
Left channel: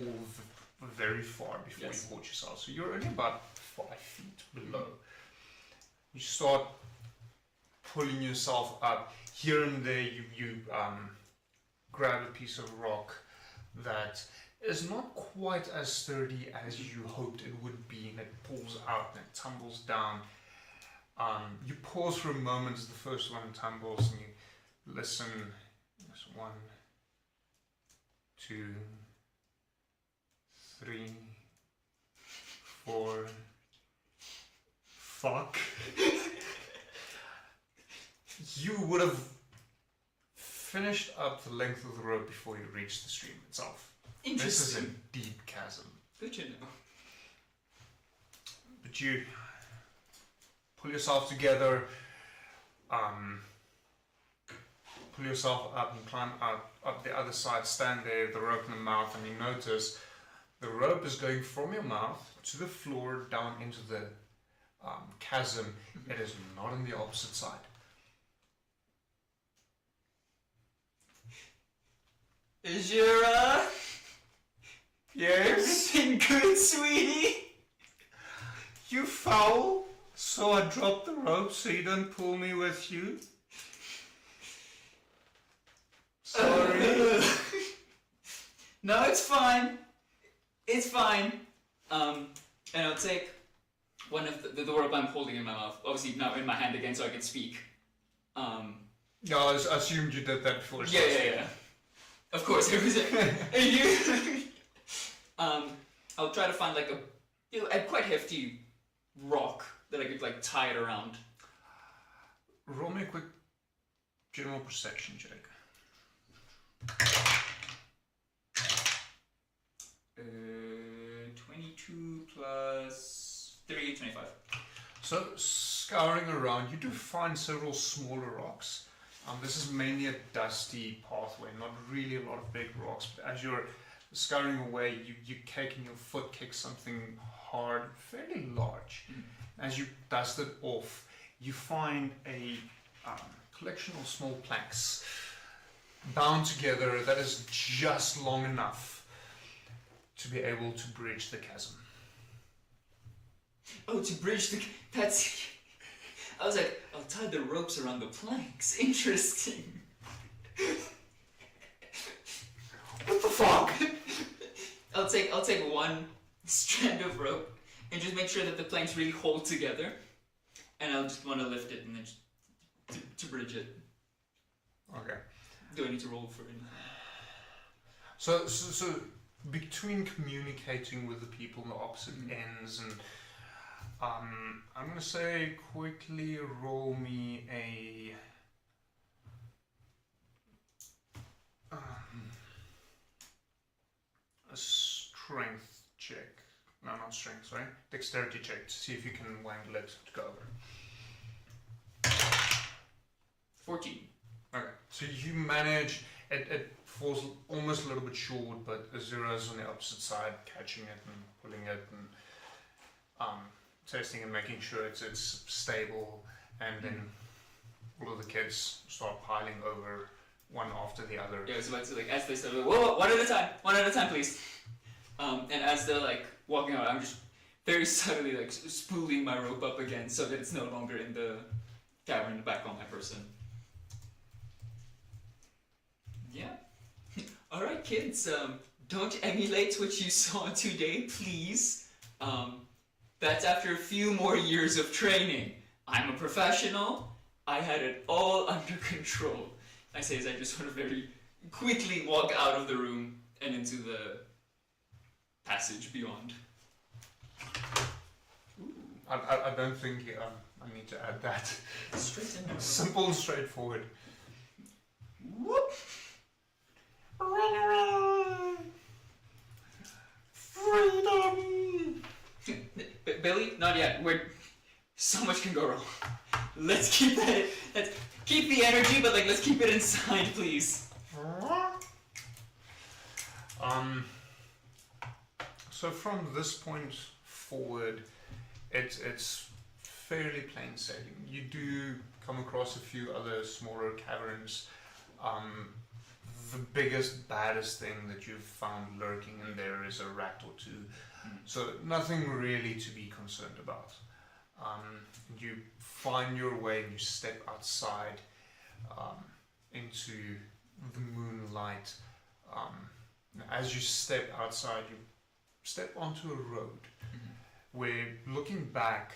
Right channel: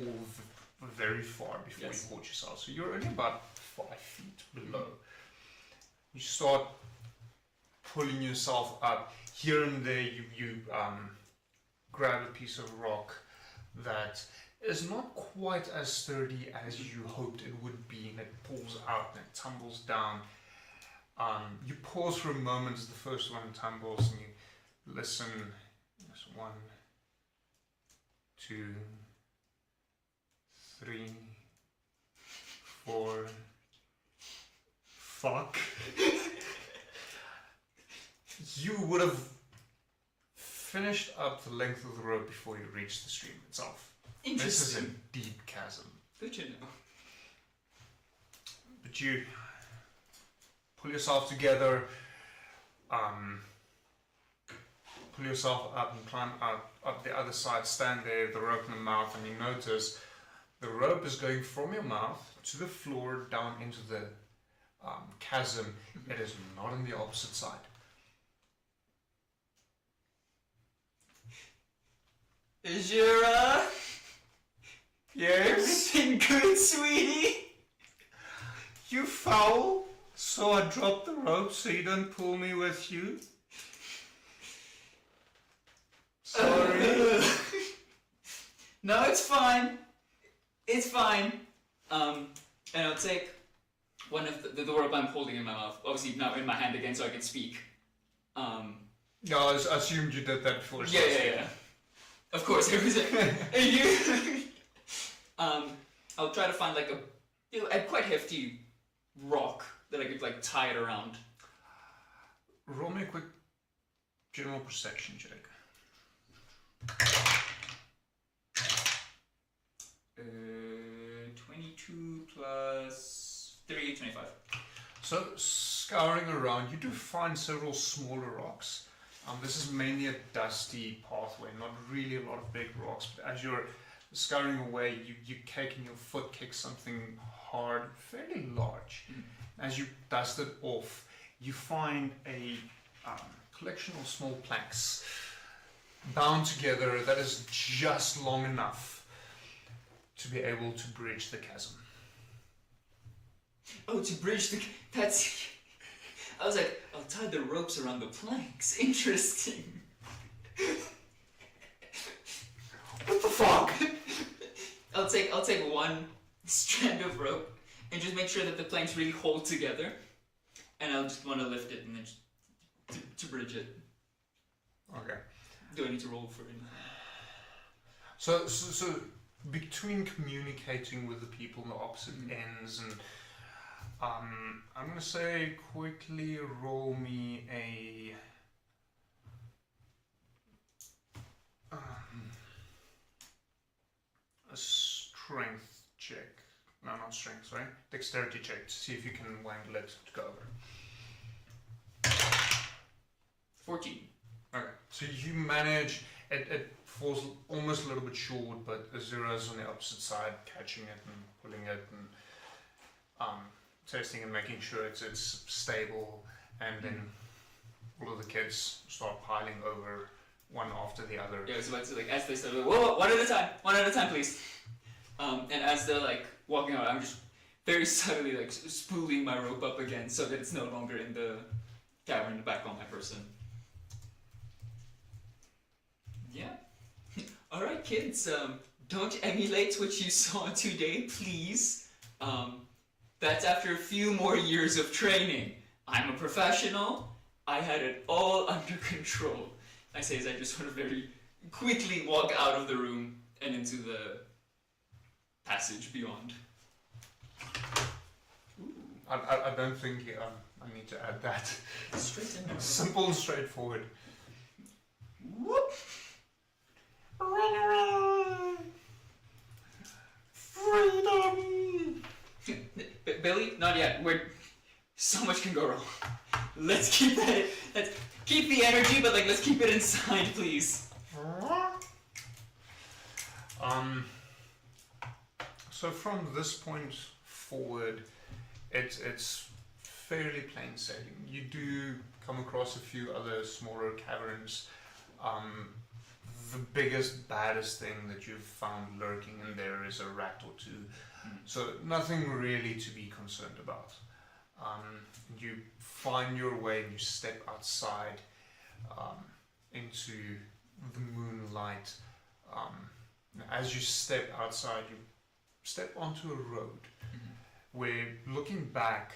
very far before you caught yourself. So you're only about 5 feet below. You start pulling yourself up. Here and there you grab a piece of rock that is not quite as sturdy as you hoped it would be, and it pulls out and it tumbles down. You pause for a moment as the first one tumbles, and you listen. There's 1, 2, 3, 4. Fuck. You would have finished up the length of the rope before you reached the stream itself. This is a deep chasm. Good to know. But you pull yourself together, pull yourself up and climb up the other side, stand there, the rope in the mouth, and you notice the rope is going from your mouth to the floor down into the chasm. It is not on the opposite side. Is your, Yes? everything good, sweetie? You foul? So I dropped the rope so you don't pull me with you? Sorry. No, it's fine. It's fine. And I'll take one of the rope I'm holding in my mouth. Obviously now in my hand again so I can speak. No, I assumed you did that before. Yeah. Of course, it was you. I'll try to find like a quite hefty rock that I could like tie it around. Roll me a quick general perception check. 22 plus 3, 25. So, scouring around, you do find several smaller rocks. This is mainly a dusty pathway, not really a lot of big rocks. But as you're scurrying away, you kick and your foot kicks something hard, fairly large. As you dust it off, you find a collection of small planks bound together that is just long enough to be able to bridge the chasm. Oh, to bridge the... That's... I was like, I'll tie the ropes around the planks. Interesting. What the fuck? I'll take one strand of rope and just make sure that the planks really hold together. And I'll just want to lift it and then just to bridge it. Okay. Do I need to roll for anything? So between communicating with the people on the opposite ends and I'm going to say quickly roll me a strength check. No, not strength, sorry. Dexterity check to see if you can wangle it to go over. 14. Okay, so you manage, it falls almost a little bit short, but Azura's on the opposite side, catching it and pulling it and testing and making sure it's stable, and then all of the kids start piling over one after the other. Yeah, so it's like, as they start, whoa, one at a time, please. And as they're like walking out, I'm just very subtly like spooling my rope up again so that it's no longer in the cavern back on my person. Yeah. Alright, kids, don't emulate what you saw today, please. That's after a few more years of training. I'm a professional. I had it all under control. I say as I just want to very quickly walk out of the room and into the passage beyond. I don't think I need to add that. Straight in there. Simple and straightforward. Whoop! Freedom! Billy, not yet. So much can go wrong. Let's keep that. Let's keep the energy, but let's keep it inside, please. So from this point forward, it's fairly plain sailing. You do come across a few other smaller caverns. The biggest, baddest thing that you've found lurking in there is a rat or two. So nothing really to be concerned about. You find your way and you step outside into the moonlight. As you step outside, you step onto a road where, looking back,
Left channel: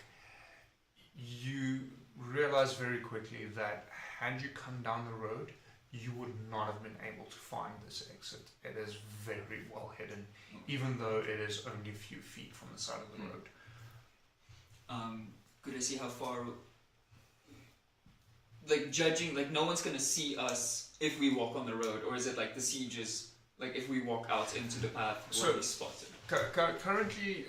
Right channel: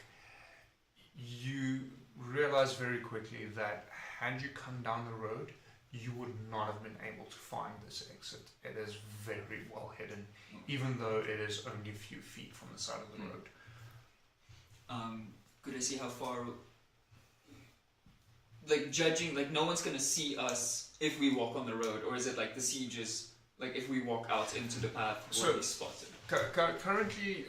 you realize very quickly that had you come down the road, you would not have been able to find this exit. It is very well hidden, even though it is only a few feet from the side of the road. Good to see how far, judging, no one's gonna see us if we walk on the road, or is it the siege is, if we walk out into the path where we spotted? Currently,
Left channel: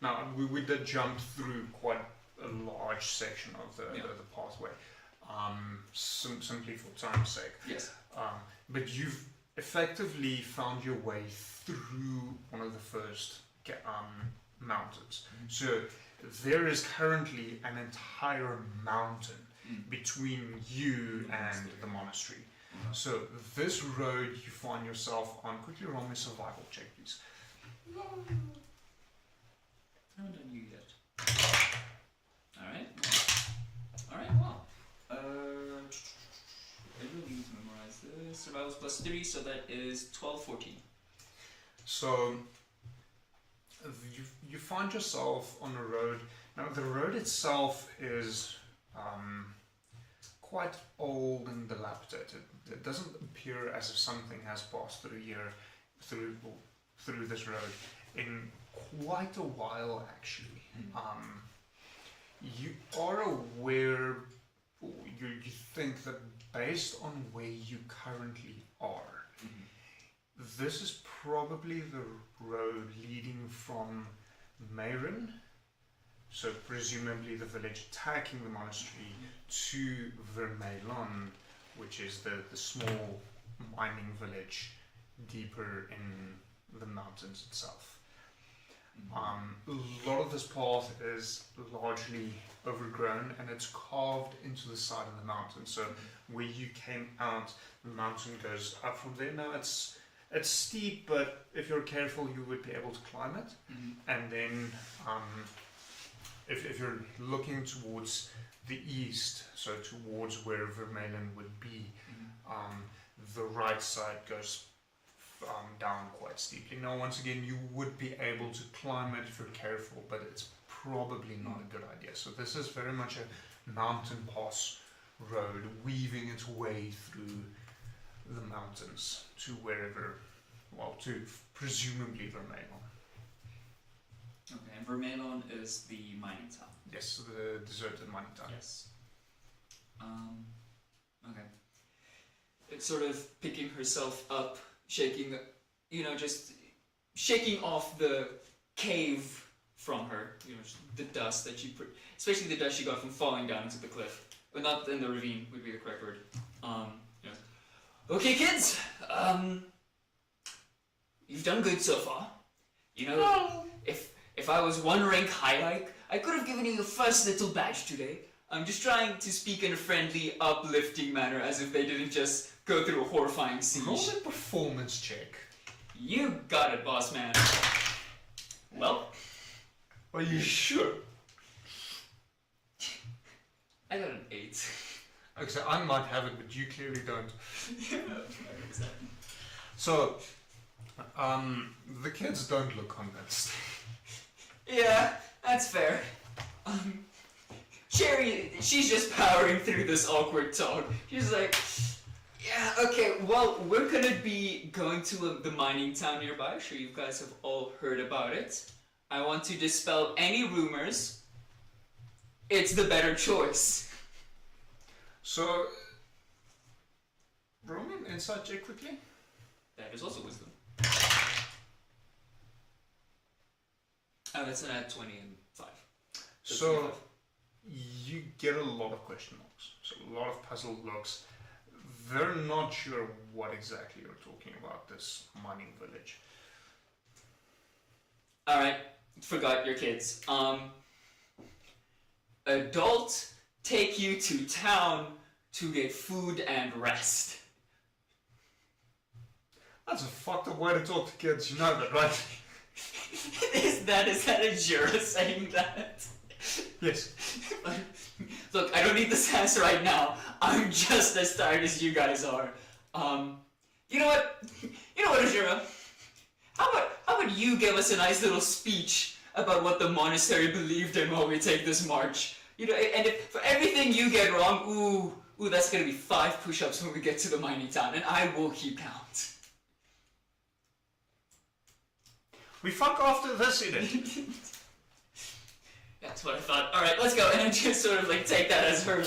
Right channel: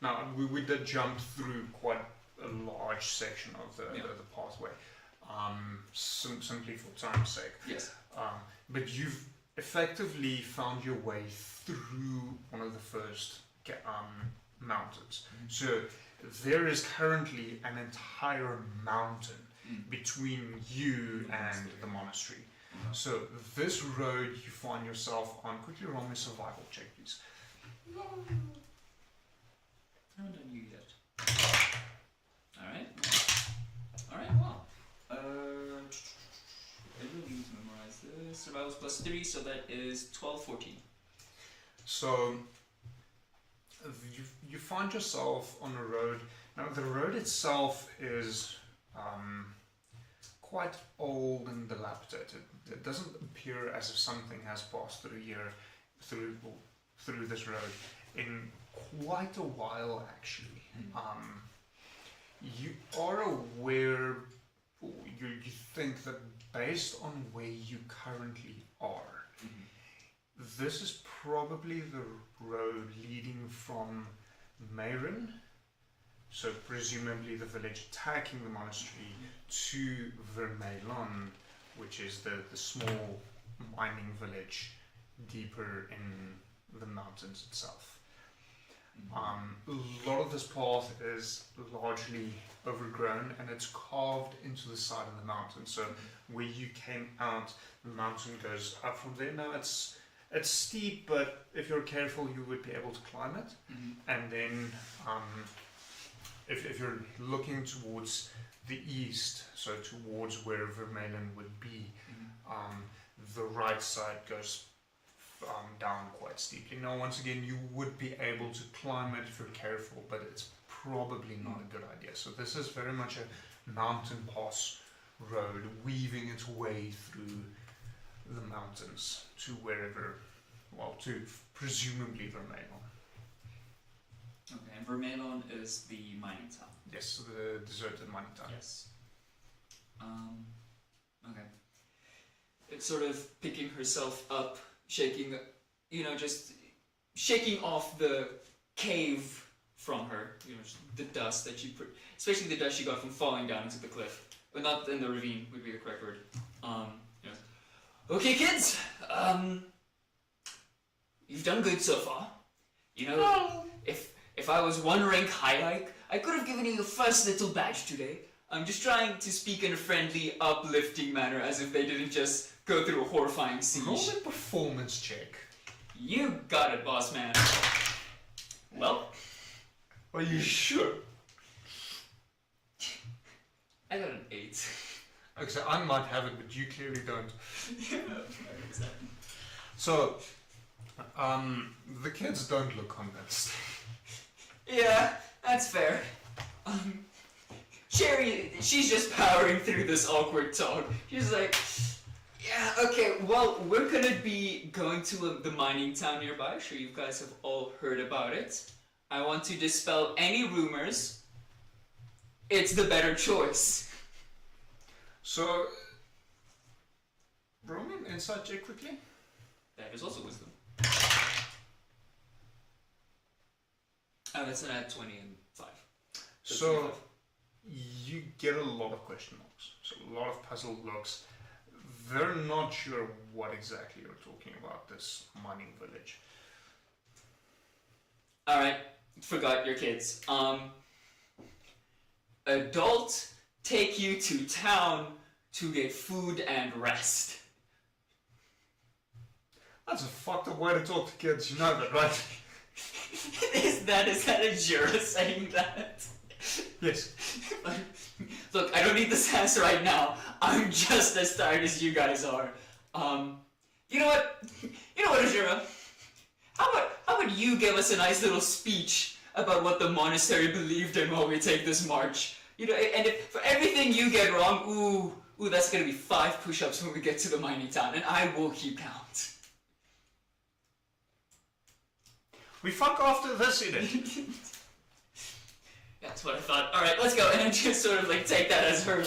now we did jump through quite a large section of the pathway, simply for time's sake. Yes. But you've effectively found your way through one of the first mountains. So there is currently an entire mountain between you and the monastery. So this road you find yourself on, quickly roll me a survival check, please. Haven't done you yet. Alright, wow. I really need to memorize this. Survival plus 3, so that is 12, 14. So you find yourself on a road. Now the road itself is quite old and dilapidated. It doesn't appear as if something has passed through here, through this road in quite a while, actually. You are aware, you think that based on where you currently are, this is probably the road leading from Mayrin So presumably the village attacking the monastery to Vermelon, which is the small mining village deeper in the mountains itself. A lot of this path is largely overgrown and it's carved into the side of the mountain. So where you came out, the mountain goes up from there. Now it's steep, but if you're careful, you would be able to climb it. And then if you're looking towards the east, so towards where Vermelon would be, the right side goes down quite steeply. Now, once again, you would be able to climb it if you're careful, but it's probably not a good idea. So this is very much a mountain pass road, weaving its way through the mountains to wherever, well, to presumably Vermelon. Okay, and Vermelon is the mining town. Yes, the deserted mining town. Yes. Okay. It's sort of picking herself up, shaking, just shaking off the cave from her, the dust that she put, especially the dust she got from falling down into the cliff, but not in the ravine would be the correct word. Okay, kids, you've done good so far. If I was one rank high, I could have given you your first little badge today. I'm just trying to speak in a friendly, uplifting manner, as if they didn't just go through a horrifying siege. Roll a performance check. You got it, boss man. Well, Are you sure? I got an 8. Okay, so I might have it, but you clearly don't. No, exactly. So, the kids don't look convinced. Yeah, that's fair. Cherry, she's just powering through this awkward talk. She's like, yeah, okay, well, we're gonna be going to the mining town nearby. I'm sure you guys have all heard about it. I want to dispel any rumors. It's the better choice. So, roll me an insight check quickly. That is also wisdom. Oh, that's an add 20 and 5. So, you get a lot of question marks. So, a lot of puzzled looks. They're not sure what exactly you're talking about, this mining village. Alright, forgot your kids. Adult take you to town to get food and rest. That's a fucked up way to talk to kids, you know that, right? Is that a Jura saying that? Yes. Look, I don't need this answer right now. I'm just as tired as you guys are. You know what? Jura? How about you give us a nice little speech about what the monastery believed in while we take this march? And if for everything you get wrong, ooh, that's gonna be 5 push-ups when we get to the mining town, and I will keep count. We fuck after this, Edith. That's what I thought. Alright, let's go. And just sort of take that as her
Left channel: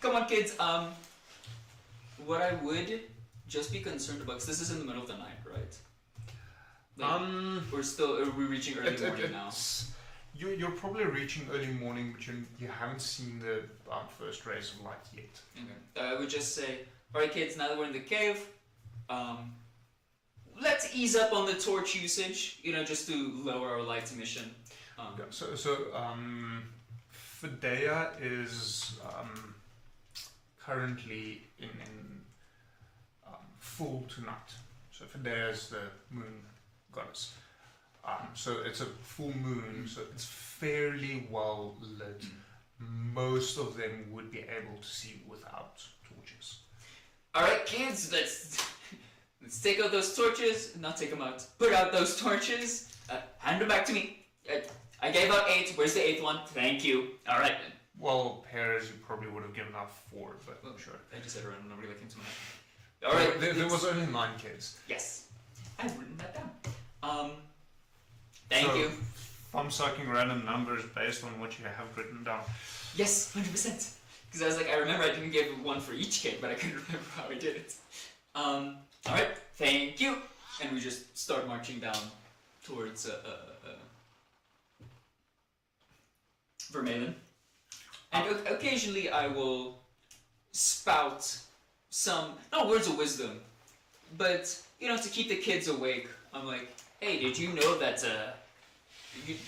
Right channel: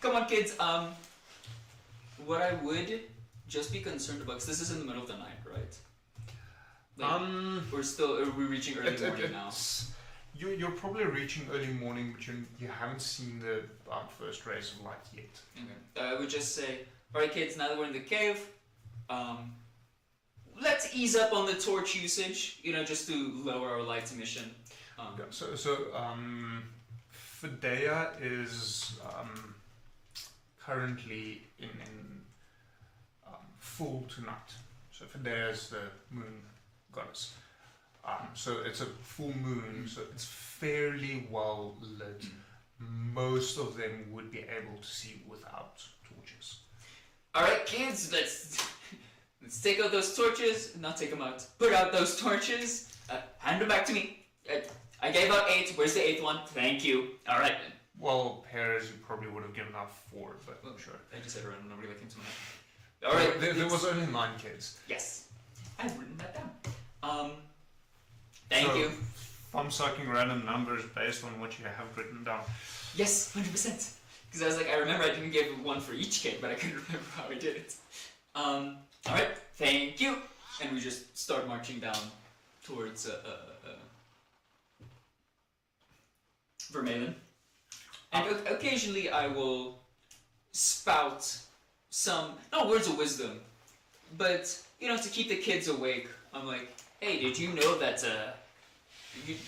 come on kids, what I would just be concerned about, because this is in the middle of the night, right? Are we reaching early morning now? You're probably reaching early morning, but you haven't seen the first rays of light yet. Okay. I would just say, alright kids, now that we're in the cave, let's ease up on the torch usage, just to lower our light emission. So Fidea is currently in full tonight. So Fidea is the moon goddess. So it's a full moon, so it's fairly well lit. Most of them would be able to see without torches. Alright kids, let's take out those torches, not take them out. Put out those torches, hand them back to me. I gave out 8, where's the 8th one? Thank you. Alright. Well, pairs you probably would have given out 4, but sure. I just said around, I'm not really looking too much. Alright, there was only 9 kids. Yes. I've written that down. Thank you. I'm sucking random numbers based on what you have written down. Yes, 100%. Because I was I remember I didn't give 1 for each kid, but I couldn't remember how I did it. Alright, thank you. And we just start marching down towards Vermeulen. And occasionally I will spout some, not words of wisdom, but, to keep the kids awake. I'm like, hey, did you know that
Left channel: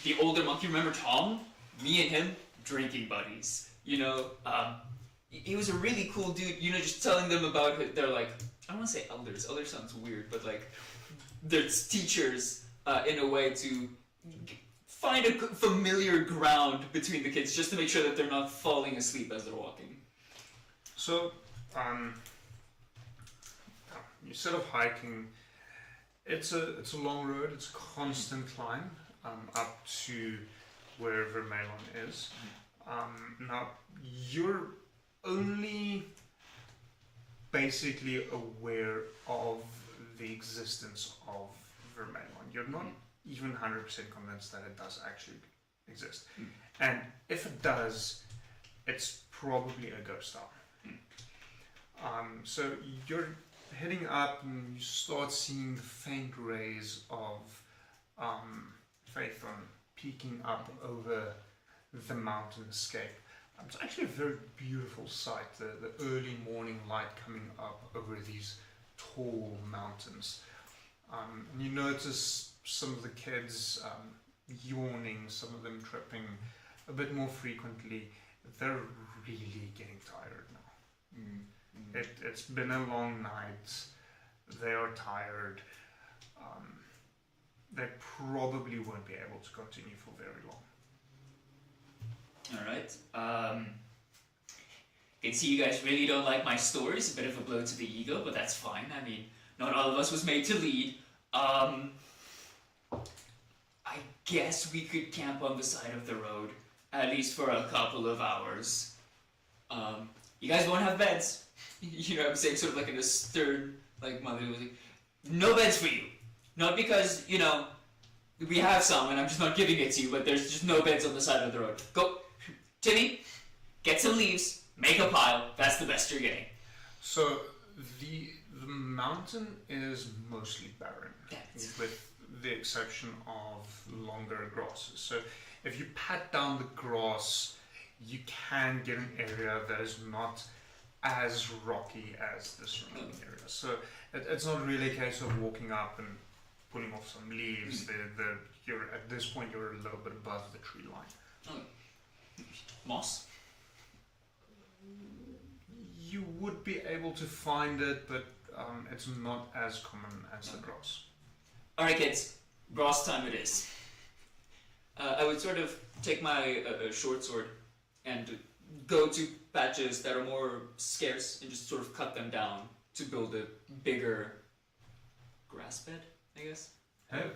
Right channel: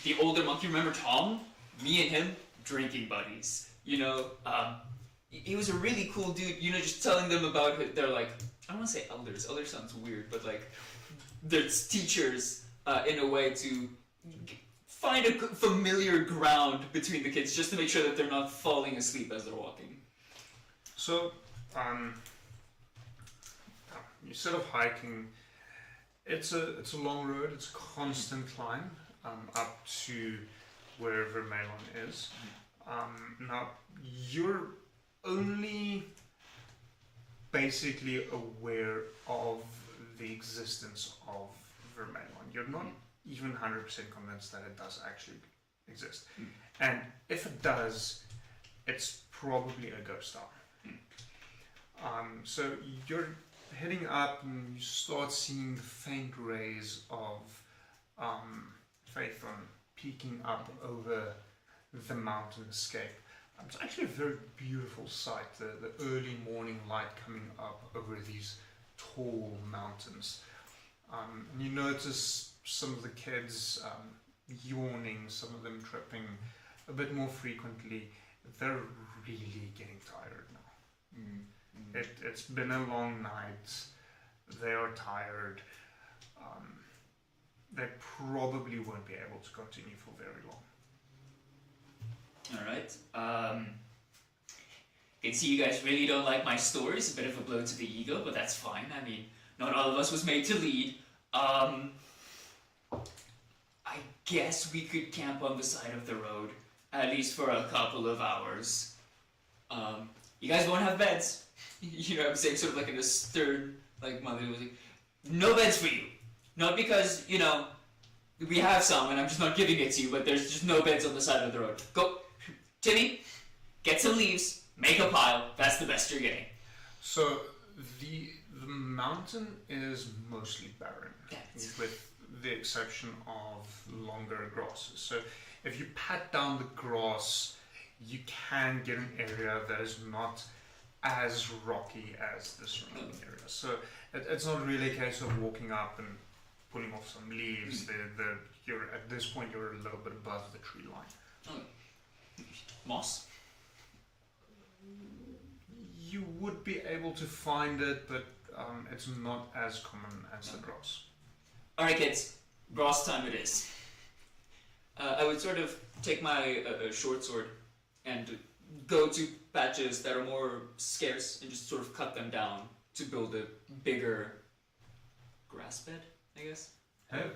the older monk, you remember Tom? Me and him, drinking buddies. He was a really cool dude, just telling them about it. They're like, I don't want to say elders. Elders sounds weird, but like, there's teachers in a way to find a familiar ground between the kids just to make sure that they're not falling asleep as they're walking. So, you set off hiking. It's a long road. It's a constant climb up to where Vermeulen is. Now, you're only basically aware of the existence of Vermeulen. You're not even 100% convinced that it does actually exist. And if it does, it's probably a ghost town. So you're heading up and you start seeing the faint rays of Faithon peeking up over the mountainscape. It's actually a very beautiful sight, the early morning light coming up over these tall mountains. You notice some of the kids yawning, some of them tripping a bit more frequently. They're really getting tired now. It's been a long night. They are tired. They probably won't be able to continue for very long. Alright. I can see you guys really don't like my stories. A bit of a blow to the ego, but that's fine. I mean, not all of us was made to lead. I guess we could camp on the side of the road, at least for a couple of hours. You guys won't have beds. I'm saying, sort of like in a stern, like, mother was like, no beds for you. Not because, we have some and I'm just not giving it to you, but there's just no beds on the side of the road. Go, Timmy, get some leaves, make a pile. That's the best you're getting. So the mountain is mostly barren, with the exception of longer grasses. So if you pat down the grass, you can get an area that is not as rocky as the surrounding area. So it's not really a case of walking up and pulling off some leaves. At this point, you're a little bit above the tree line. Moss? You would be able to find it, but it's not as common as the grass. Alright kids, grass time it is. I would sort of take my short sword and go to patches that are more scarce and just sort of cut them down to build a bigger grass bed, I guess. Oh.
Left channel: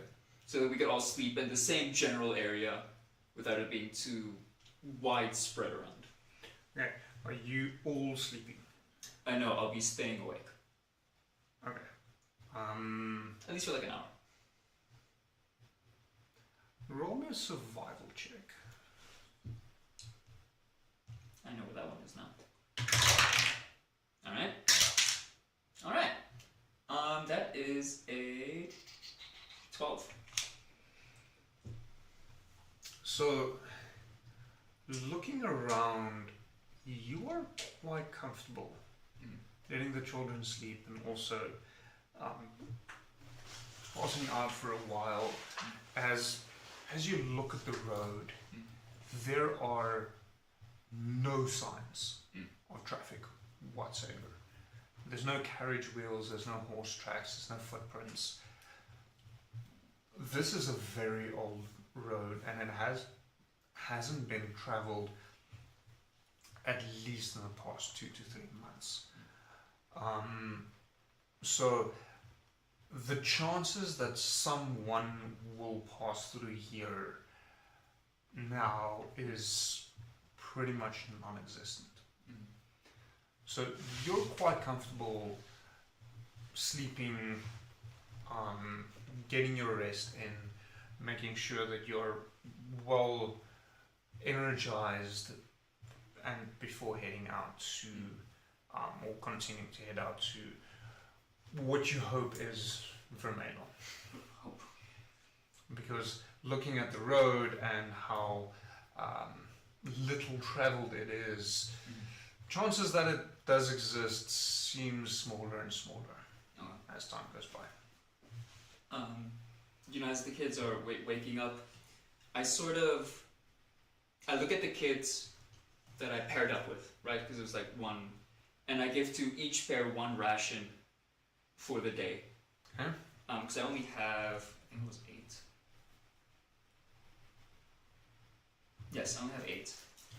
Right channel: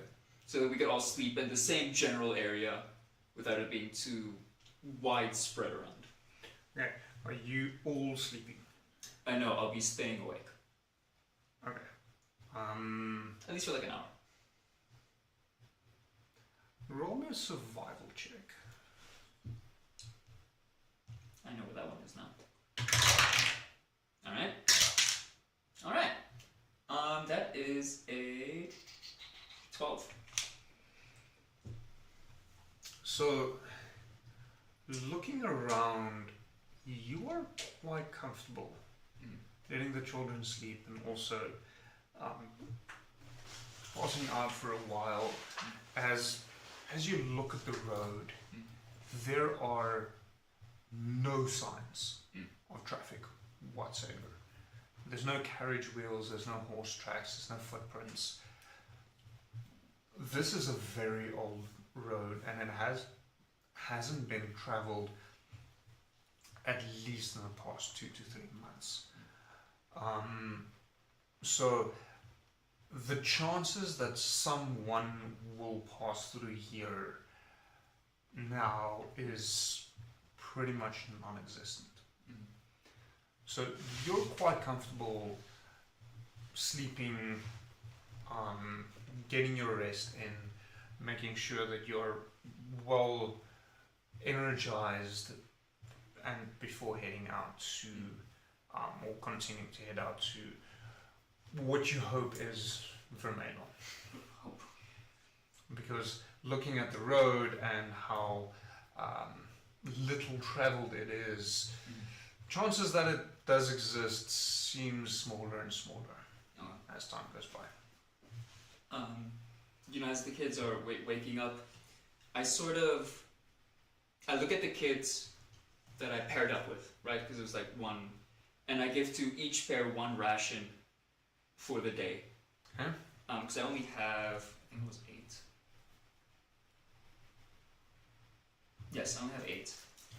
So that we could all sleep in the same general area without it being too widespread around. Yeah. Are you all sleeping? I know, I'll be staying awake. Okay. At least for like an hour. Roll me a survival check. I know where that one is now. Alright. That is a 12. So, looking around, you are quite comfortable letting the children sleep and also passing out for a while. As you look at the road, there are no signs of traffic whatsoever. There's no carriage wheels, there's no horse tracks, there's no footprints. This is a very old road and it hasn't been travelled at least in the past 2 to 3 months. So the chances that someone will pass through here now is pretty much non-existent. So you're quite comfortable sleeping, getting your rest in, making sure that you're well energized and before heading out to, or continuing to head out to what you hope is Vermeulen. Because looking at the road and how little traveled it is, chances that it does exist seem smaller and smaller as time goes by. As the kids are waking up, I look at the kids that I paired up with, right? Because it was like one, and I give to each pair one ration for the day. Because I only have, I think it was 8. Yes, I only have 8.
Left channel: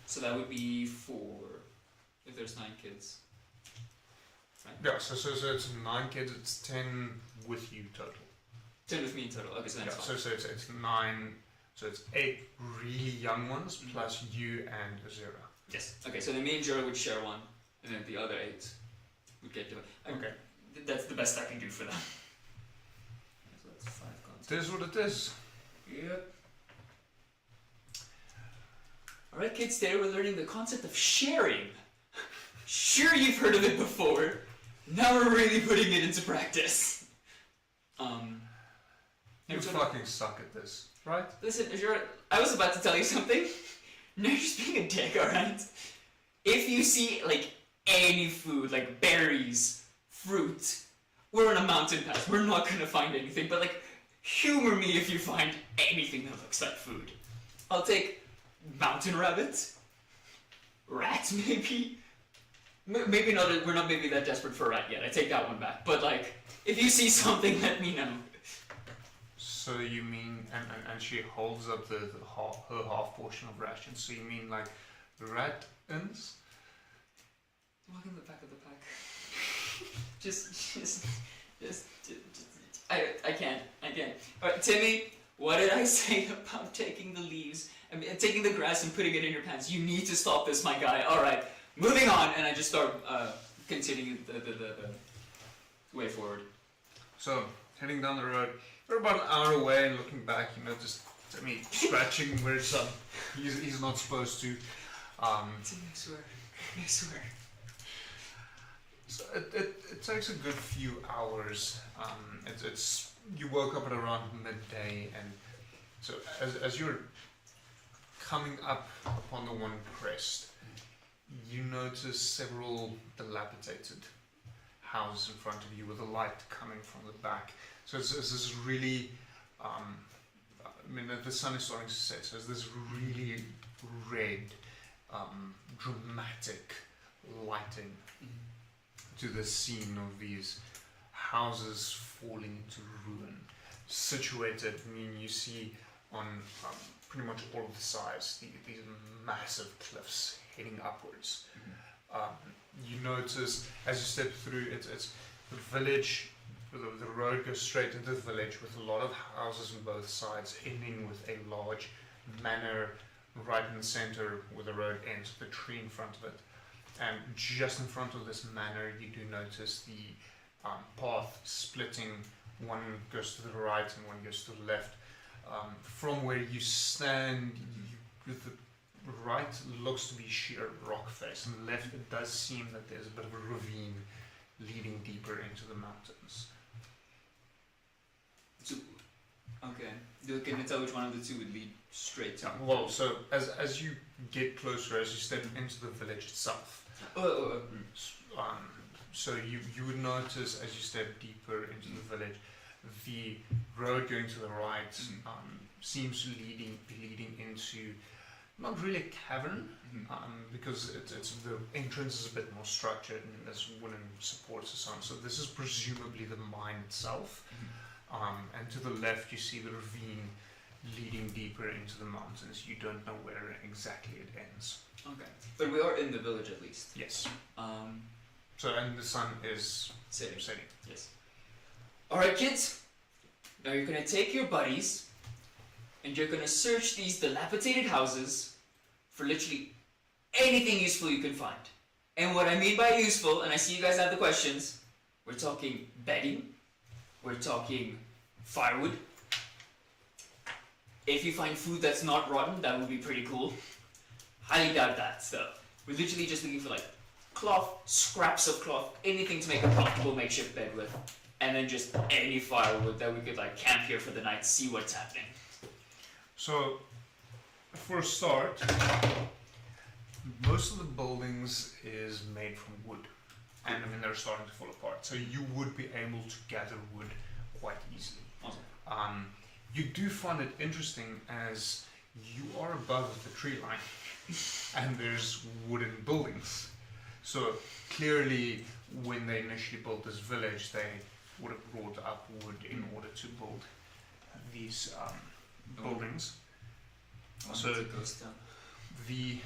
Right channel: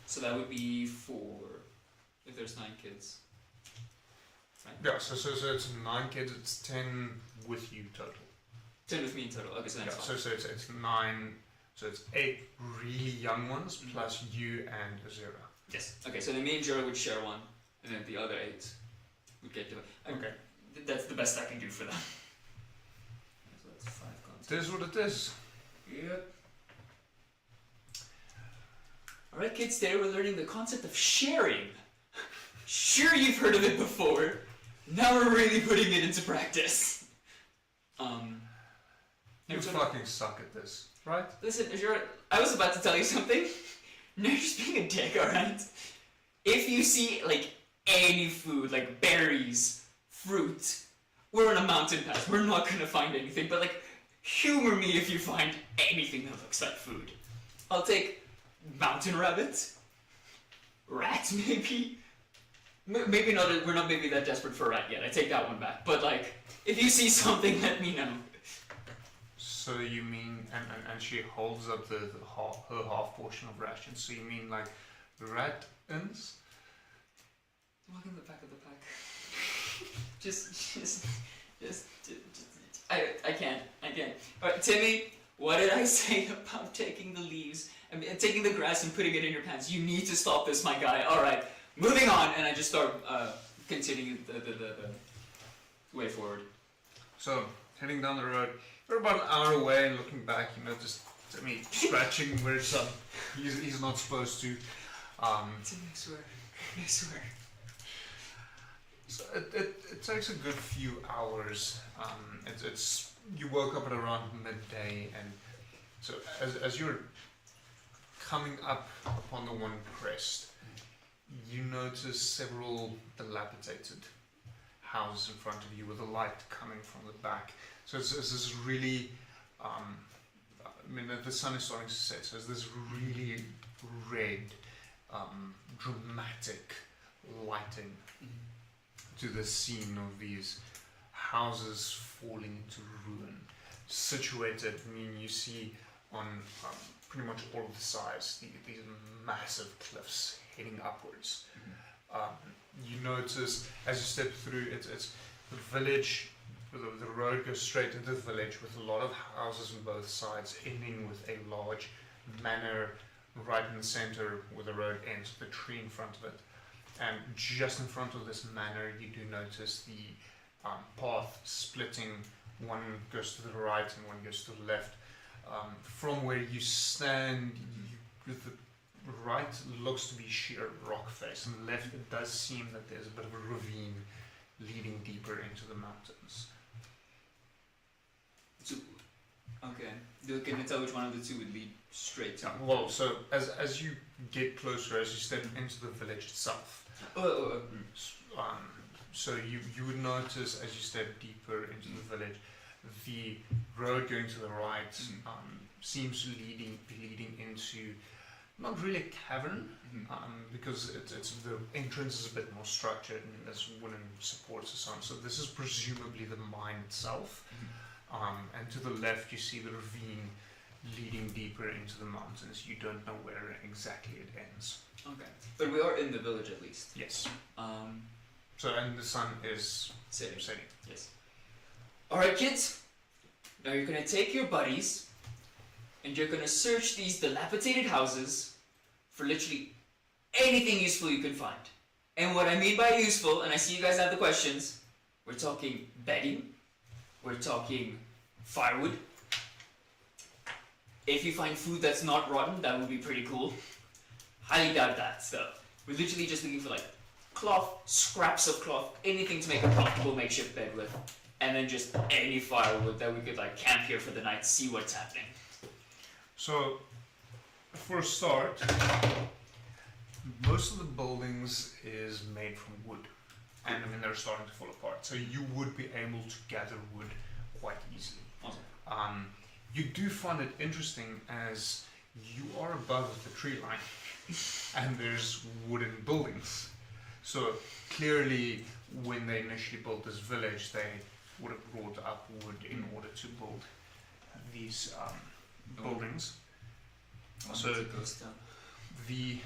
So that would be 4, if there's 9 kids. Right? Yeah, so it's 9 kids, it's 10 with you total. 10 with me in total. Okay, so that's so it's 9, so it's 8 really young ones plus you and Azura. Yes. Okay, so then me and Jura would share one, and then the other 8 would get to it. Okay. That's the best I can do for them. So that's 5 It is what it is. Yep. Alright kids, today we're learning the concept of sharing. Sure, you've heard of it before. Now we're really putting it into practice. You fucking suck at this, right? Listen, I was about to tell you something. Now you're just being a dick, alright? If you see, like, any food, like berries, fruit, we're on a mountain pass. We're not gonna find anything, but, like, humor me if you find anything that looks like food. I'll take mountain rabbits, rats maybe. Maybe not. We're not maybe that desperate for a rat yet. I take that one back. But like, if you see something, let me know. So you mean, and she holds up her half portion of ration. So you mean like rat-ins? Walk in the back of the pack. just I can't. Alright, Timmy, what did I say about taking the leaves and taking the grass and putting it in your pants? You need to stop this, my guy. Alright, moving on. And I just start continuing the way forward. So, heading down the road, we're about an hour away and looking back, just Timmy scratching where he's not supposed to. Timmy, I swear. So it takes a good few hours. You woke up at around midday, and so as you're coming up upon the one crest, you notice several dilapidated houses in front of you with a light coming from the back. So it's this really, the sun is starting to set, so it's this really red, dramatic lighting to the scene of these houses falling into ruin. Situated, you see on pretty much all of the sides these massive cliffs heading upwards. You notice as you step through, it's the village. The road goes straight into the village with a lot of houses on both sides, ending with a large manor right in the center where the road ends with a tree in front of it. And just in front of this manor, you do notice the path splitting. One goes to the right and one goes to the left. From where you stand, the right looks to be sheer rock face, and the left it does seem that there's a bit of a ravine leading deeper into the mountains. So, okay. Can you tell which one of the two would lead straight to? Well, so as you get closer, as you step into the village itself, so you would notice as you step deeper into the village, the road going to the right seems to be leading into not really a cavern, because it's the entrance is a bit more structured and there's wooden supports or something. So this is presumably the mine itself. And to the left you see the ravine leading deeper into the mountains. You don't know where exactly it ends. Okay, but we are in the village at least. Yes. So and the sun is setting. Yes. All right, kids. Now you're gonna take your buddies, and you're gonna search these dilapidated houses for literally anything useful you can find. And what I mean by useful, and I see you guys have the questions, we're talking bedding, we're talking firewood. If you find food that's not rotten, that would be pretty cool. Highly doubt that stuff. We're literally just looking for like cloth, scraps of cloth, anything to make a comfortable makeshift bed with. And then just any firewood that we could like camp here for the night, see what's happening. So, for a start, Most of the buildings is made from wood, and I mean they're starting to fall apart. So you would be able to gather wood quite easily. Awesome. You do find it interesting as you are above the tree line, and there's wooden buildings. So clearly, when they initially built this village, they would have brought up wood in order to build these buildings. So the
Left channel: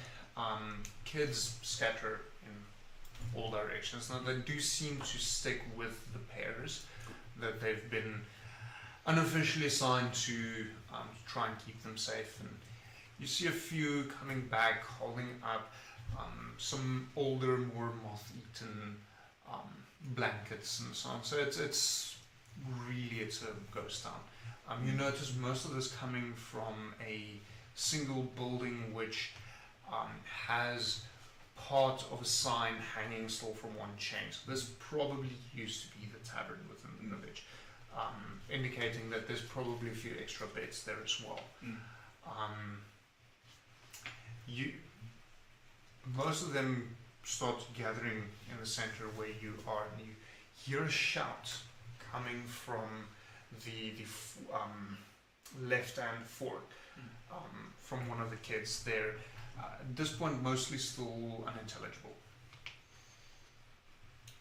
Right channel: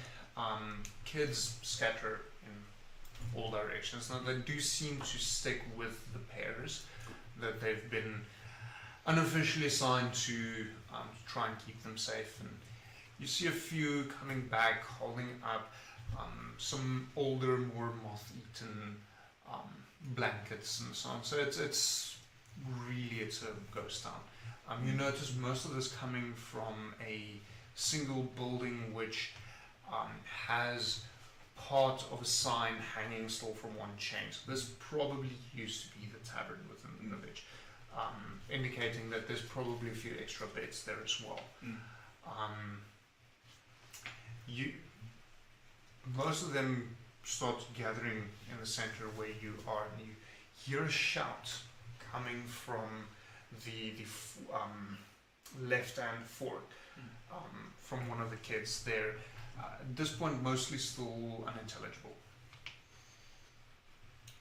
kids scatter in all directions. Now they do seem to stick with the pairs that they've been unofficially assigned to try and keep them safe. And you see a few coming back holding up some older, more moth-eaten blankets and so on. So it's a ghost town. You notice most of this coming from a single building which has part of a sign hanging still from one chain. So this probably used to be the tavern within the village, indicating that there's probably a few extra beds there as well. Most of them start gathering in the center where you are, and you hear a shout coming from the left-hand fork from one of the kids there. At this point, mostly still unintelligible.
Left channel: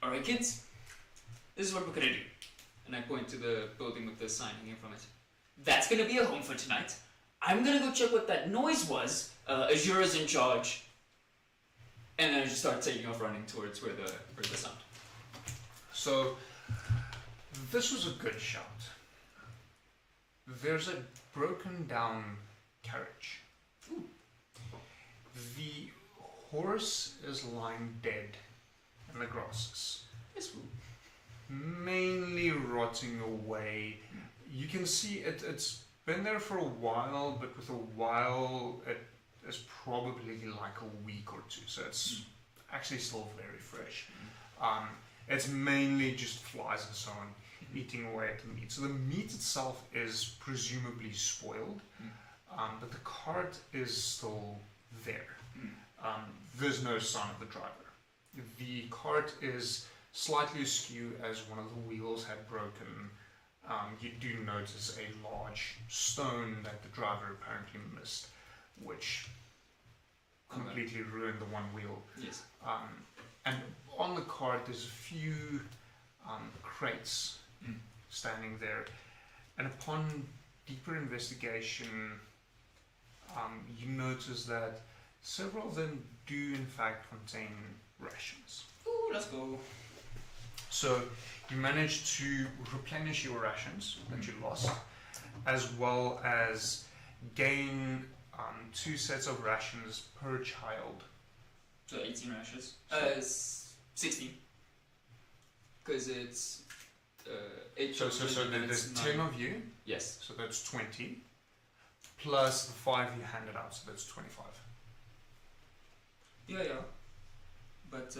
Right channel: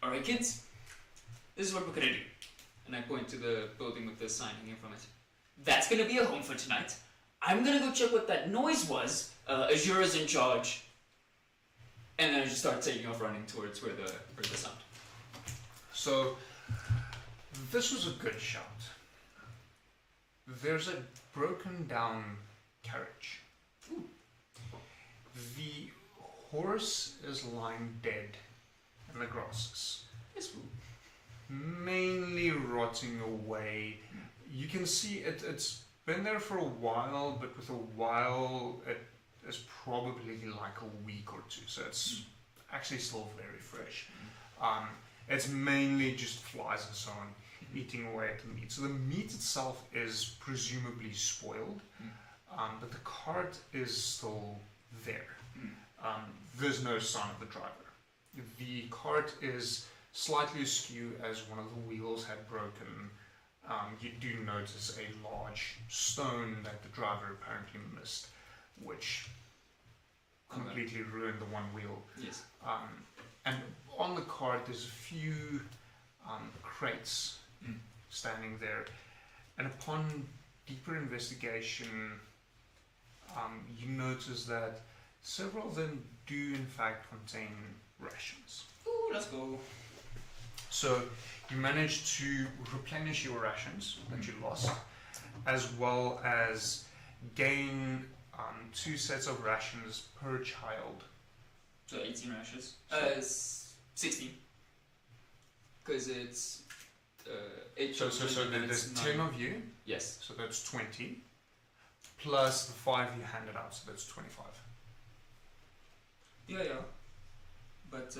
Alright, kids, this is what we're gonna do. And I point to the building with the sign hanging from it. That's gonna be a home for tonight. I'm gonna go check what that noise was. Azura's in charge. And then I just start taking off running towards where the sound. So, this was a good shout. There's a broken down carriage. Ooh. The horse is lying dead in the grasses. That's cool. Mainly rotting away. You can see it's been there for a while, but with a while it is probably like a week or two, so it's actually still very fresh. It's mainly just flies and so on eating away at the meat. So the meat itself is presumably spoiled, but the cart is still there. There's no sign of the driver. The cart is slightly askew as one of the wheels had broken. You do notice a large stone that the driver apparently missed, which completely ruined the one wheel. Yes. And on the cart there's a few crates standing there, and upon deeper investigation you notice that several of them do in fact contain rations. Ooh, let's go. So you manage to replenish your rations that you lost, as well as gain 2 sets of rations per child. So 18 rations. 16. Because it's 8 So children, and there's it's 10 9. of you, Yes. so that's 20, plus the 5 you handed out, so that's 25. Yeah. But,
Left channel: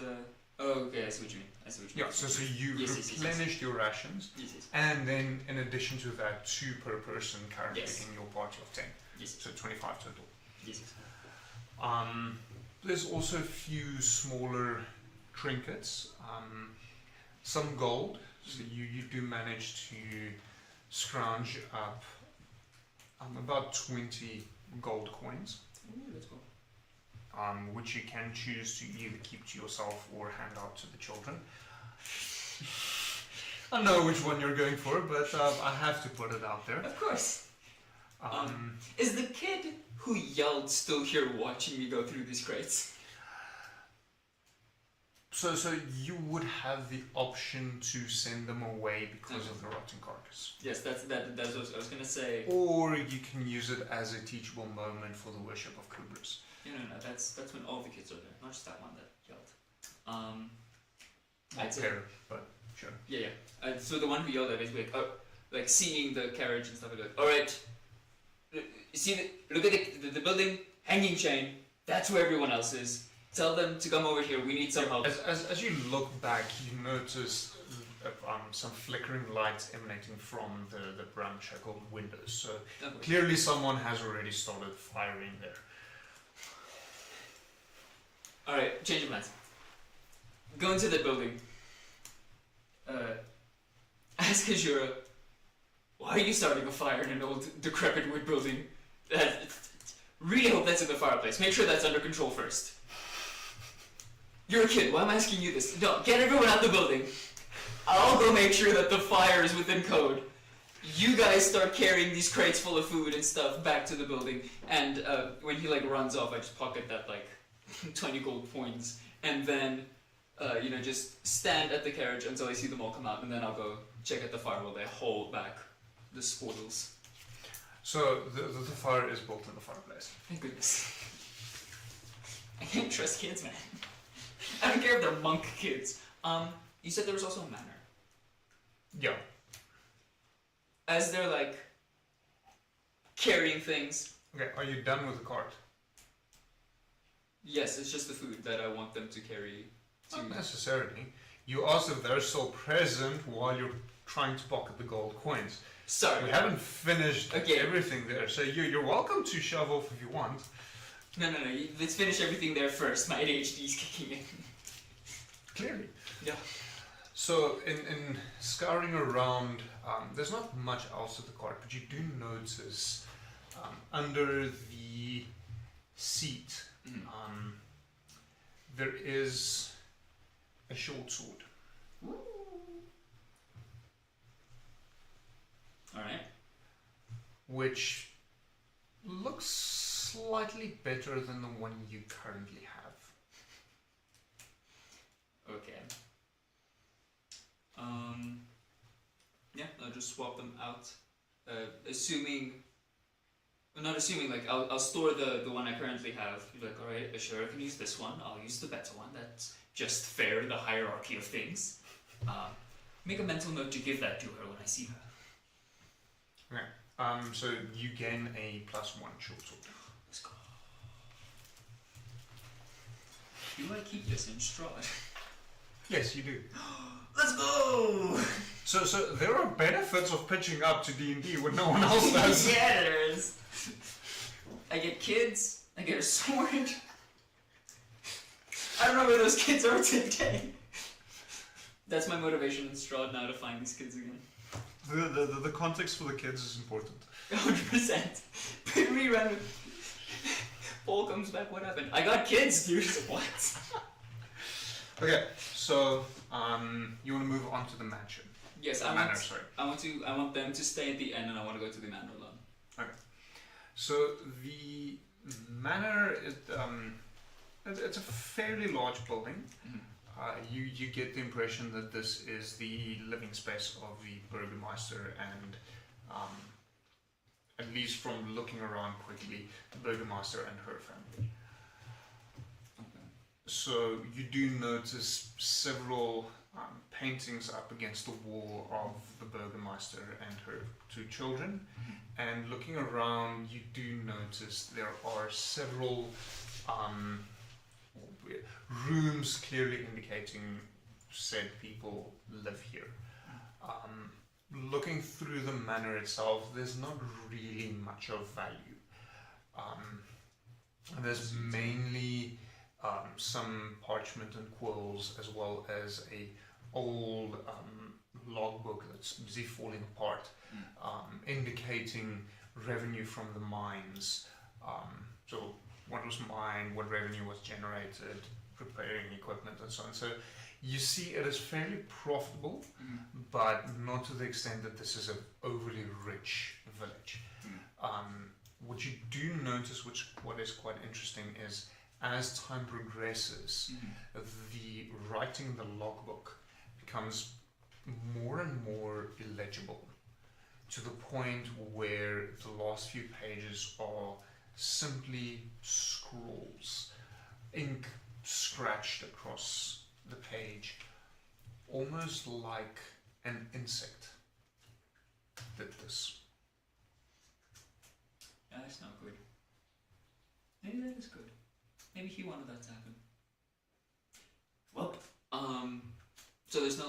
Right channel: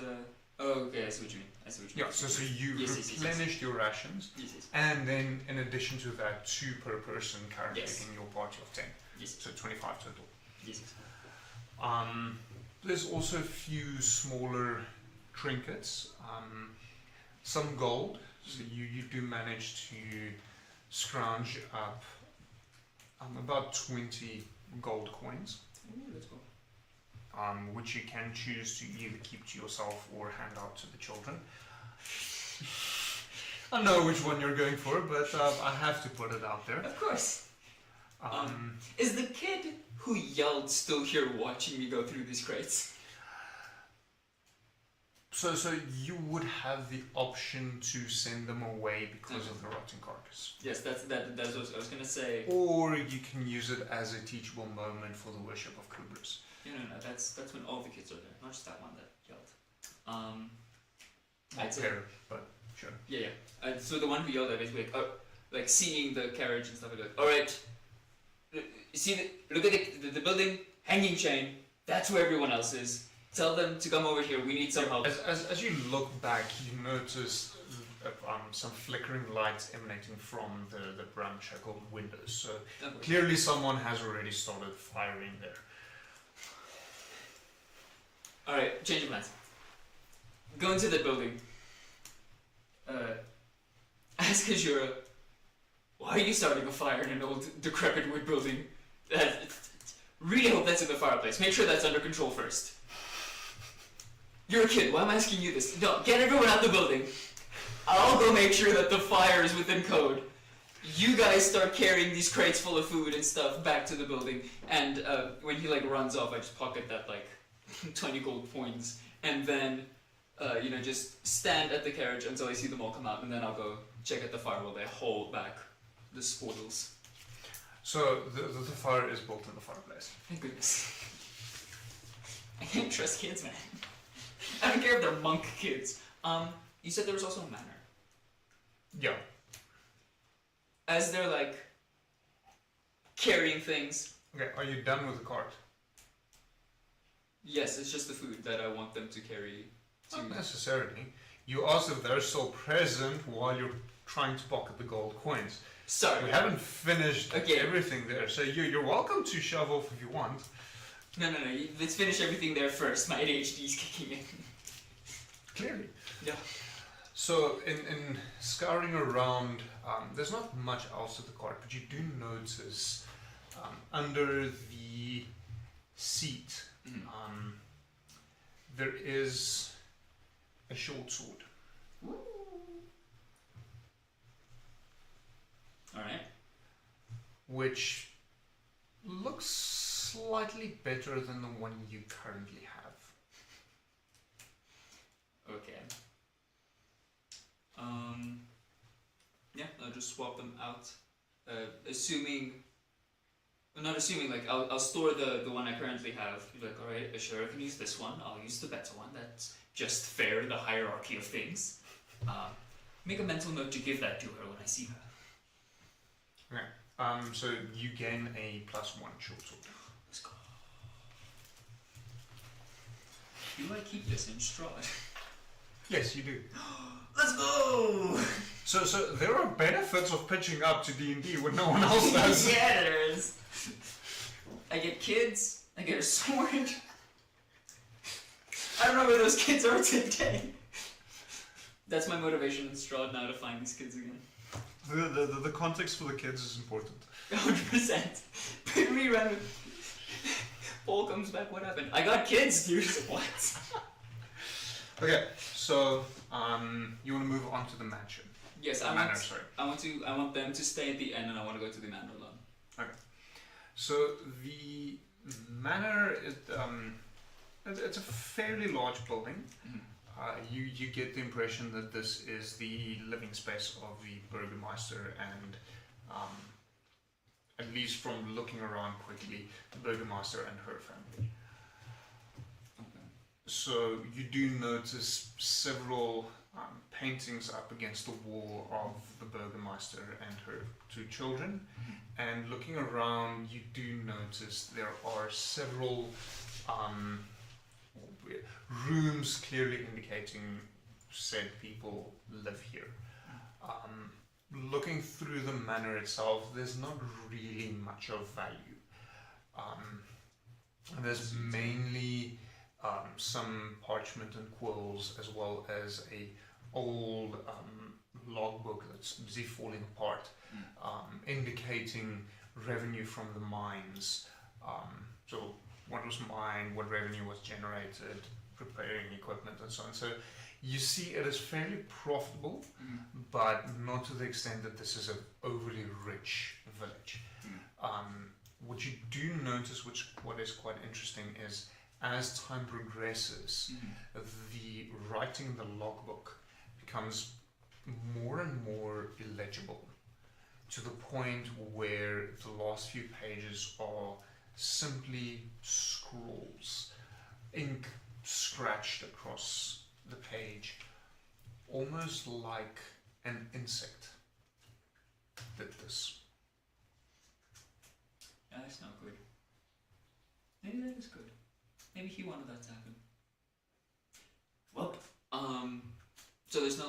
okay, I see what you mean. Yeah, so you Yes, replenished your rations, Yes. and then in addition to that, 2 per person currently Yes. in your party of 10, Yes. so 25 total. Yes. There's also a few smaller trinkets, some gold, so you do manage to scrounge up about 20 gold coins, Ooh, let's go. which you can choose to either keep to yourself or hand out to the children. I know which one you're going for, but I have to put it out there. Of course. Is the kid who yelled still here watching me go through these crates? So you would have the option to send them away because of the rotten carcass. Yes, that's what I was going to say. Or you can use it as a teachable moment for the worship of Kubris. No, that's when all the kids are there, not just that one that yelled. Not there, but sure. Yeah. So the one who yelled at is like seeing the carriage and stuff like that. All right, look at the building, hanging chain. That's where everyone else is. Tell them to come over here. We need some help. As you look back, you notice some flickering lights emanating from the ramshackle windows. So clearly someone has already started firing there. Alright, change of plans. Go into the building. Ask Azura, why are you starting a fire in an old, decrepit wood building? Really hope that's in the fireplace. Make sure that's under control first. You're a kid, why am I asking you this? No, get everyone out the building. I'll go make sure that the fire is within code. You guys start carrying these crates full of food and stuff back to the building, and when he runs off, I just pocket that 20 gold coins, and then just stand at the carriage until I see them all come out, and then I'll go check at the fire while they hold back the spoils. So the fire is built in the fireplace. Thank goodness. I can't trust kids, man. I don't care if they're monk kids. You said there was also a manor. Yeah. As they're carrying things. Okay, are you done with the cart? Yes, it's just the food that I want them to carry. Not necessarily. You asked if they're still present while you're trying to pocket the gold coins. Sorry. We haven't finished everything there, so you're welcome to shove off if you want. No. Let's finish everything there first. My ADHD is kicking in. Clearly. Yeah. So, in scouring around, there's not much else at the cart, but you do notice under the seat, there is a short sword. Alright. Which looks slightly better than the one you currently have. Okay. Yeah, I'll just swap them out. I'll store the one I currently have. Alright, sure, I can use this one. I'll use the better one. That's just fair in the hierarchy of things. Make a mental note to give that to her when I see her. Okay. So you gain a +1 short sword. Let's go. Do I keep this in Strahd? Yes, you do. Let's go! So there are benefits of pitching up to D&D when no one else does. Yeah, there is. I get kids. I get a sword. I don't know where those kids are today. That's my motivation in Strahd now, to find these kids again. The context for the kids is important. 100%. Rerun. Paul comes back. What happened? I got kids, dude. What? Okay, so you want to move on to the mansion? Yes, I want them to stay at the end, and I want to go to the manor alone. Okay. So the manor is it's a fairly large building. Mm-hmm. You get the impression that this is the living space of the Burgermeister, and at least from looking around quickly, the Burgermeister and her family. So you do notice several paintings up against the wall of the Burgermeister and her 2 children. Mm-hmm. And looking around, you do notice there are several rooms clearly indicating said people live here. Looking through the manor itself, there's not really much of value. There's mainly some parchment and quills, as well as a old logbook that's busy falling apart, indicating revenue from the mines. So what was mined, what revenue was generated, preparing equipment, and so on. So you see it as fairly profitable, but not to the extent that this is an overly rich village. What you do notice, what is quite interesting, is as time progresses, the writing in the logbook becomes more and more illegible, to the point where the last few pages are simply scrawls, ink scratched across the page, almost like an insect did this. Yeah, that's not good. Maybe that is good. Maybe he wanted that to happen. Well, so there's no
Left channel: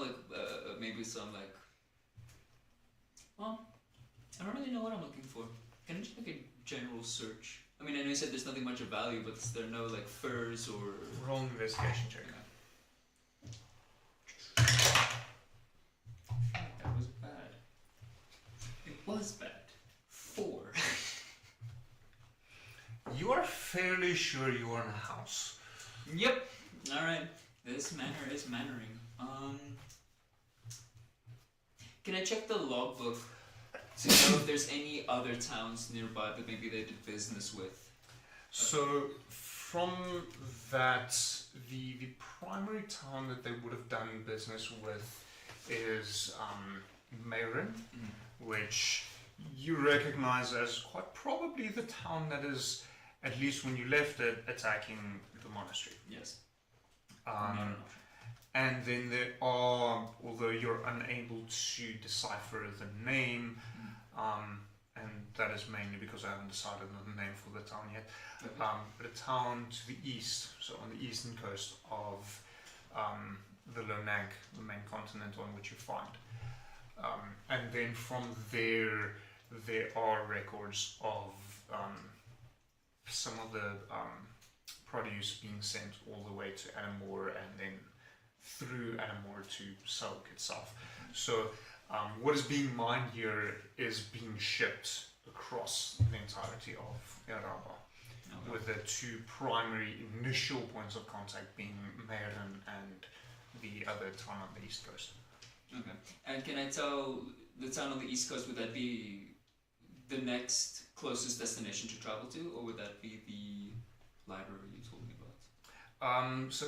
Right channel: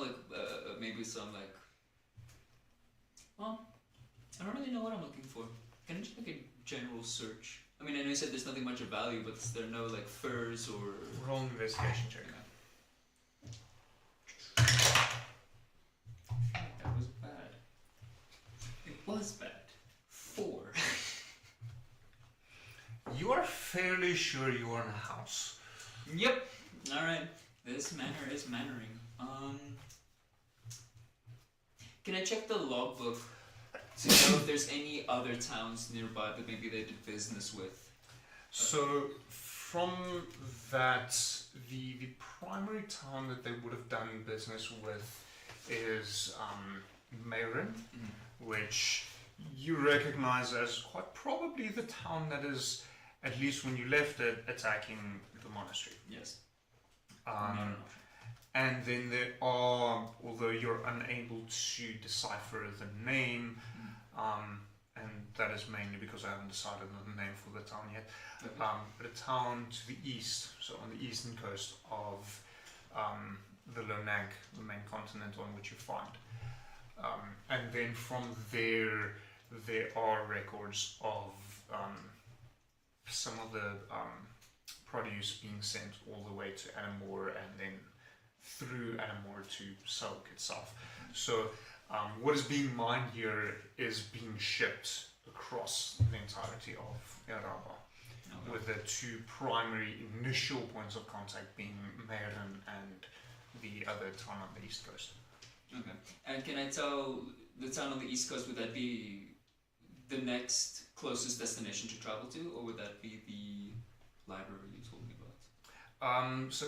maybe some well, I don't really know what I'm looking for. Can I just make a general search I mean, I know you said there's nothing much of value, but is there no like furs or? Roll an investigation check. That was bad. It was bad. 4. You are fairly sure you are in a house. Yep. All right. This manor is mannering. Can I check the logbook to know if there's any other towns nearby that maybe they did business with? So, from that, the primary town that they would have done business with is Mayrin, which you recognize as quite probably the town that is, at least when you left it, attacking the monastery. Yes. And then there are, although you're unable to decipher the name, and that is mainly because I haven't decided on the name for the town yet, but a town to the east, so on the eastern coast of the Lonag, the main continent on which you find. And then from there are records of some of the produce being sent all the way to Anamor and then through Anamor to Salk itself. So what is being mined here is being shipped across the entirety of Yaraba, with the two primary initial points of contact being Mayrin and the other town on the east coast. Okay. And can I tell the town on the east coast, would that be the next closest destination to travel to, or would that be the library you told me about? So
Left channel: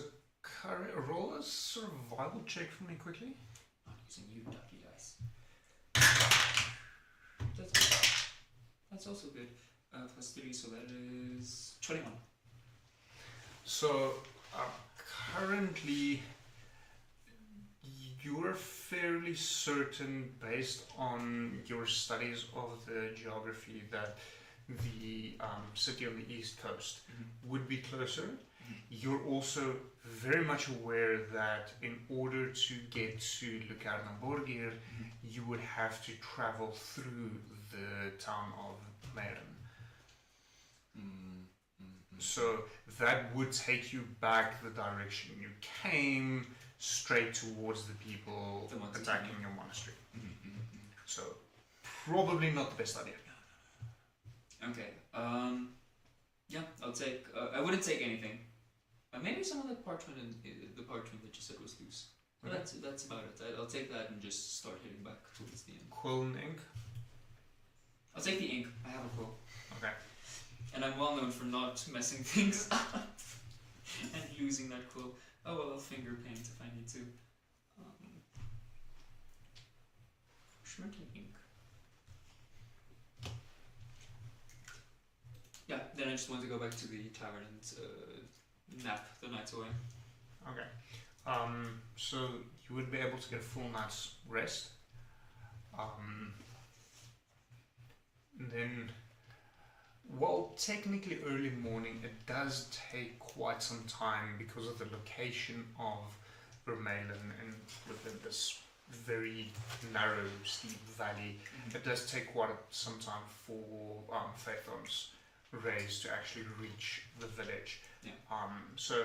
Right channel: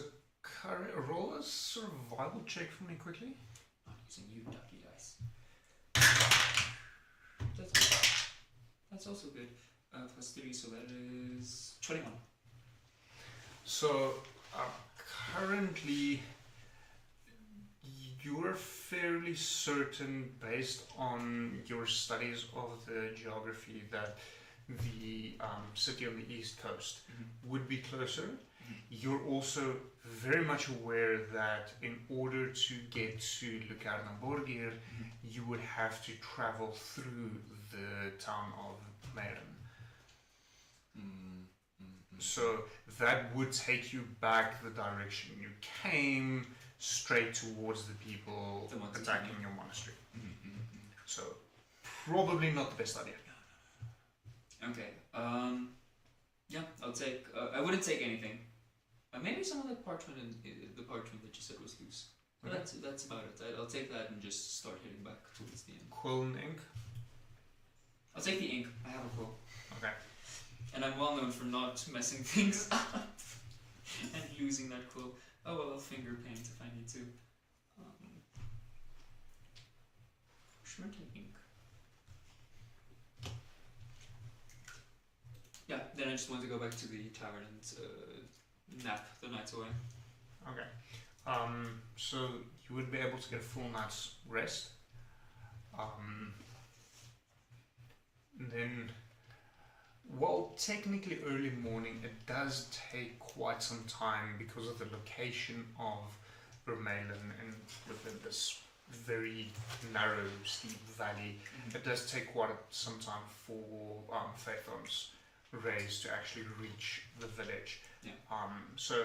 roll a survival check for me quickly. Not using you, ducky eyes. That's also good. Plus 3, so that is 21. So currently you're fairly certain, based on your studies of the geography, that the city on the east coast would be closer. You're also very much aware that in order to get to Lucarnamborgir, you would have to travel through the town of Mayrin. So that would take you back the direction you came, straight towards the people attacking your monastery. So probably not the best idea. Okay. Yeah, I'll take. I wouldn't take anything. Maybe some of the parchment and the parchment that you said was loose. Okay. That's about it. I'll take that and just start heading back towards the end. Quill and ink. I'll take the ink. I have a quill. Okay. And I'm well known for not messing things up and losing that quill. Oh well, I'll finger paint if I need to. Schmirky ink. Yeah, then I just want to go back to the tavern and nap the night away. Okay. So you would be able to get a full night's rest. And then, well, technically early morning, it does take quite some time because of the location of Vermeulen and within this very narrow, steep valley. It does take quite some time for Phaethon's rays to actually reach the village. Yeah. So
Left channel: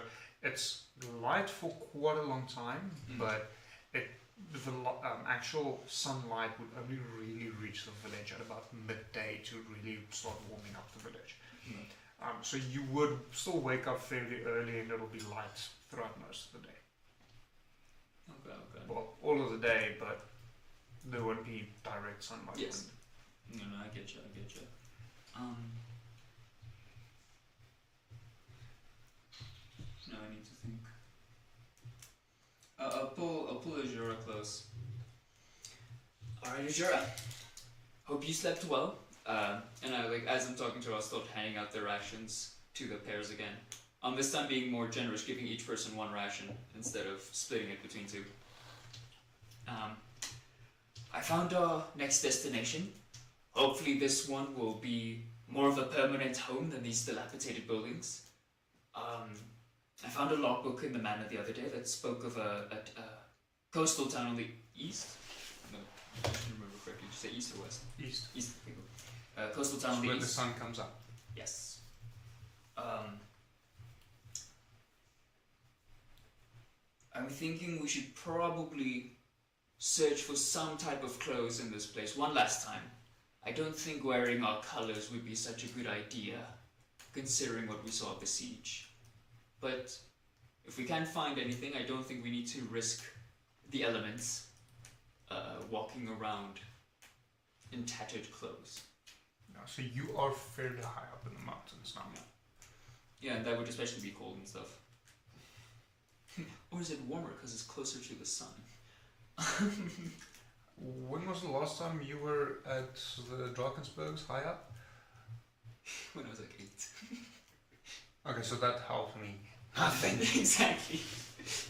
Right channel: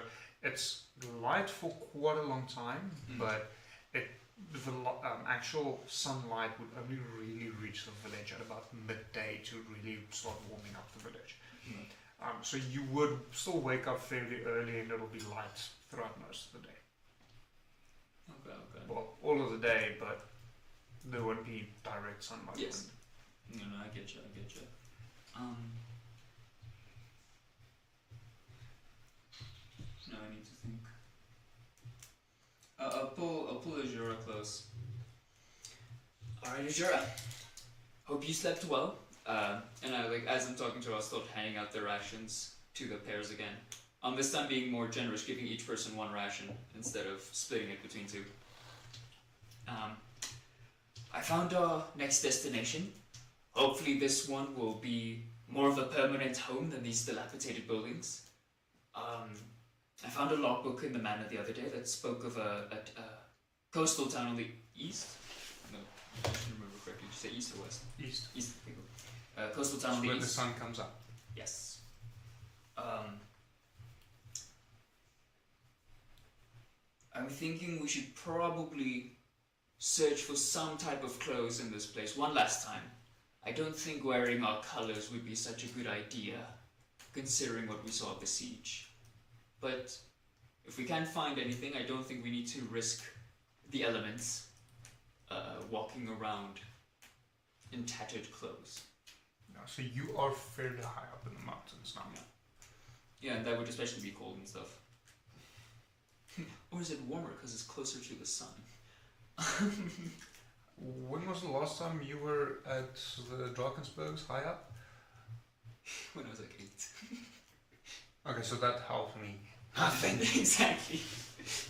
it's light for quite a long time, but the actual sunlight would only really reach the village at about midday to really start warming up the village. So you would still wake up fairly early and it'll be light throughout most of the day. Okay. Well, all of the day, but there won't be direct sunlight. Yes. No, I get you. Now I need to think. I'll pull Azura close. Alright, Azura. Hope you slept well. And as I'm talking to her, I'll start handing out the rations to the pairs again. This time being more generous, giving each person one ration instead of splitting it between two. I found our next destination. Hopefully this one will be more of a permanent home than these dilapidated buildings. I found a logbook in the manor the other day that spoke of a coastal town on the east. I don't remember correctly. Did you say east or west? East. East. Coastal town on the where east. the sun comes up. Yes. thinking we should probably search for some type of clothes in this place one last time. I don't think wearing our colors would be such a good idea, considering what we saw at the siege. But if we can't find anything, I don't think we need to risk the elements walking around in tattered clothes. Yeah, so you are fairly high up in the mountains now. Yeah, and that would especially be cold and stuff. Or is it warmer because it's closer to the sun? When was the last time you were at the Drakensbergs high up? When I was like 8. Okay, so that helped me. Nothing, exactly.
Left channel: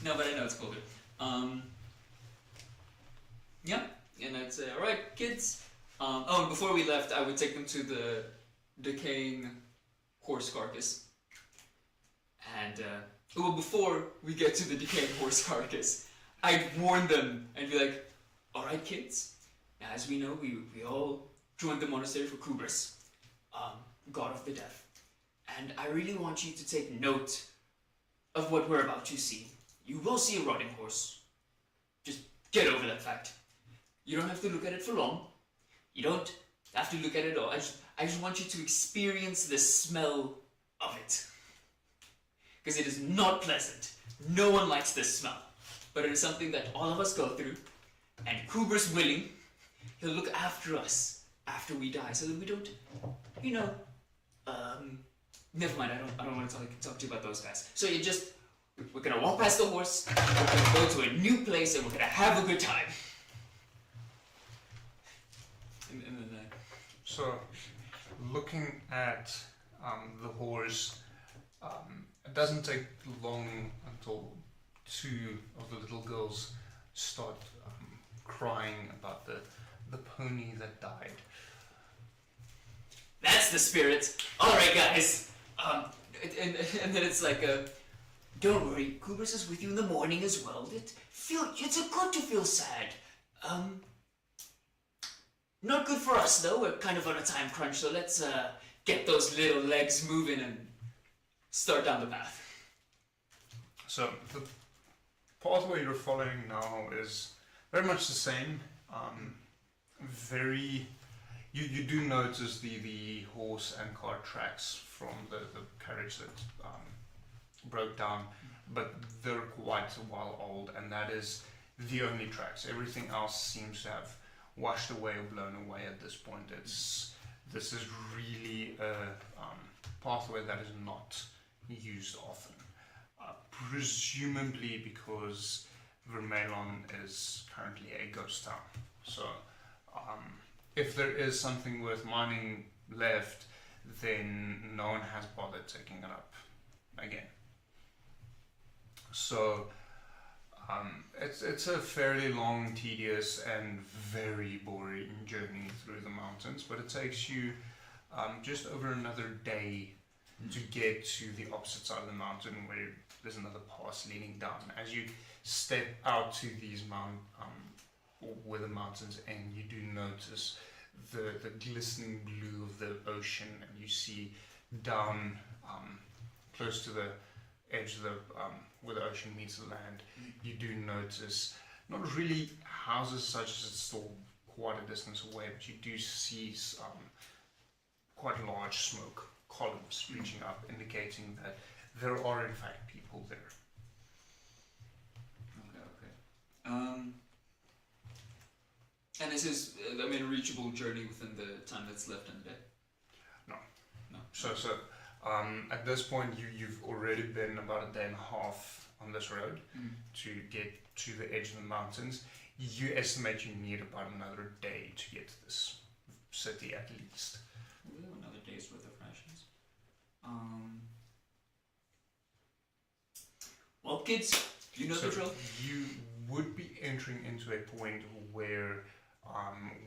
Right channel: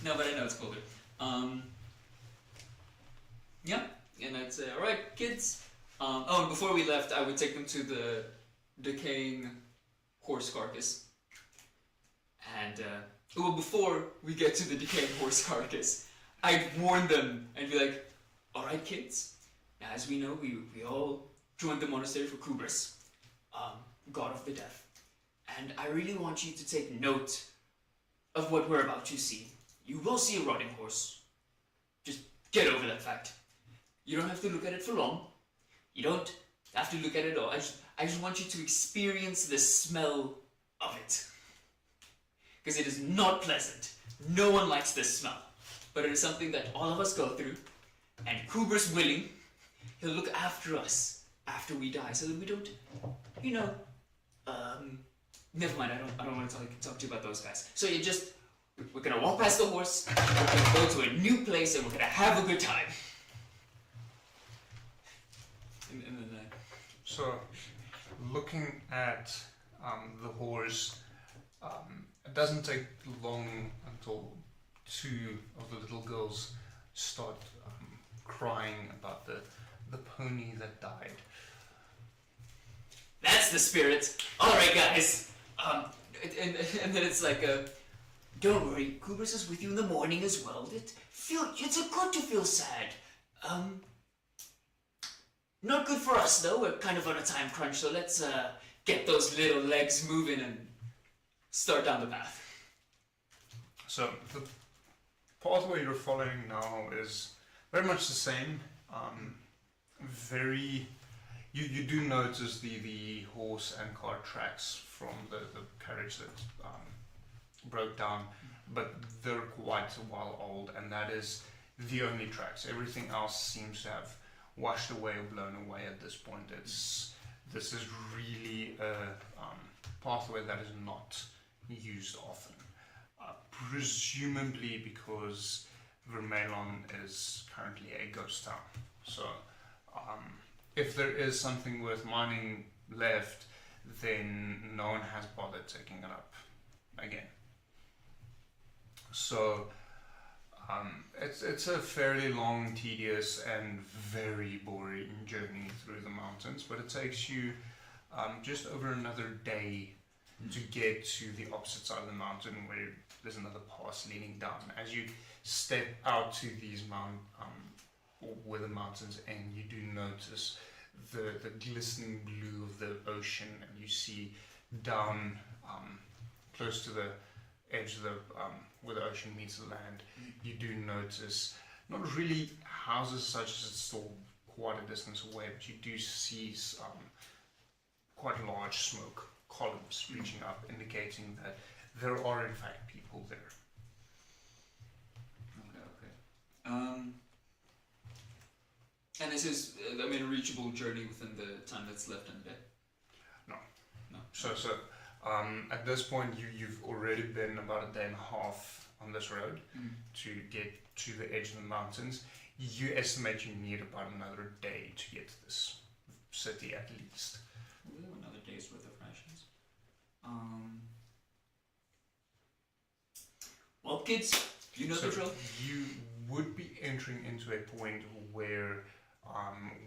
No, but I know it's colder. Yeah, and I'd say, alright, kids. And before we left, I would take them to the decaying horse carcass. And, well, before we get to the decaying horse carcass, I'd warn them and be like, alright, kids, as we know, we all joined the monastery for Kubris, god of the deaf. And I really want you to take note of what we're about to see. You will see a rotting horse. Just get over that fact. You don't have to look at it for long. You don't have to look at it all. I just want you to experience the smell of it. Because it is not pleasant. No one likes this smell. But it is something that all of us go through. And Kubris willing, he'll look after us after we die so that we don't, never mind, I don't want to talk to you about those guys. So we're going to walk past the horse, we're going to go to a new place, and we're going to have a good time. So, looking at the horse, it doesn't take long until two of the little girls start crying about the pony that died. That's the spirit. Alright, guys. And then it's like, don't worry, Kubris is with you in the morning as well. It's good to feel sad. Not good for us, though. We're kind of on a time crunch, so let's get those little legs moving and start down the path. So, the pathway you're following now is very much the same. You do notice the horse and cart tracks from the carriage that broke down, but they're quite a while old, and that is the only tracks. Everything else seems to have washed away or blown away at this point. This is really a pathway that is not used often, presumably because Vermelon is currently a ghost town. So if there is something worth mining left, then no one has bothered taking it up again. So it's a fairly long, tedious, and very boring journey through the mountains, but it takes you just over another day to get to the opposite side of the mountain, where there's another pass leading down. As you step out to these where the mountains end, you do notice the glistening blue of the ocean, and you see down close to the edge of the where the ocean meets the land, you do notice not really houses such as it's still quite a distance away, but you do see quite large smoke columns reaching up, indicating that there are in fact people there. Okay. And this is, a reachable journey within the time that's left in the day? No. No. So at this point, you've already been about a day and a half on this road to get to the edge of the mountains. You estimate you need about another day to get to this city at least. Another day's worth of rations. Well, kids, you know the drill. You would be entering into a point where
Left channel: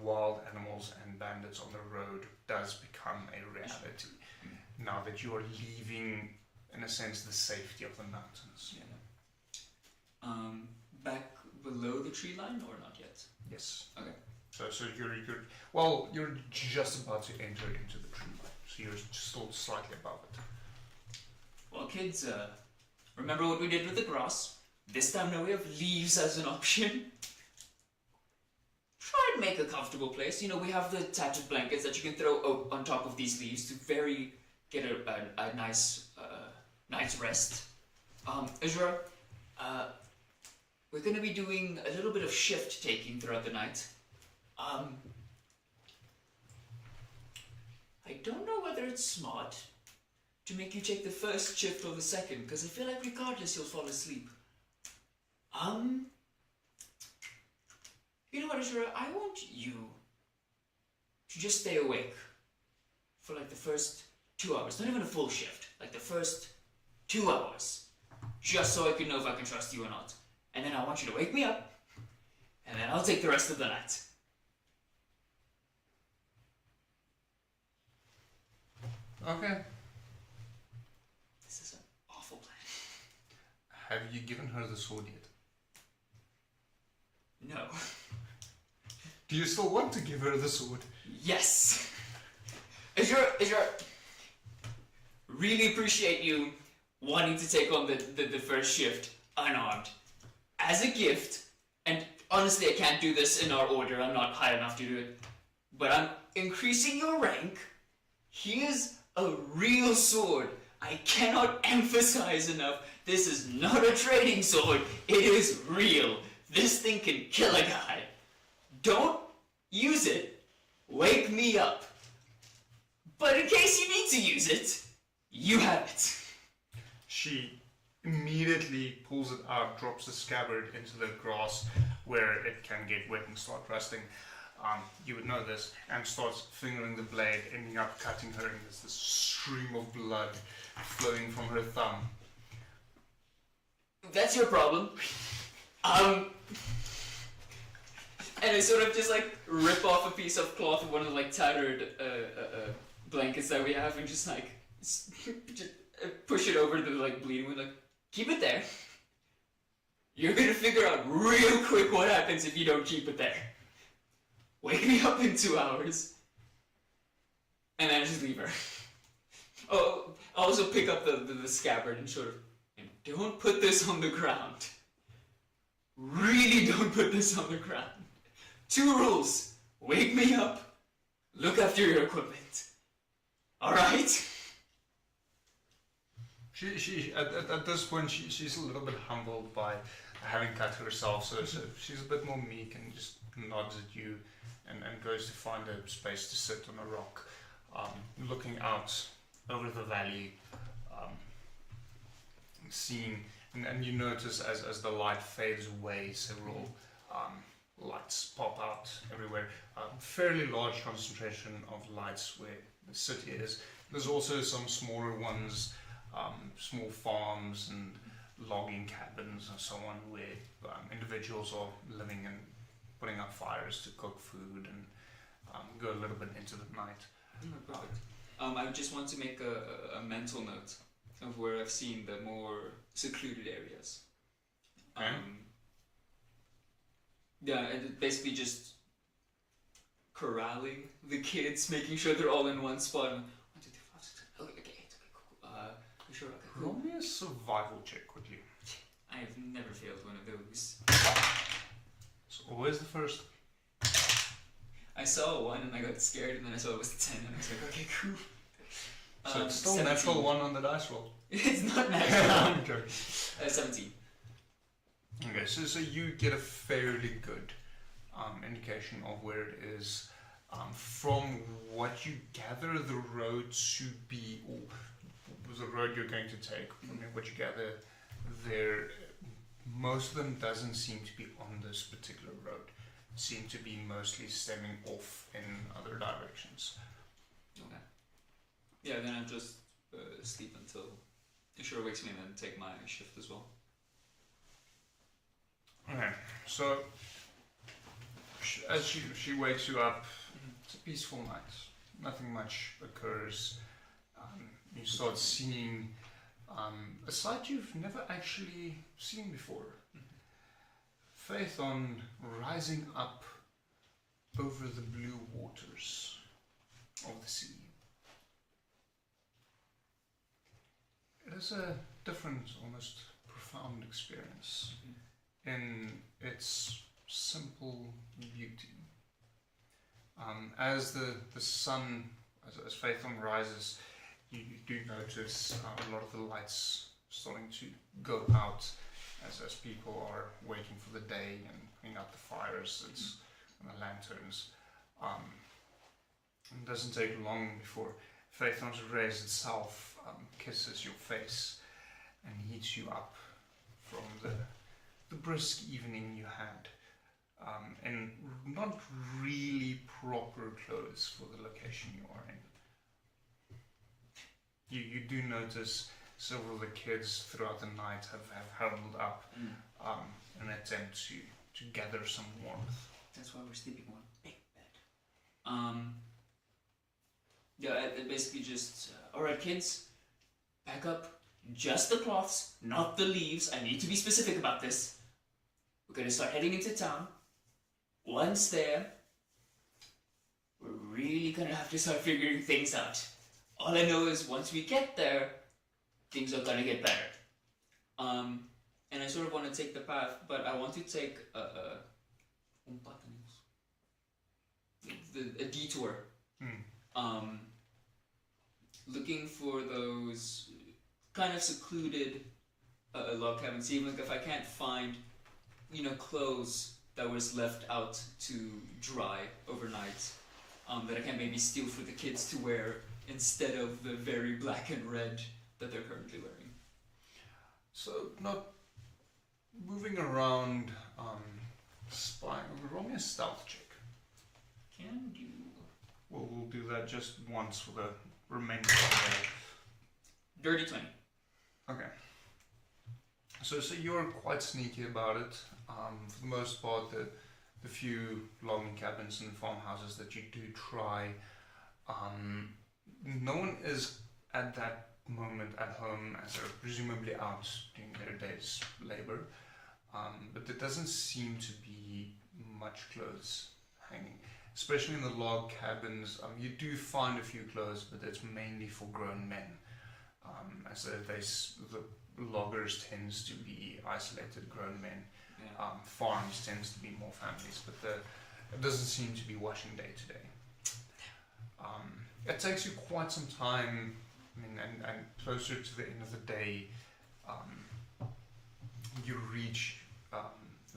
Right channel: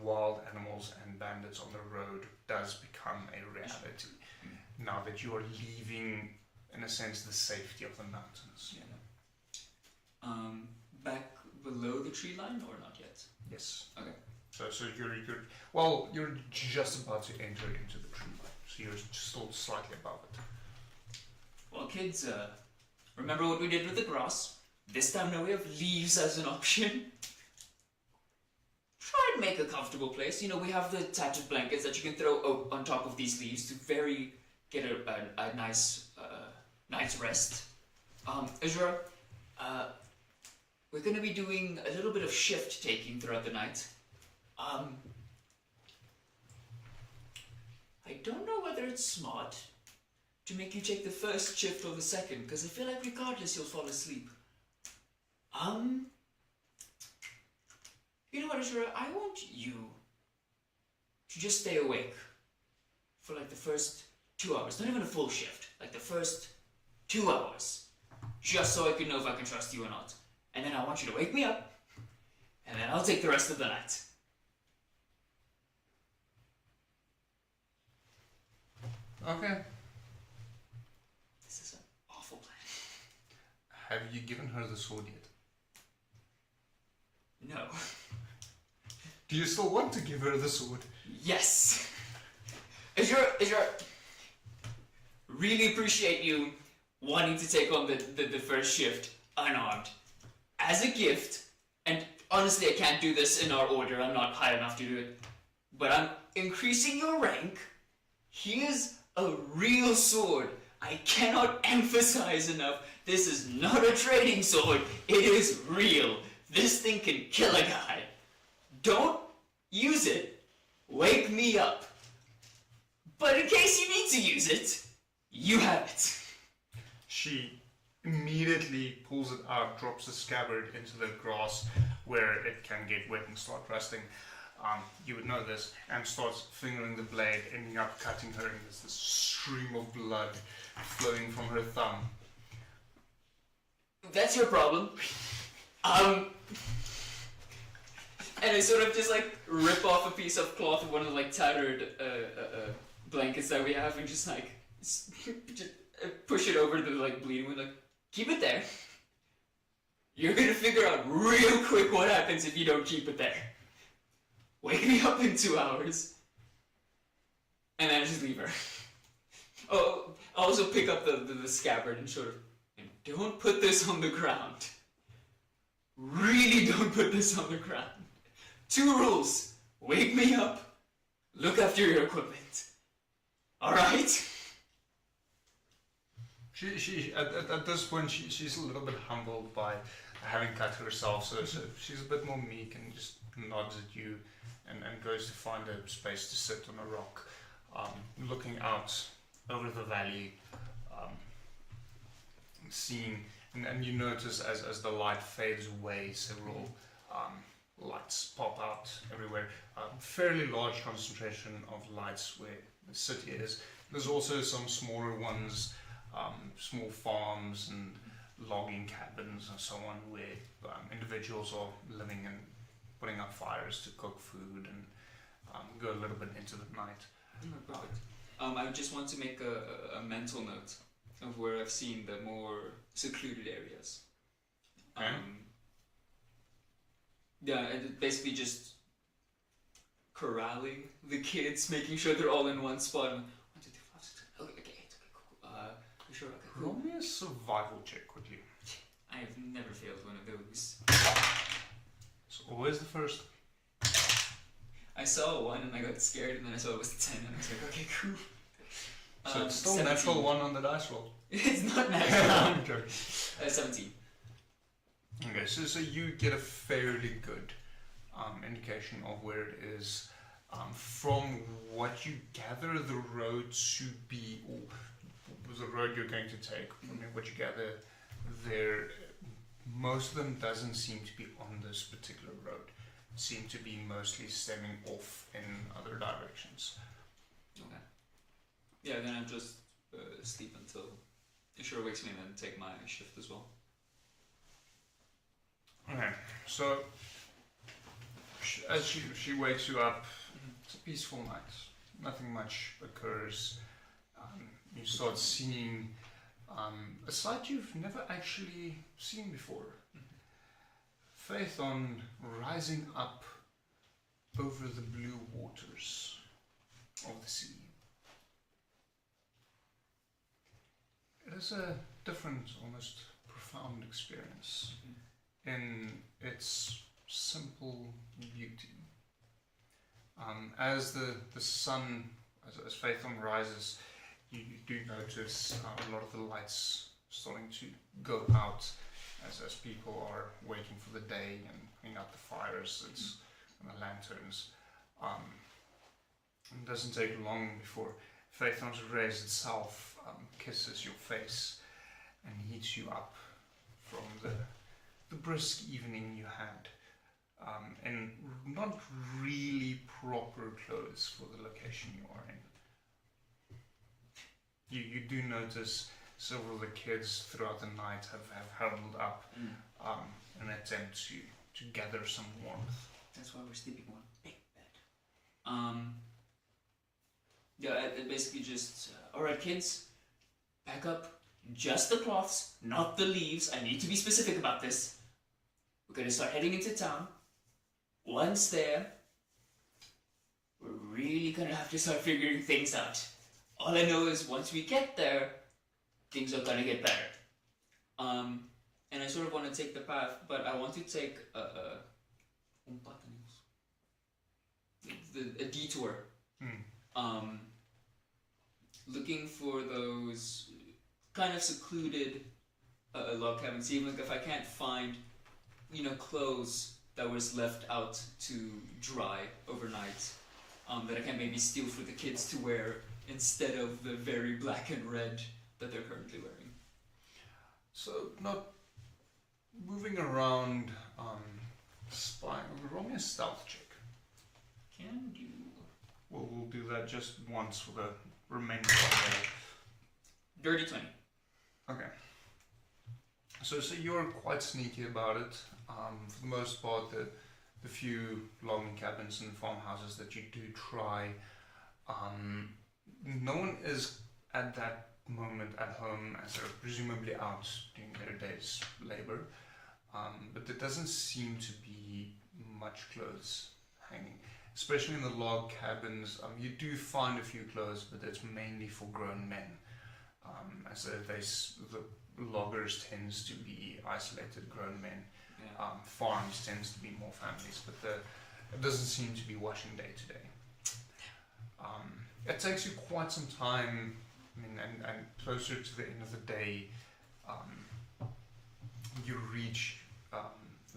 wild animals and bandits on the road does become a reality. Now that you are leaving, in a sense, the safety of the mountains. Yeah. Back below the tree line, or not yet? Yes. Okay. So you're just about to enter into the tree line. So you're still slightly above it. Well, kids, remember what we did with the grass? This time now we have leaves as an option. Try and make a comfortable place. You know, we have the tattered blankets that you can throw on top of these leaves to get a nice night's rest. Azura, we're going to be doing a little bit of shift taking throughout the night. I don't know whether it's smart to make you take the first shift or the second, because I feel like regardless you'll fall asleep. You know what, Azura? I want you to just stay awake for like the first 2 hours. Not even a full shift. Like the first 2 hours. Just so I can know if I can trust you or not. And then I want you to wake me up. And then I'll take the rest of the night. Okay. This is an awful plan. Have you given her the sword yet? No. Do you still want to give her the sword? Yes. Azura, really appreciate you wanting to take on the first shift unarmed. As a gift, and honestly I can't do this in our order, I'm not high enough to do it, but I'm increasing your rank. Here's a real sword. I cannot emphasize enough, this is not a trading sword, it is real. This thing can kill a guy. Don't use it. Wake me up. But in case you need to use it, you have it. She immediately pulls it out, drops the scabbard into the grass where it can get wet and start rusting. You would know this, and starts fingering the blade, ending up cutting her, and there's this stream of blood flowing from her thumb. That's your problem. And I sort of just like rip off a piece of cloth of one of the like tattered blankets that we have and just like just push it over the like bleeding one, like, keep it there. You're gonna figure out real quick what happens if you don't keep it there. Wake me up in 2 hours. And then just leave her. Oh, I'll also pick up the scabbard and sort of, and don't put this on the ground. Really don't put this on the ground. 2 rules. Wake me up. Look after your equipment. Alright? She at this point she's a little bit humbled by having cut herself, so she's a bit more meek and just nods at you and goes to find a space to sit on a rock, looking out over the valley, seeing, and you notice as the light fades away, several lights pop out everywhere. Fairly large concentration of lights where the city is. There's also some smaller ones, small farms and logging cabins and so on, where individuals are living and putting up fires to cook food and go a little bit into the night. Perfect. I just want to make a mental note of where I've seen the more secluded areas. Yeah, and basically just corralling the kids, making sure they're all in one spot. 1, 2, 3, 4, 6, 7, 8. Okay, cool. Sure, okay, cool. Roll me a survival check, would you? I have never failed one of those. It's always the first. I saw a 1 and I got scared, and then I saw it was a 10 and I was like, okay, cool. So it's still 17. natural 1 on the dice roll. It's not natural. I'm joking. 17. Okay, so you get a fairly good indication of where it is. From what you gather, the road should be, or the road you're going to take, from what you gather there, most of them doesn't seem to be on this particular road. Seem to be mostly stemming off in other directions. Okay. Yeah, then I'll just sleep until Ishura wakes me and then take my shift as well. Okay, so as she wakes you up, it's a peaceful night. Nothing much occurs. You start seeing a sight you've never actually seen before. Phaethon rising up over the blue waters of the sea. It is a different, almost profound experience in its simple beauty. As the sun, as Phaethon rises, you do notice a lot of the lights starting to go out as people are waiting for the day and putting out the fires and the lanterns. It doesn't take long before Phaethon's rays itself kisses your face and heats you up from the brisk evening you had in not really proper clothes for the location you are in. You do notice several of the kids throughout the night have huddled up in an attempt to gather some warmth. That's why we're sleeping on a big bed. It basically just, alright kids, pack up just the cloths, not the leaves. I need to be specific about this. We're going to start heading into town. Once there, we're really going to have to start figuring things out. All I know is once we get there, things are going to get better. And I sort of want to take the path, but I want to take a detour. Looking for those kind of secluded log cabins, even if I can't find, clothes that was left out to dry overnight, that I can maybe steal for the kids to wear instead of the very black and red that they're currently wearing. So, not moving around, spying, roll me a stealth check. Can do. Well, we'll do that just once for the remainder of the Dirty 20. Okay. So you're quite sneaky about it. For the most part, the few logging cabins and farmhouses that you do try, no one is at that moment at home as they're presumably out doing their day's labor. But there doesn't seem to be much clothes hanging. Especially in the log cabins, you do find a few clothes, but it's mainly for grown men. As the loggers tends to be isolated grown men. Farms tends to be more families, but it doesn't seem to be washing day to day. It takes you quite some time, and closer to the end of the day, you reach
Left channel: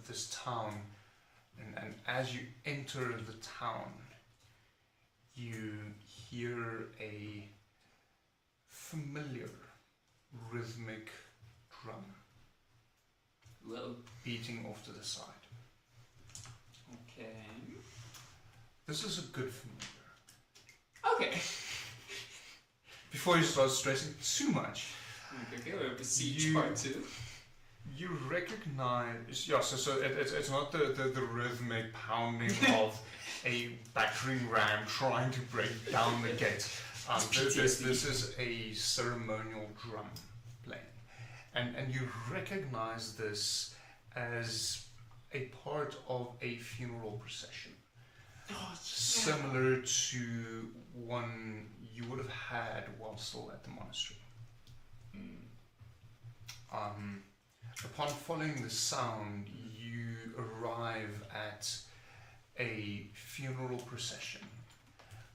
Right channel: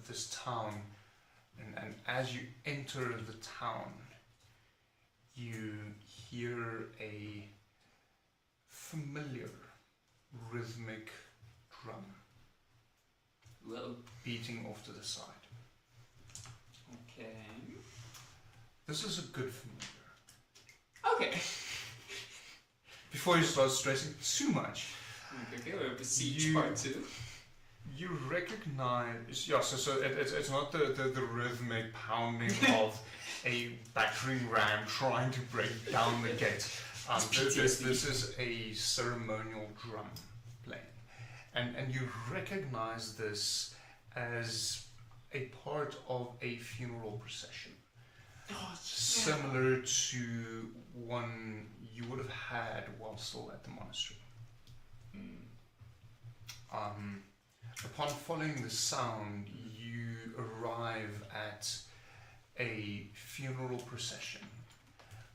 this town, and as you enter the town, you hear a familiar rhythmic drum beating off to the side. Okay. This is a good familiar. Okay. Before you start stressing too much, Okay, we're Besiege Part 2. you recognize, so it's not the rhythmic pounding of a battering ram trying to break down the gate. This is a ceremonial drum playing, and you recognize this as a part of a funeral procession, similar to one you would have had while still at the monastery. Upon following the sound, you arrive at a funeral procession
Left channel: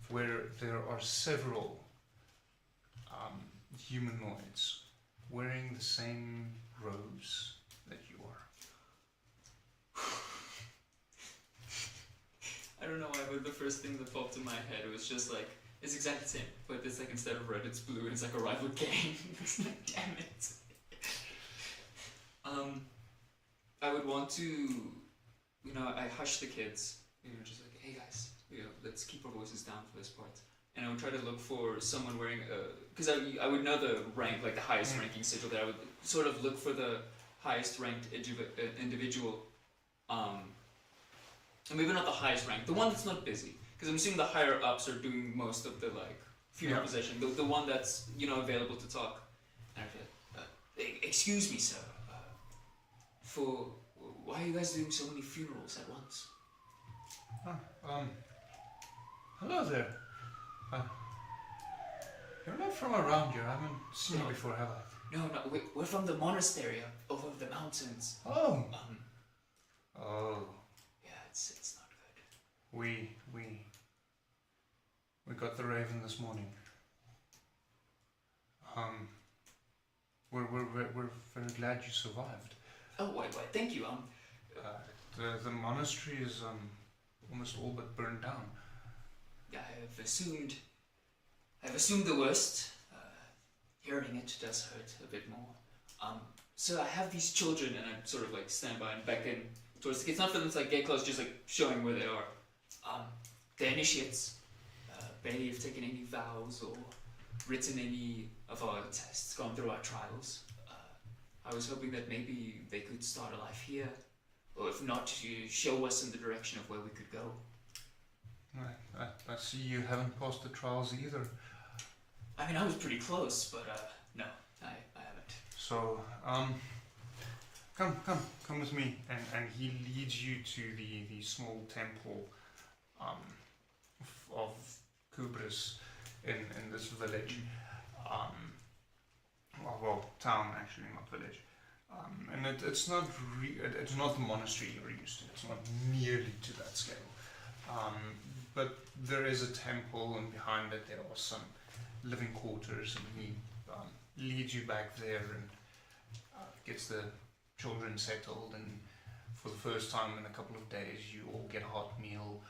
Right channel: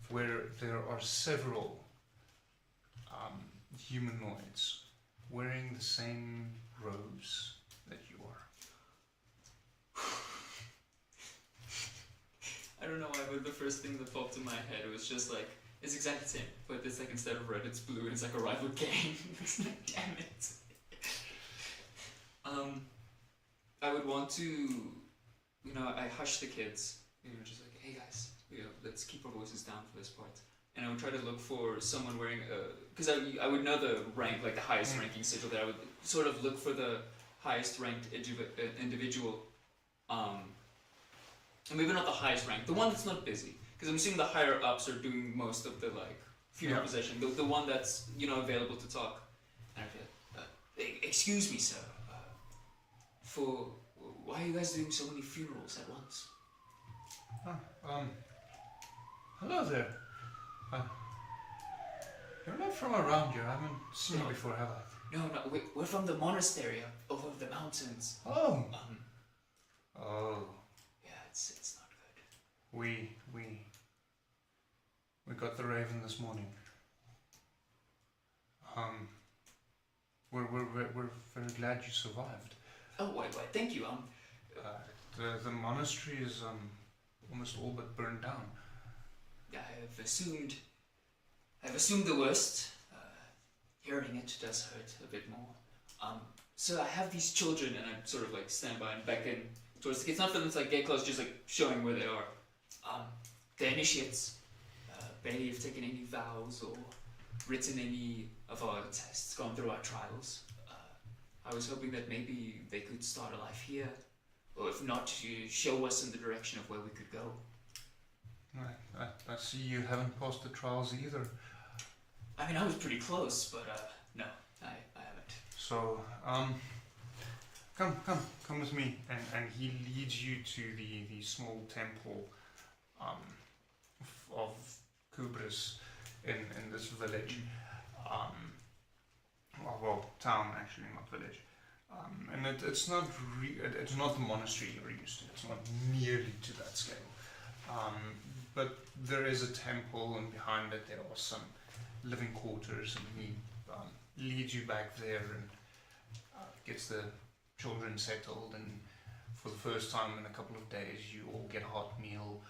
where there are several humanoids wearing the same robes that you are. I don't know why, but the first thing that popped in my head was just like, it's exactly the same, but it's like instead of red, it's blue, and it's like a rival gang. It's like, damn it. I would want to, I hush the kids, just like, hey guys, let's keep our voices down for this part. And I would try to look for someone wearing because I would know the rank, like the highest ranking sigil there. I would sort of look for the highest ranked individual, and maybe not the highest rank, the one that's not busy, because I'm assuming the higher ups are doing most of the funeral procession, the one that's available to talk. And I feel, excuse me, sir, why are you guys doing so many funerals at once? Hello there. You're not from around here. I haven't seen you before, have I? No, we're from the monastery over nonsense. Oh. Oh. Yeah, it's not good. We got the raven this morning. We're very glad you survived. Oh, why, thank you. The monastery is almost all but burned down. I've assumed the worst. Hearing it does hurt a bit more. So I have these children, and I sort of like stand by and beckon towards the kids. Not for them to like get close, just like showing where they are. They're initiates. They have taken any vows or written any of our tests, gone through our trials. I was hoping that maybe they could start a life here, or if not, to show us in the direction of where we could go. I see you haven't passed the trials either. I mean, I was pretty close, but no, I haven't. So, come with me, and he leads you to the small temple of Kubris in this village. Well, town actually, not village. And it's not the monastery you're used to. It's not nearly to that scale. But there is a temple, and behind it there are some living quarters, and he leads you back there and gets the children settled, and for the first time in a couple of days you all get a hot meal,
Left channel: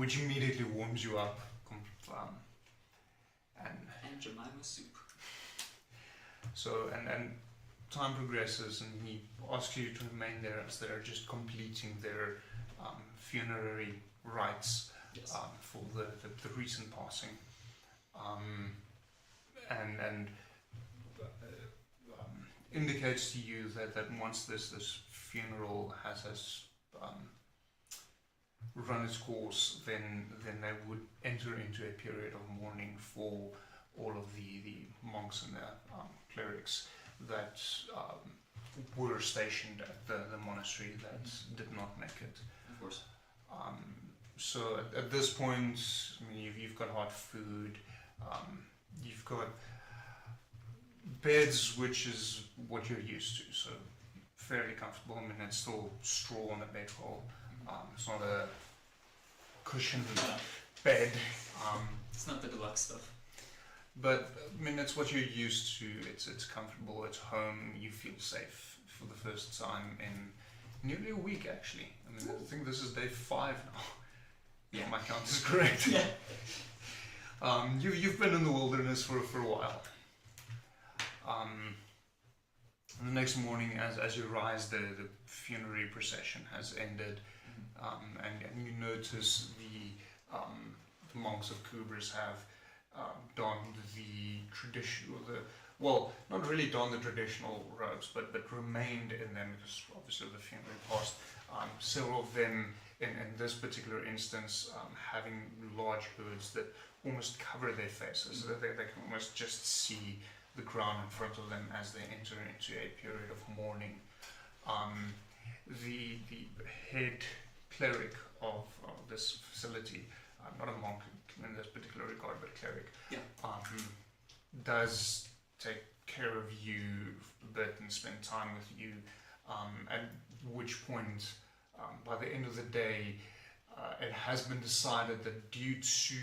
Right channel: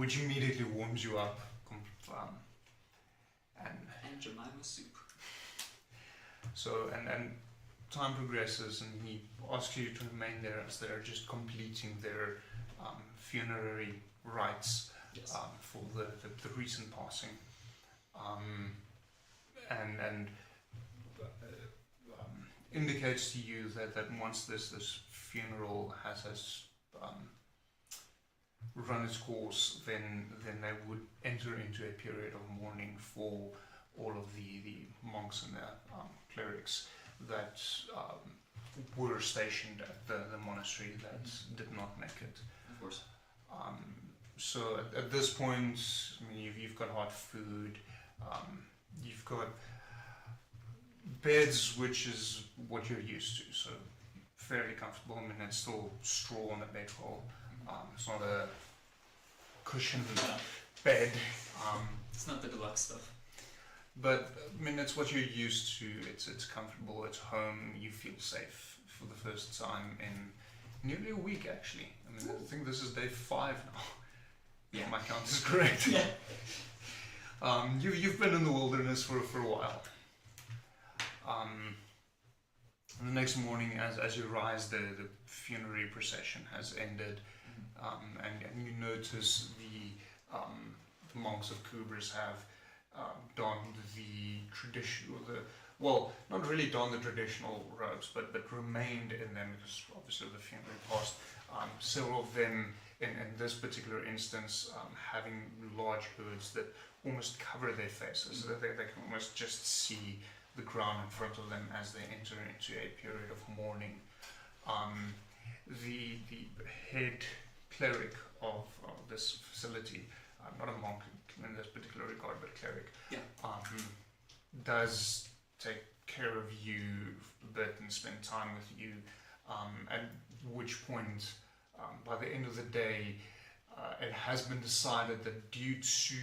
which immediately warms you up, and Jemima soup. So, and time progresses, and he asks you to remain there as they're just completing their funerary rites. Yes. For the recent passing, and indicates to you that once this funeral has run its course, then they would enter into a period of mourning for all of the monks and the clerics that were stationed at the monastery that did not make it. Of course. So at this point, I mean, you've got hot food, you've got beds, which is what you're used to, so fairly comfortable. I mean, it's still straw on the bedroll. It's not a cushioned bed. It's not the deluxe stuff. But I mean, it's what you're used to. It's comfortable. It's home. You feel safe for the first time in nearly a week, actually. I mean, I think this is day 5 now. Yeah, my count is correct. Yeah. You've been in the wilderness for a while. And the next morning, as you rise, the funerary procession has ended, and you notice the monks of Kubris have donned the traditional, well, not really donned the traditional robes, but remained in them because obviously the funeral passed. Several of them, in this particular instance, having large hoods that almost cover their faces, so that they can almost just see the ground in front of them as they enter into a period of mourning. The head cleric of this facility, not a monk in this particular regard, but cleric, does take care of you a bit and spend time with you, at which point, by the end of the day, it has been decided that due to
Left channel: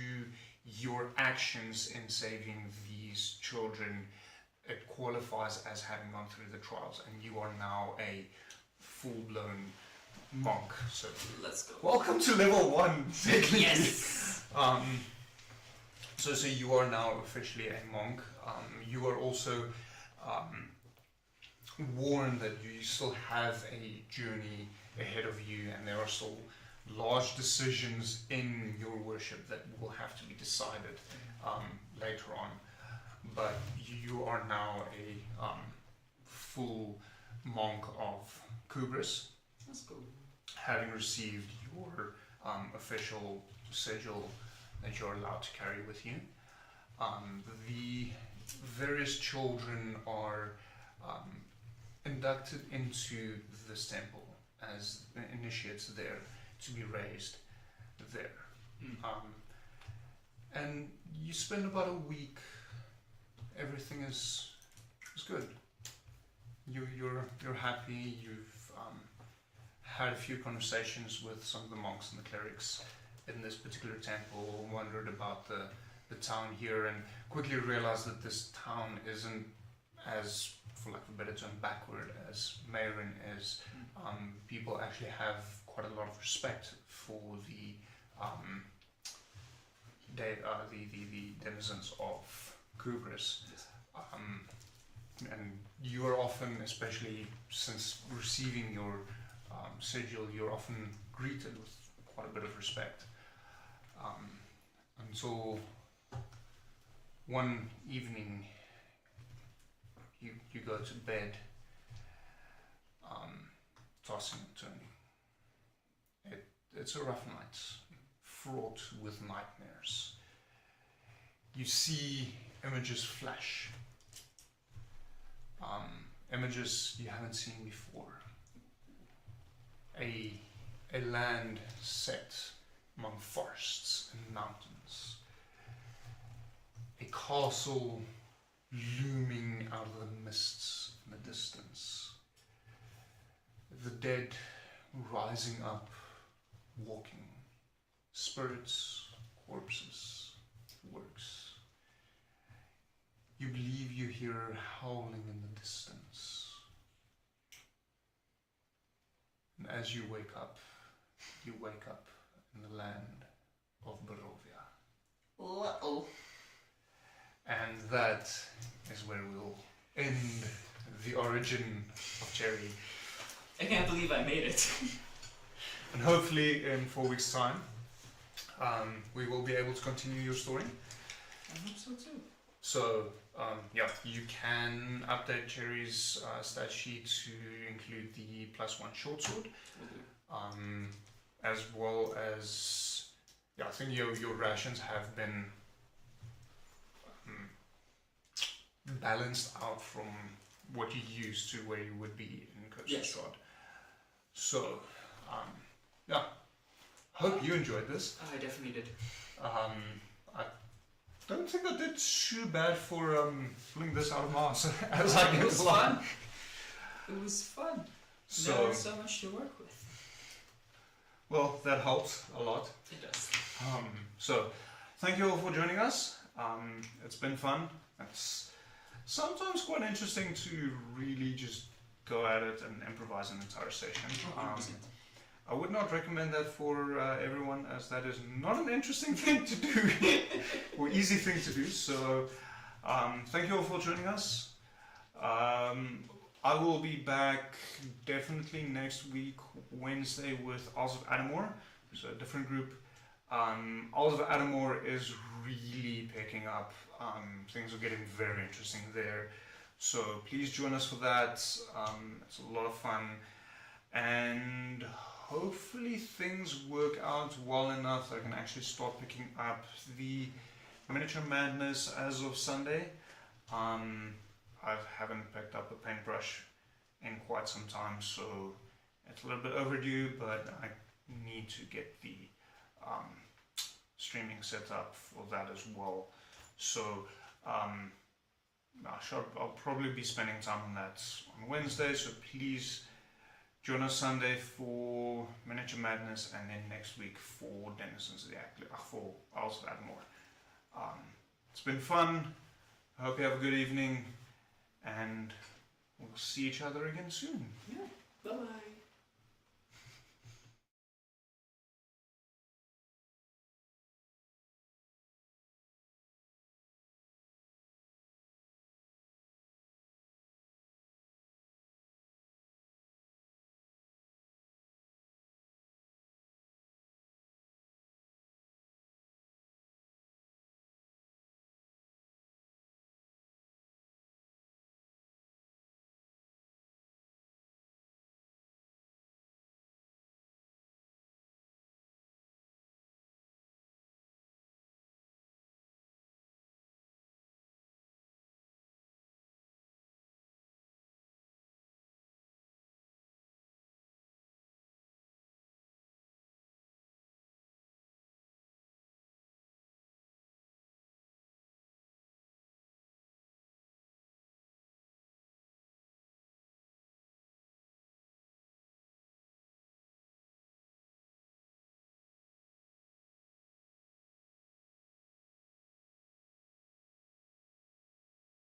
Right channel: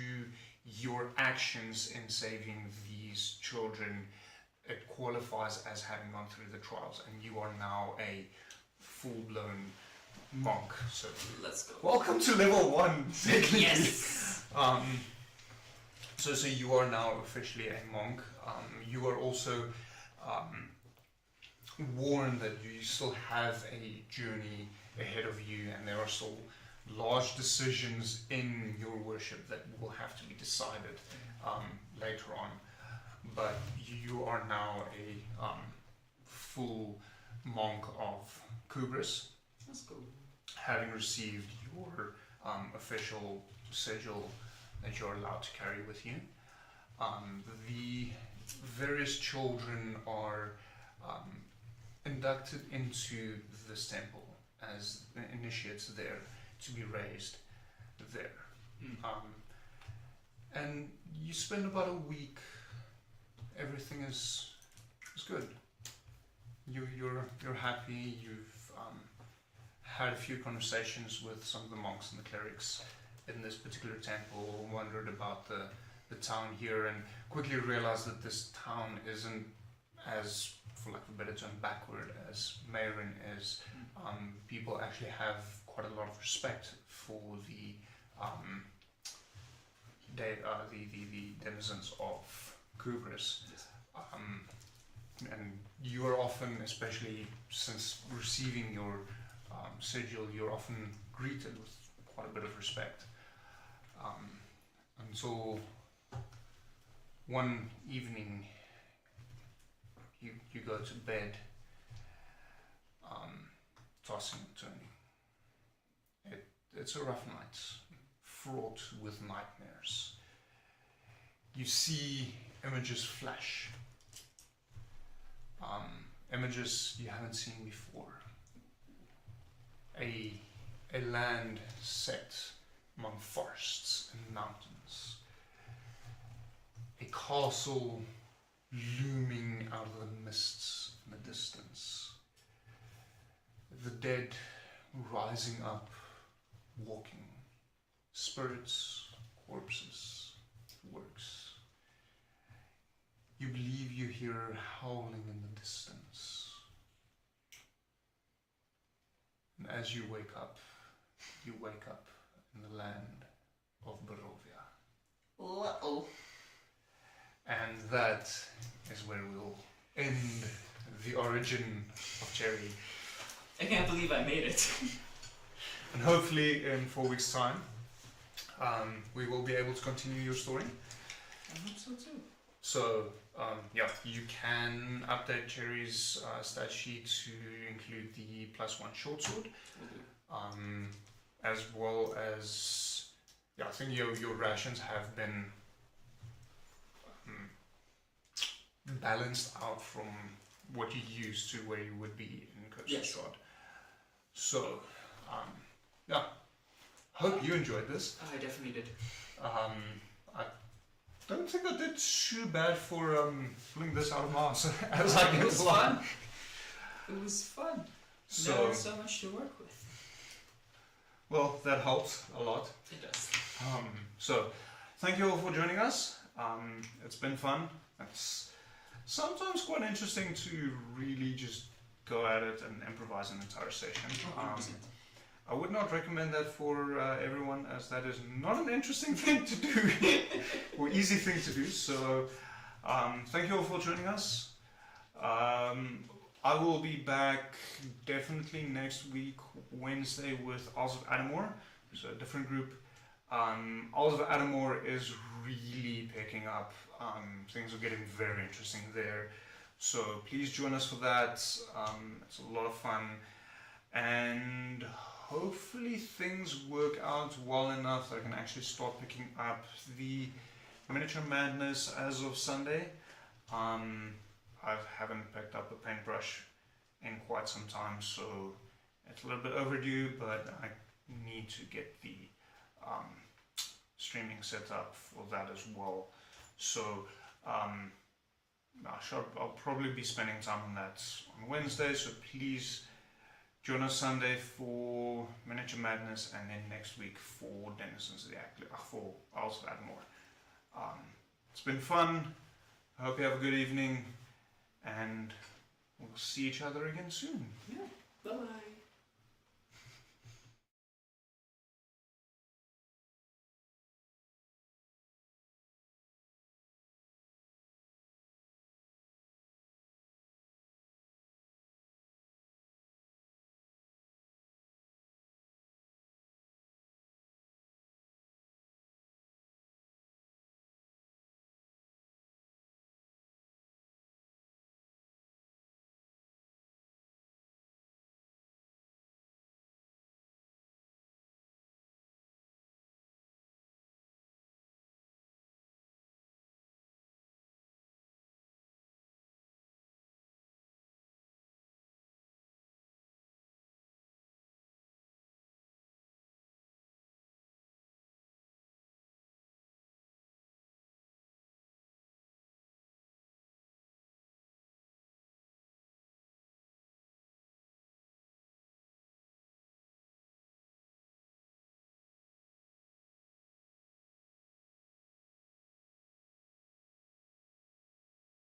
your actions in saving these children, it qualifies as having gone through the trials, and you are now a full-blown monk. So let's go. Welcome to level 1. Yes. So you are now officially a monk. You are also warned that you still have a journey ahead of you, and there are still large decisions in your worship that will have to be decided later on. But you are now a full monk of Kubris. That's cool. Having received your official sigil that you're allowed to carry with you. The various children are inducted into this temple as initiates there to be raised there. And you spend about a week. Everything is good. you're happy. You've had a few conversations with some of the monks and the clerics in this particular temple, wondered about the town here, and quickly realized that this town isn't as, for lack of a better term, backward as Mayrin is. People actually have quite a lot of respect for the denizens of Kubris. And you are often, especially since receiving your sigil, you're often greeted with quite a bit of respect. Until one evening you go to bed, tossing and turning. It's a rough night, fraught with nightmares. You see images flash. Images you haven't seen before. A land set among forests and mountains. A castle looming out of the mists in the distance. The dead rising up, walking. Spirits, corpses, works. You believe you hear howling in the distance. And as you wake up in the land of Barovia. Uh-oh. And that is where we'll end the origin of Cherry. I can't believe I made it. And hopefully in 4 weeks' time, we will be able to continue your story. I hope so too. So, you can update Cherry's stat sheet to include the +1 short sword, as well as, I think your rations have been balanced out from what you used to where you would be in Coastal Strahd. So, hope you enjoyed this. I definitely did. I don't think I did too bad for pulling this out of my ass as I It go was along. fun. It was fun. So, Now so much to work with. well, that helps a lot. It does. So, thank you all for joining us. It's been fun. It's sometimes quite interesting to really just go at it and improvise an entire session. 100%. I would not recommend that for everyone, as that is not an interesting thing to do or easy thing to do. So, thank you all for joining us. I will be back definitely next week, Wednesday, with Isles of Adamore. It's a different group. Isles of Adamore is really picking up. Things are getting very interesting there. So please join us for that. It's a lot of fun. And hopefully things work out well enough that I can actually start picking up the Miniature Madness as of Sunday. I haven't picked up a paintbrush in quite some time, so it's a little bit overdue, but I need to get the streaming set up for that as well. So I'll probably be spending time on that on Wednesday, so please join us Sunday for Miniature Madness, and then next week for Denizens of the for Isles of Adamore. It's been fun. I hope you have a good evening, and we'll see each other again soon. Yeah. Bye-bye.